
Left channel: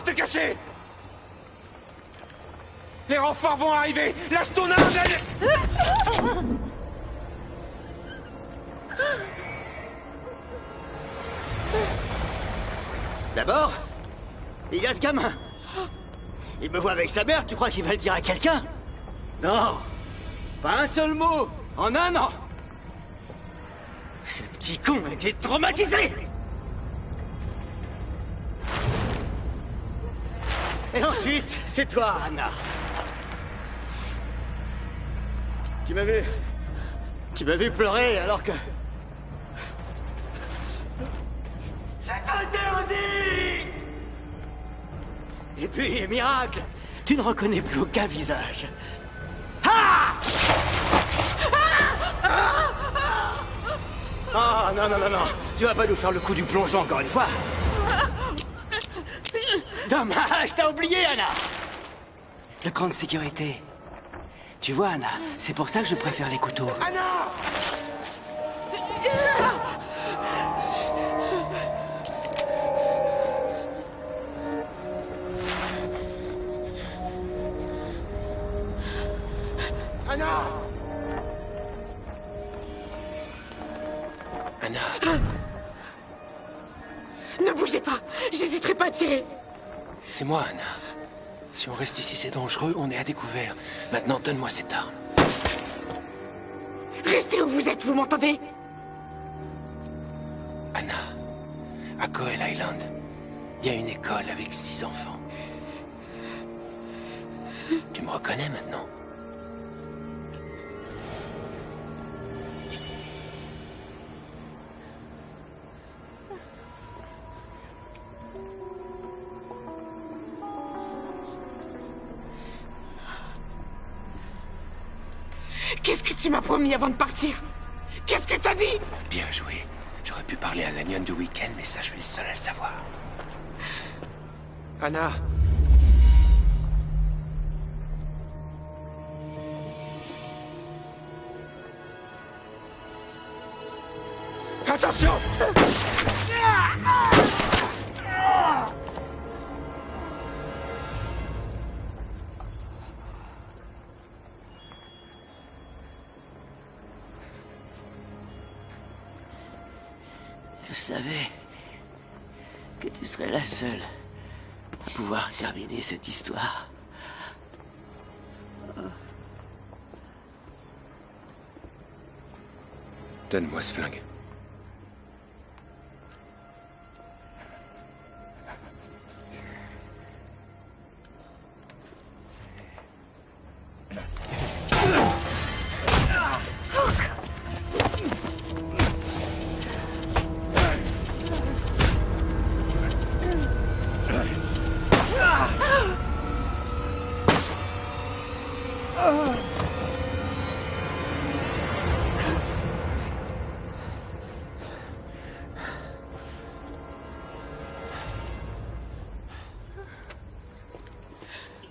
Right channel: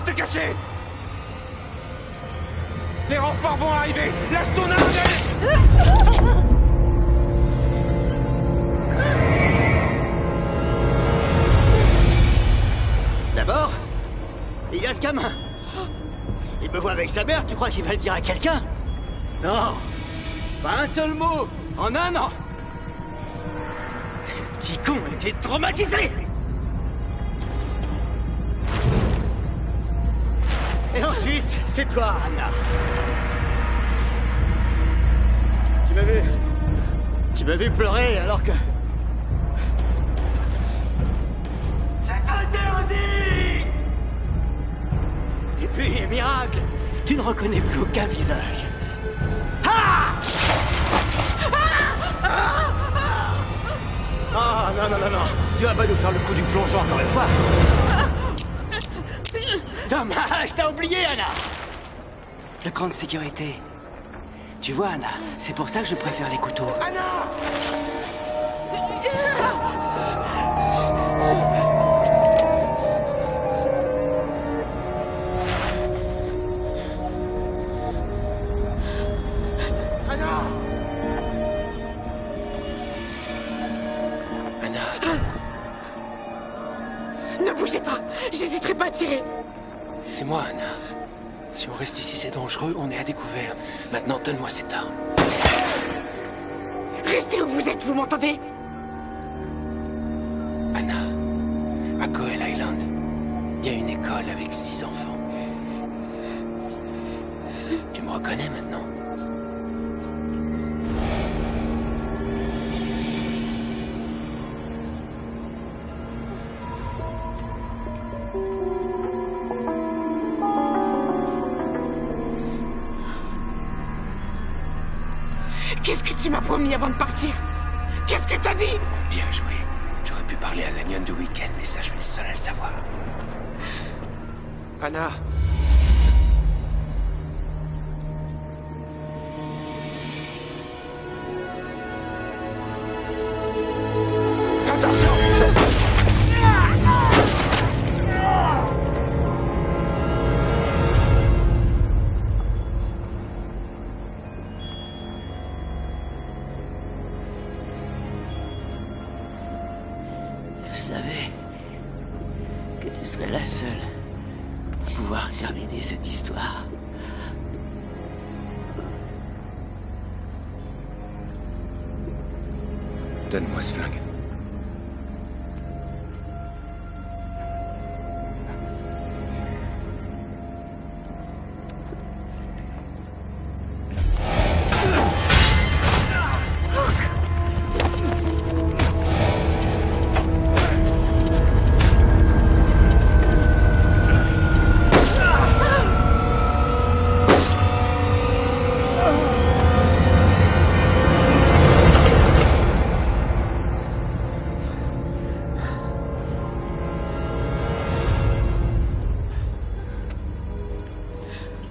Reste caché! Les renforts vont arriver! Lâche ton arme! D'abord, il y a ce gamin. Il me voit avec sa mère, tu crois qu'il va le dire à quelqu'un? Non! Pas un seul mot! En un an! Ce petit con était traumatisé! Et ensuite, c'est toi, Anna. Tu m'as vu pleurer alors que... C'est interdit! Et puis, miracle, tu ne reconnais plus aucun visage. Ah! Ah, non, non, non, non. Tu vas pas nous faire le coup du plongeon encore une fois. Dommage, t'as oublié, Anna. Le cran de sécurité. Tu vois, Anna, c'est pour ça que je préfère les couteaux. Anna! Anna! Anna! Ne bougez pas! J'hésiterai pas à tirer! C'est moi, Anna. Si on reste ici, c'est dangereux, on est à découvert. Maintenant, donne-moi cette arme. Restez où vous êtes, vous m'entendez? Anna, à Coel Island, il y a une école avec 6 enfants. Tu me reconnais maintenant? Qu'est-ce que tu m'as promis avant de partir? Qu'est-ce que t'as dit? Bien joué. J'aurais pu parler à l'Agnon du week-end, mais ça, je suis le seul à le savoir. Anna! Attention! Je savais que tu serais la seule à pouvoir terminer cette histoire. Donne-moi ce flingue.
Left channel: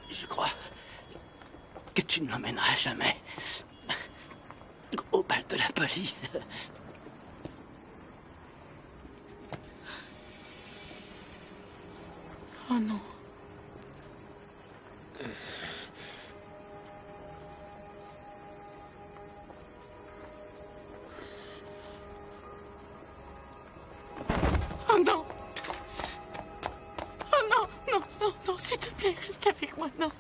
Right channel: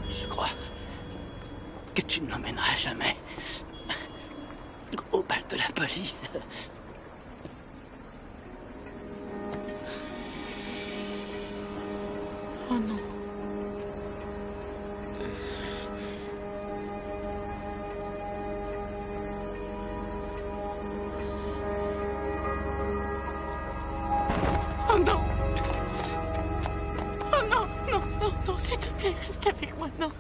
Je crois que tu ne l'emmèneras jamais au bal de la police. Oh non. Oh non. Oh non, non, non, non, s'il te plaît, reste avec moi, non.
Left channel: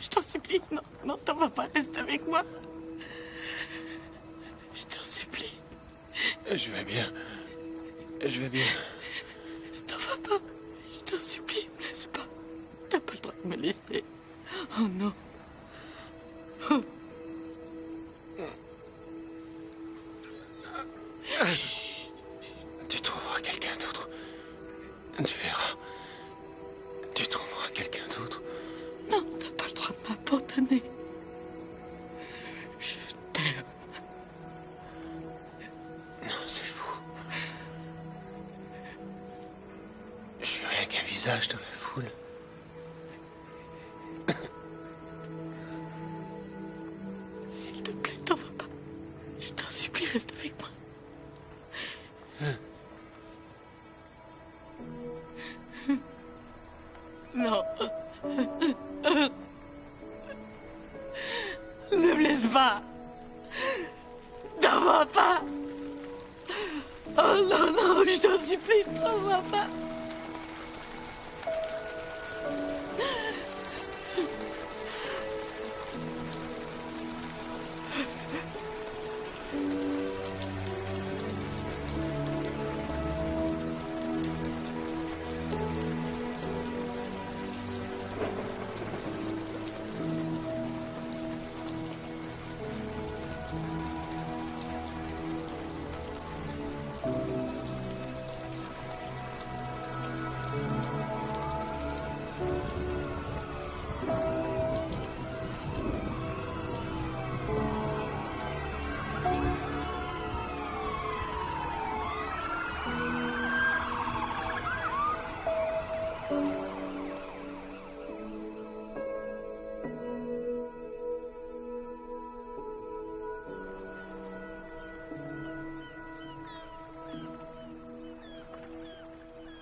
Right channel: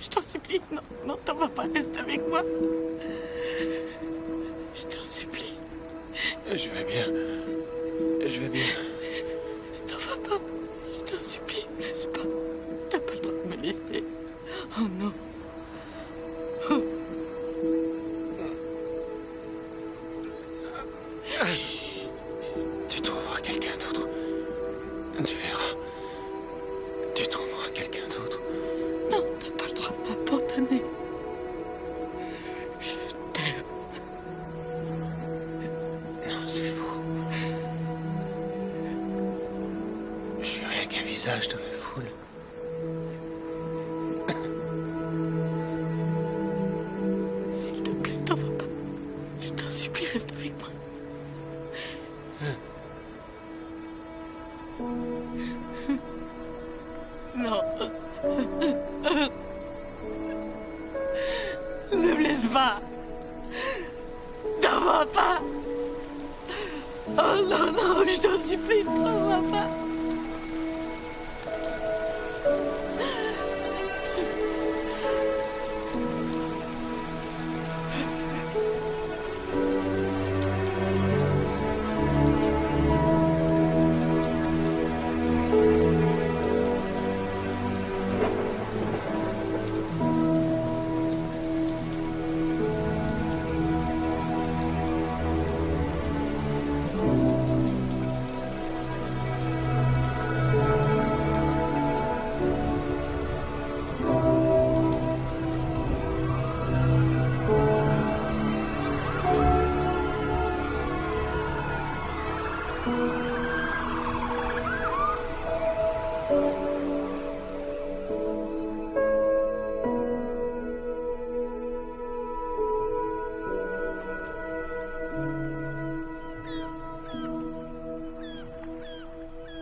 Je t'en supplie, non, non, t'en vas pas, reste avec moi. Je t'en supplie. Je vais bien. Je vais bien. T'en vas pas. Je t'en supplie, me laisse pas. T'as pas le droit de me laisser. Oh non. Oh. Tu trouveras quelqu'un d'autre. Tu verras. Tu trouveras quelqu'un d'autre. Non, t'as pas le droit de m'abandonner. Je t'aime. Non, c'est fou. Je suis rien qu'un visage dans la foule. S'il te plaît, t'en vas pas. Je t'en supplie, reste avec moi. pas. T'en vas pas. Oh non, non, je t'en supplie, t'en vas pas.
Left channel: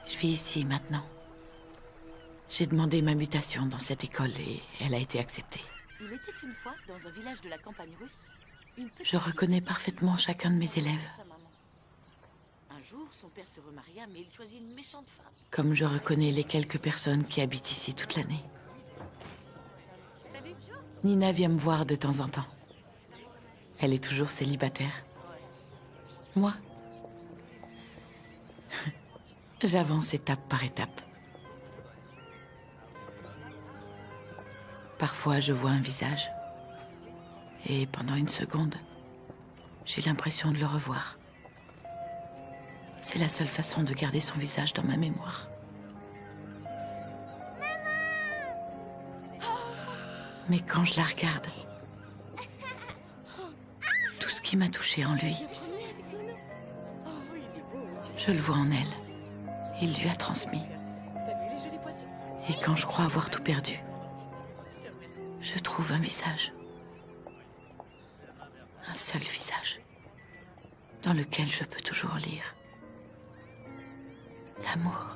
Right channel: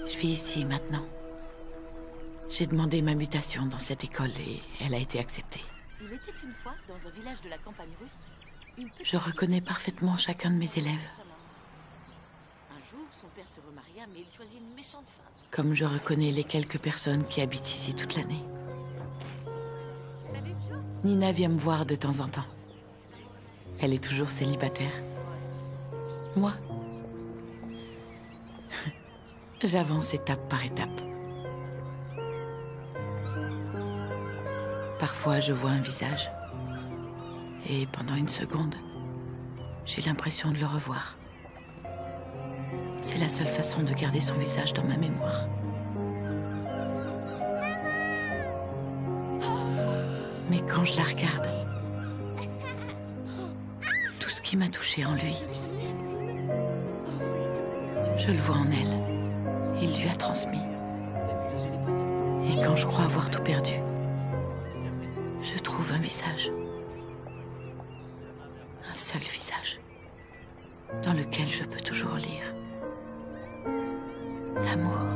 Je vis ici maintenant. J'ai demandé ma mutation dans cette école et elle a été acceptée. Il était une fois, dans un village de la campagne russe, Je reconnais parfaitement chacun de mes élèves. Un jour, son père se remaria, mais il choisit une méchante femme. Comme je reconnais les quelques personnes qui habitent ici toute l'année. Nina vient me voir de temps en temps. Elle est toujours célibataire. Moi, j'avance étape par étape. Parfois, je vois un visage. Et pendant une seconde, j'ai l'impression de le revoir. C'est la seule façon de garder son visage dans ma mémoire. Mais quand je la regarde, tout ce qui m'a touché en lui, je le vois en elle. Il lui a transmis. Et quand je crois avoir tout perdu, je trouve un visage. Un seul visage. Dans lequel je peux toujours lire l'amour.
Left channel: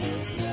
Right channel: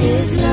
is love.